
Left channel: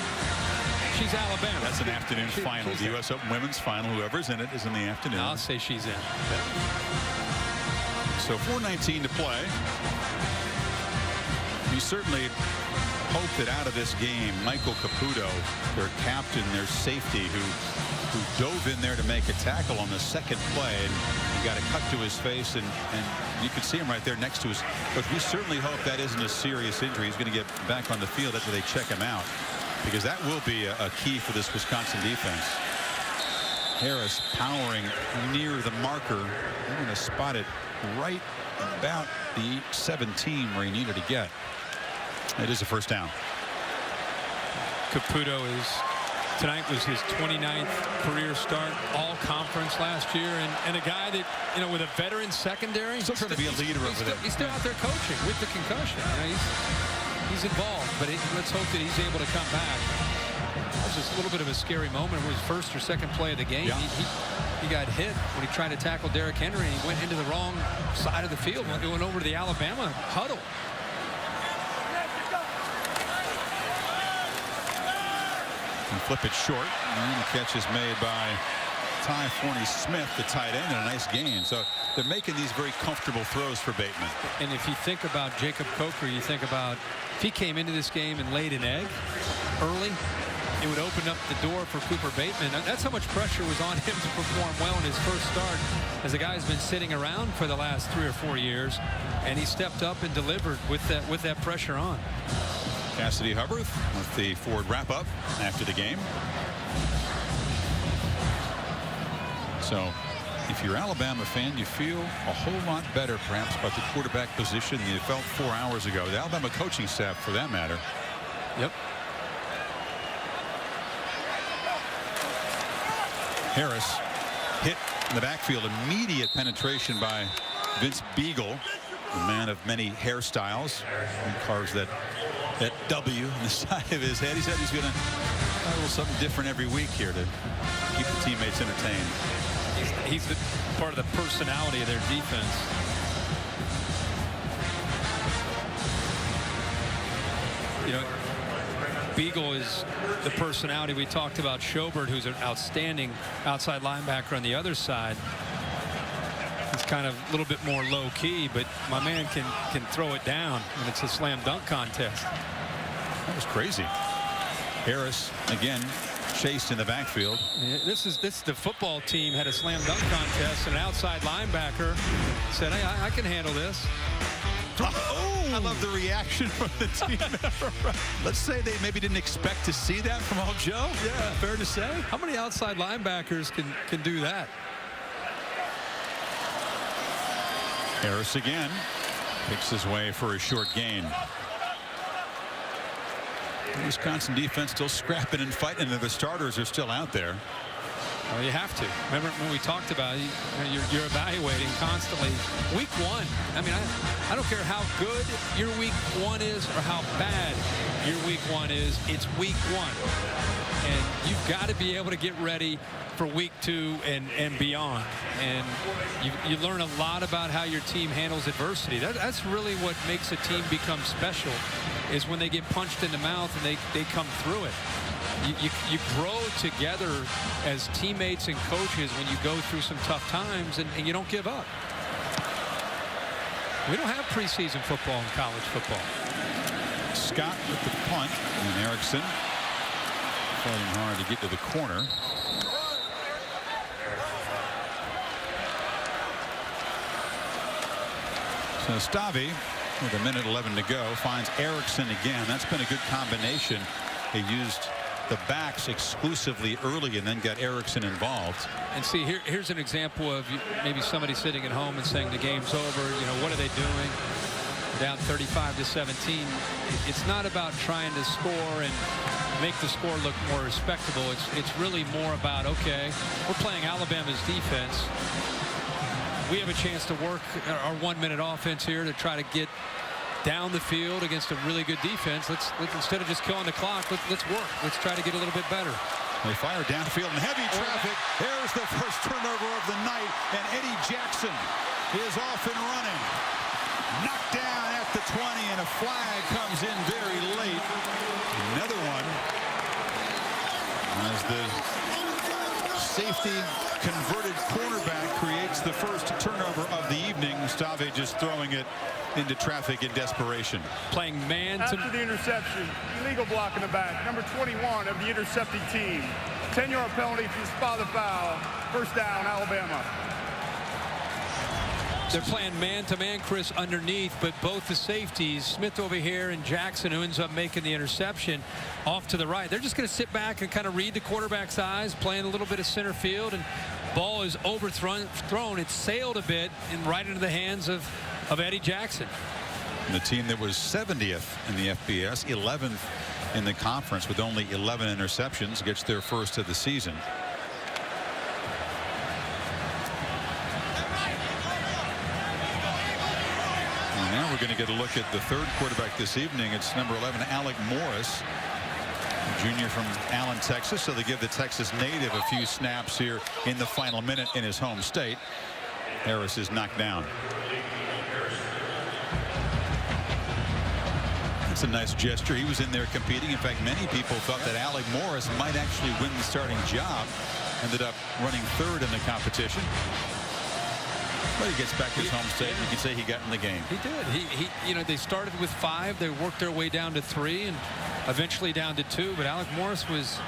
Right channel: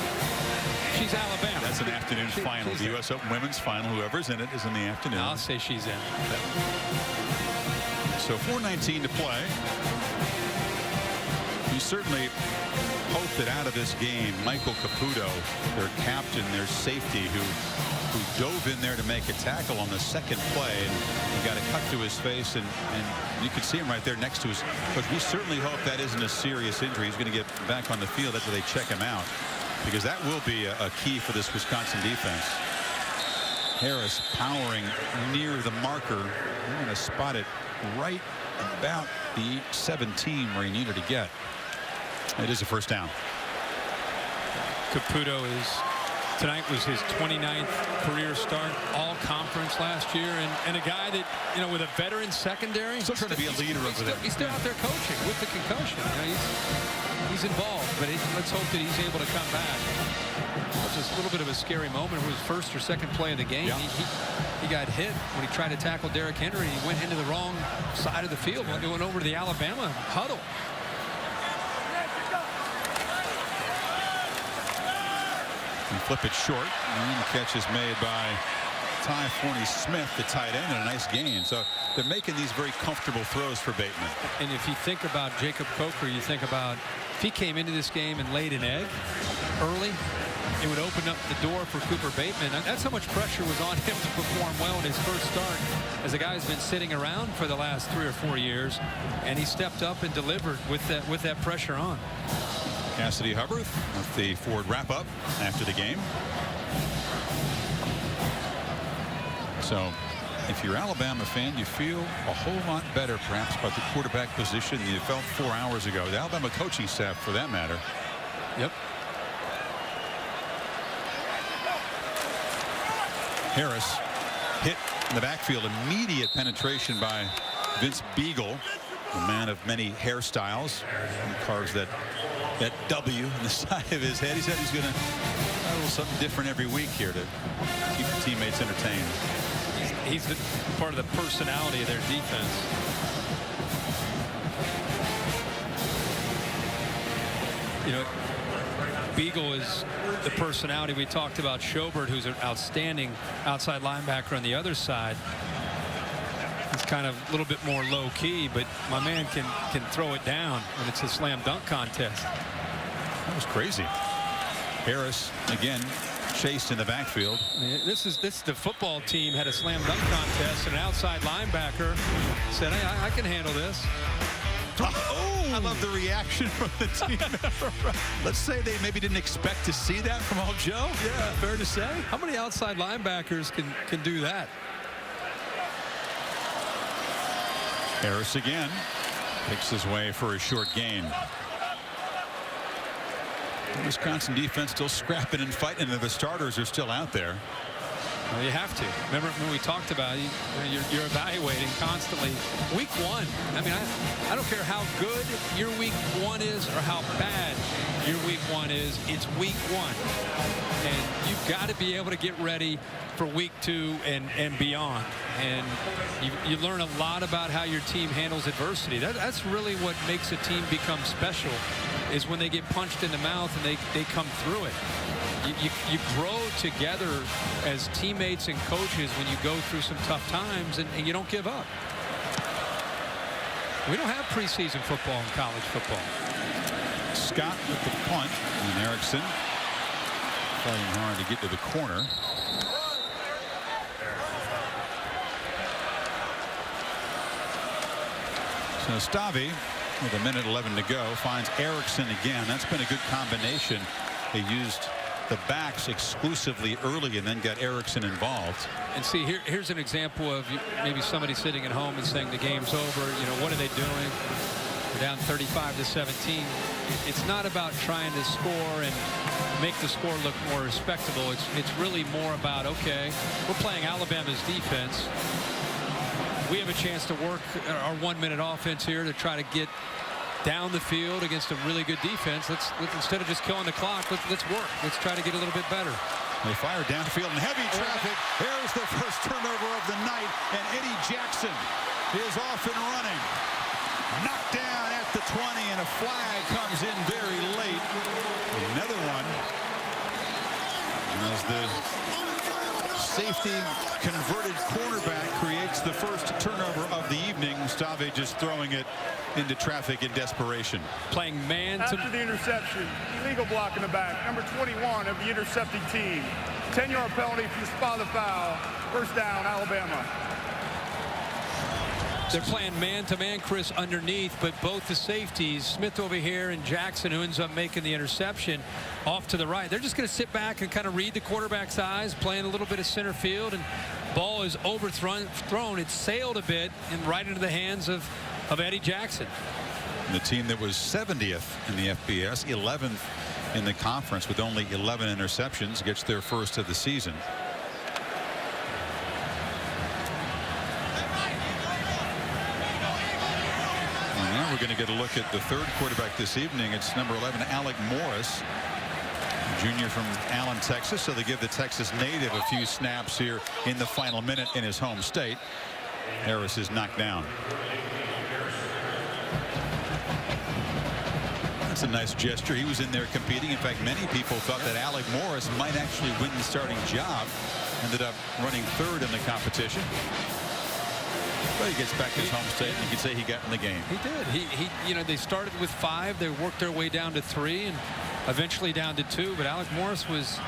She's Alabama. That's an afternoon final. The U.S. Open Women's Final. Whoever's in it is in the afternoon. I'll say she's in. Yeah. So 4:19 to play. You certainly hope that out of this game, Michael Caputo, their captain, their safety, who dove in there to make a tackle on the second play and got a cut to his face, and you can see him right there next to his coach. We certainly hope that isn't a serious injury. He's going to get back on the field after they check him out, because that will be a key for this Wisconsin defense. Harris powering near the marker. They're going to spot it right about the 17 where he needed to get. It is a first down. Caputo tonight was his 29th career start, all conference last year, and a guy that, you know, with a veteran secondary, still trying to be a leader over there. He's still out there coaching with the concussion. You know, he's involved, but let's hope that he's able to come back. That was just a little bit of a scary moment. It was first or second play of the game. Yeah. He got hit when he tried to tackle Derrick Henry, and he went into the wrong side of the field. He went over to the Alabama huddle. And flip it short, and the catch is made by Ty Forney-Smith, the tight end, and a nice gain. So they're making these very comfortable throws for Bateman. And if you think about Jacob Coker, you think about if he came into this game and laid an egg early, it would open up the door for Cooper Bateman. That's how much pressure was on him to perform well in his first start, as a guy who's been sitting around for the last 3 or 4 years, and he stepped up and delivered with that pressure on. Cassidy Hubbard with the Ford wrap-up after the game. So if you're an Alabama fan, you feel a whole lot better perhaps about the quarterback position than you felt 4 hours ago. The Alabama coaching staff, for that matter. Yep. Harris hit in the backfield. Immediate penetration by Vince Beagle, the man of many hairstyles. He carves that W in the side of his head. He said he's going to try a little something different every week here to keep the teammates entertained. He's the part of the personality of their defense. You know, Beagle is the personality. We talked about Schobert, who's an outstanding outside linebacker on the other side. He's kind of a little bit more low-key, but my man can throw it down when it's a slam dunk contest. That was crazy. Harris again chased in the backfield. I mean, this the football team had a slam dunk contest, and an outside linebacker said, "Hey, I can handle this." Oh, I love the reaction from the team. Let's say they maybe didn't expect to see that from old Joe. Yeah, fair to say. How many outside linebackers can do that? Harris again picks his way for a short gain. The Wisconsin defense still scrapping and fighting, and the starters are still out there. Well, you have to. Remember when we talked about it, you're evaluating constantly. Week 1. I mean, I don't care how good your week 1 is or how bad your week 1 is. It's week 1. And you've got to be able to get ready for week 2 and beyond. And you learn a lot about how your team handles adversity. That's really what makes a team become special, is when they get punched in the mouth and they come through it. You grow together as teammates and coaches when you go through some tough times, and you don't give up. We don't have preseason football in college football. Scott with the punt, and Erickson fighting hard to get to the corner. So Stavi, with 1:11 to go, finds Erickson again. That's been a good combination. They used the backs exclusively early and then got Erickson involved. And see, here's an example of maybe somebody sitting at home and saying the game's over. You know, what are they doing? We're down 35-17. It's not about trying to score and make the score look more respectable. It's really more about, okay, we're playing Alabama's defense. We have a chance to work our 1-minute offense here to try to get down the field against a really good defense. Let's instead of just killing the clock, let's work. Let's try to get a little bit better. They fire downfield in heavy traffic. There's the first turnover of the night, and Eddie Jackson is off and running. Knocked down at the 20, and a flag comes in very late. Another one as the safety converted cornerback creates the first turnover of the evening. Stave just throwing it into traffic in desperation. Playing man to... After the interception, illegal block in the back, number 21 of the intercepting team. 10-yard penalty from the spot of the foul. First down, Alabama. They're playing man-to-man, Chris, underneath, but both the safeties, Smith over here and Jackson, who ends up making the interception, off to the right. They're just going to sit back and kind of read the quarterback's eyes, playing a little bit of center field, and ball is overthrown. It's sailed a bit and right into the hands of Eddie Jackson. And the team that was 70th in the FBS, 11th in the conference with only 11 interceptions, gets their first of the season. And now we're going to get a look at the third quarterback this evening. It's number 11, Alec Morris, junior from Allen, Texas. So they give the Texas native a few snaps here in the final minute in his home state. Harris is knocked down. That's a nice gesture. He was in there competing. In fact, many people thought that Alec Morris might actually win the starting job. Ended up running third in the competition. But he gets back to his home state, and you can say he got in the game. He did. You know, they started with 5. They worked their way down to 3 and eventually down to 2. But Alec Morris was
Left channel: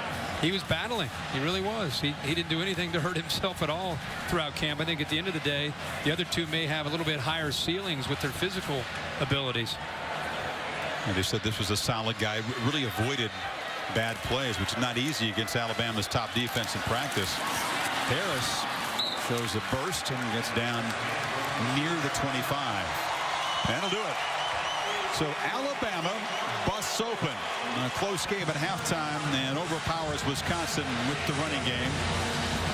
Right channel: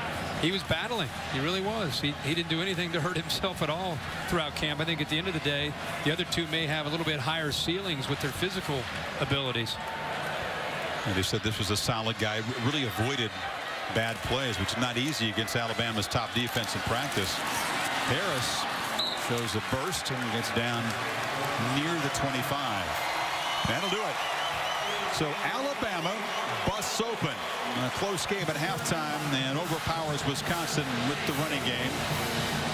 battling. He really was. He didn't do anything to hurt himself at all throughout camp. I think at the end of the day, the other two may have a little bit higher ceilings with their physical abilities. And they said this was a solid guy. Really avoided bad plays, which is not easy against Alabama's top defense in practice. Harris shows a burst and gets down near the 25. That'll do it. So Alabama busts open a close game at halftime and overpowers Wisconsin with the running game.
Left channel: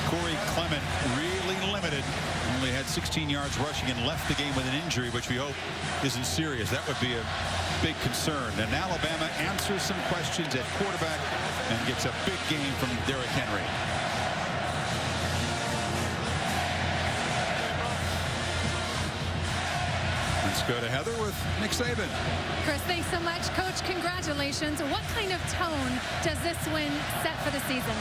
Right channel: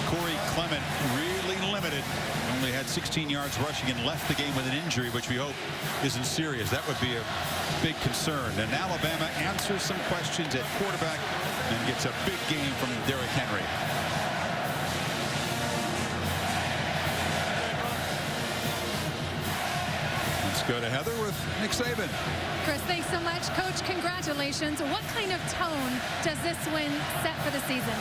Cory Clement really limited, only had 16 yards rushing and left the game with an injury, which we hope isn't serious. That would be a big concern. And Alabama answers some questions at quarterback and gets a big game from Derrick Henry. Let's go to Heather with Nick Saban. Chris, thanks so much. Coach, congratulations. What kind of tone does this win set for the season?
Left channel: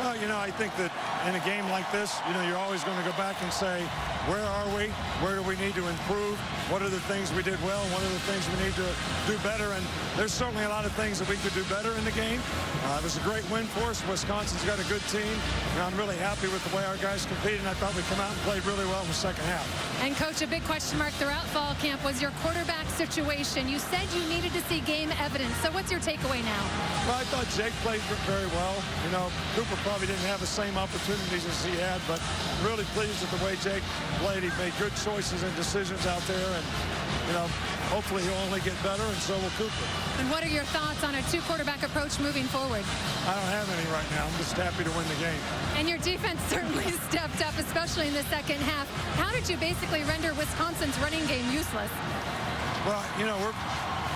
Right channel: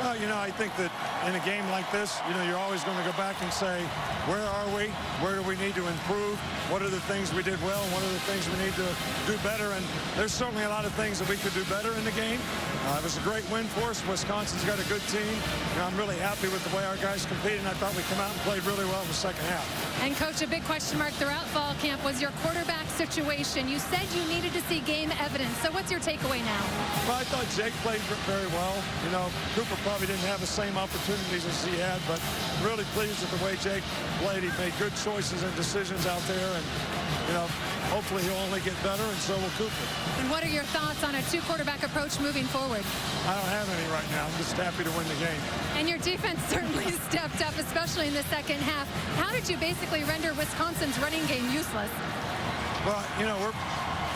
Well, you know, I think that in a game like this, you know, you're always going to go back and say, where are we? Where do we need to improve? What are the things we did well? What are the things we need to do better? And there's certainly a lot of things that we could do better in the game. It was a great win for us. Wisconsin's got a good team. You know, I'm really happy with the way our guys competed, and I thought we came out and played really well in the second half. And, Coach, a big question mark throughout fall camp was your quarterback situation. You said you needed to see game evidence. So what's your takeaway now? Well, I thought Jake played very well. You know, Cooper probably didn't have the same opportunities as he had, but really pleased with the way Jake played. He made good choices and decisions out there, and, you know, hopefully he'll only get better, and so will Cooper. And what are your thoughts on a two-quarterback approach moving forward? I don't have any right now. I'm just happy to win the game. And your defense certainly stepped up, especially in the second half. How did you basically render Wisconsin's running game useless? Well, you know,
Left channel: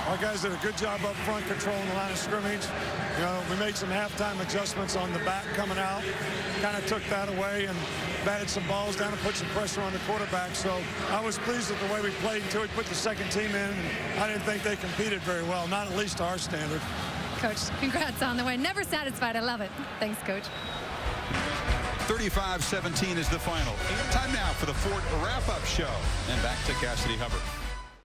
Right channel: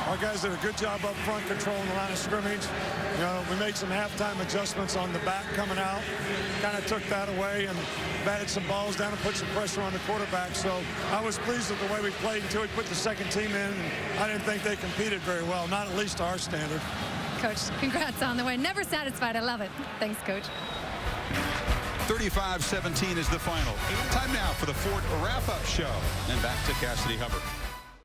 our guys did a good job up front controlling the line of scrimmage. You know, we made some halftime adjustments on the back coming out, kind of took that away and batted some balls down and put some pressure on the quarterback. So I was pleased with the way we played until we put the second team in, and I didn't think they competed very well, not at least to our standard. Coach, congrats on the win. Never satisfied. I love it. Thanks, Coach. 35-17 is the final. Time now for the Ford wrap-up show. And back to Cassidy Hubbard.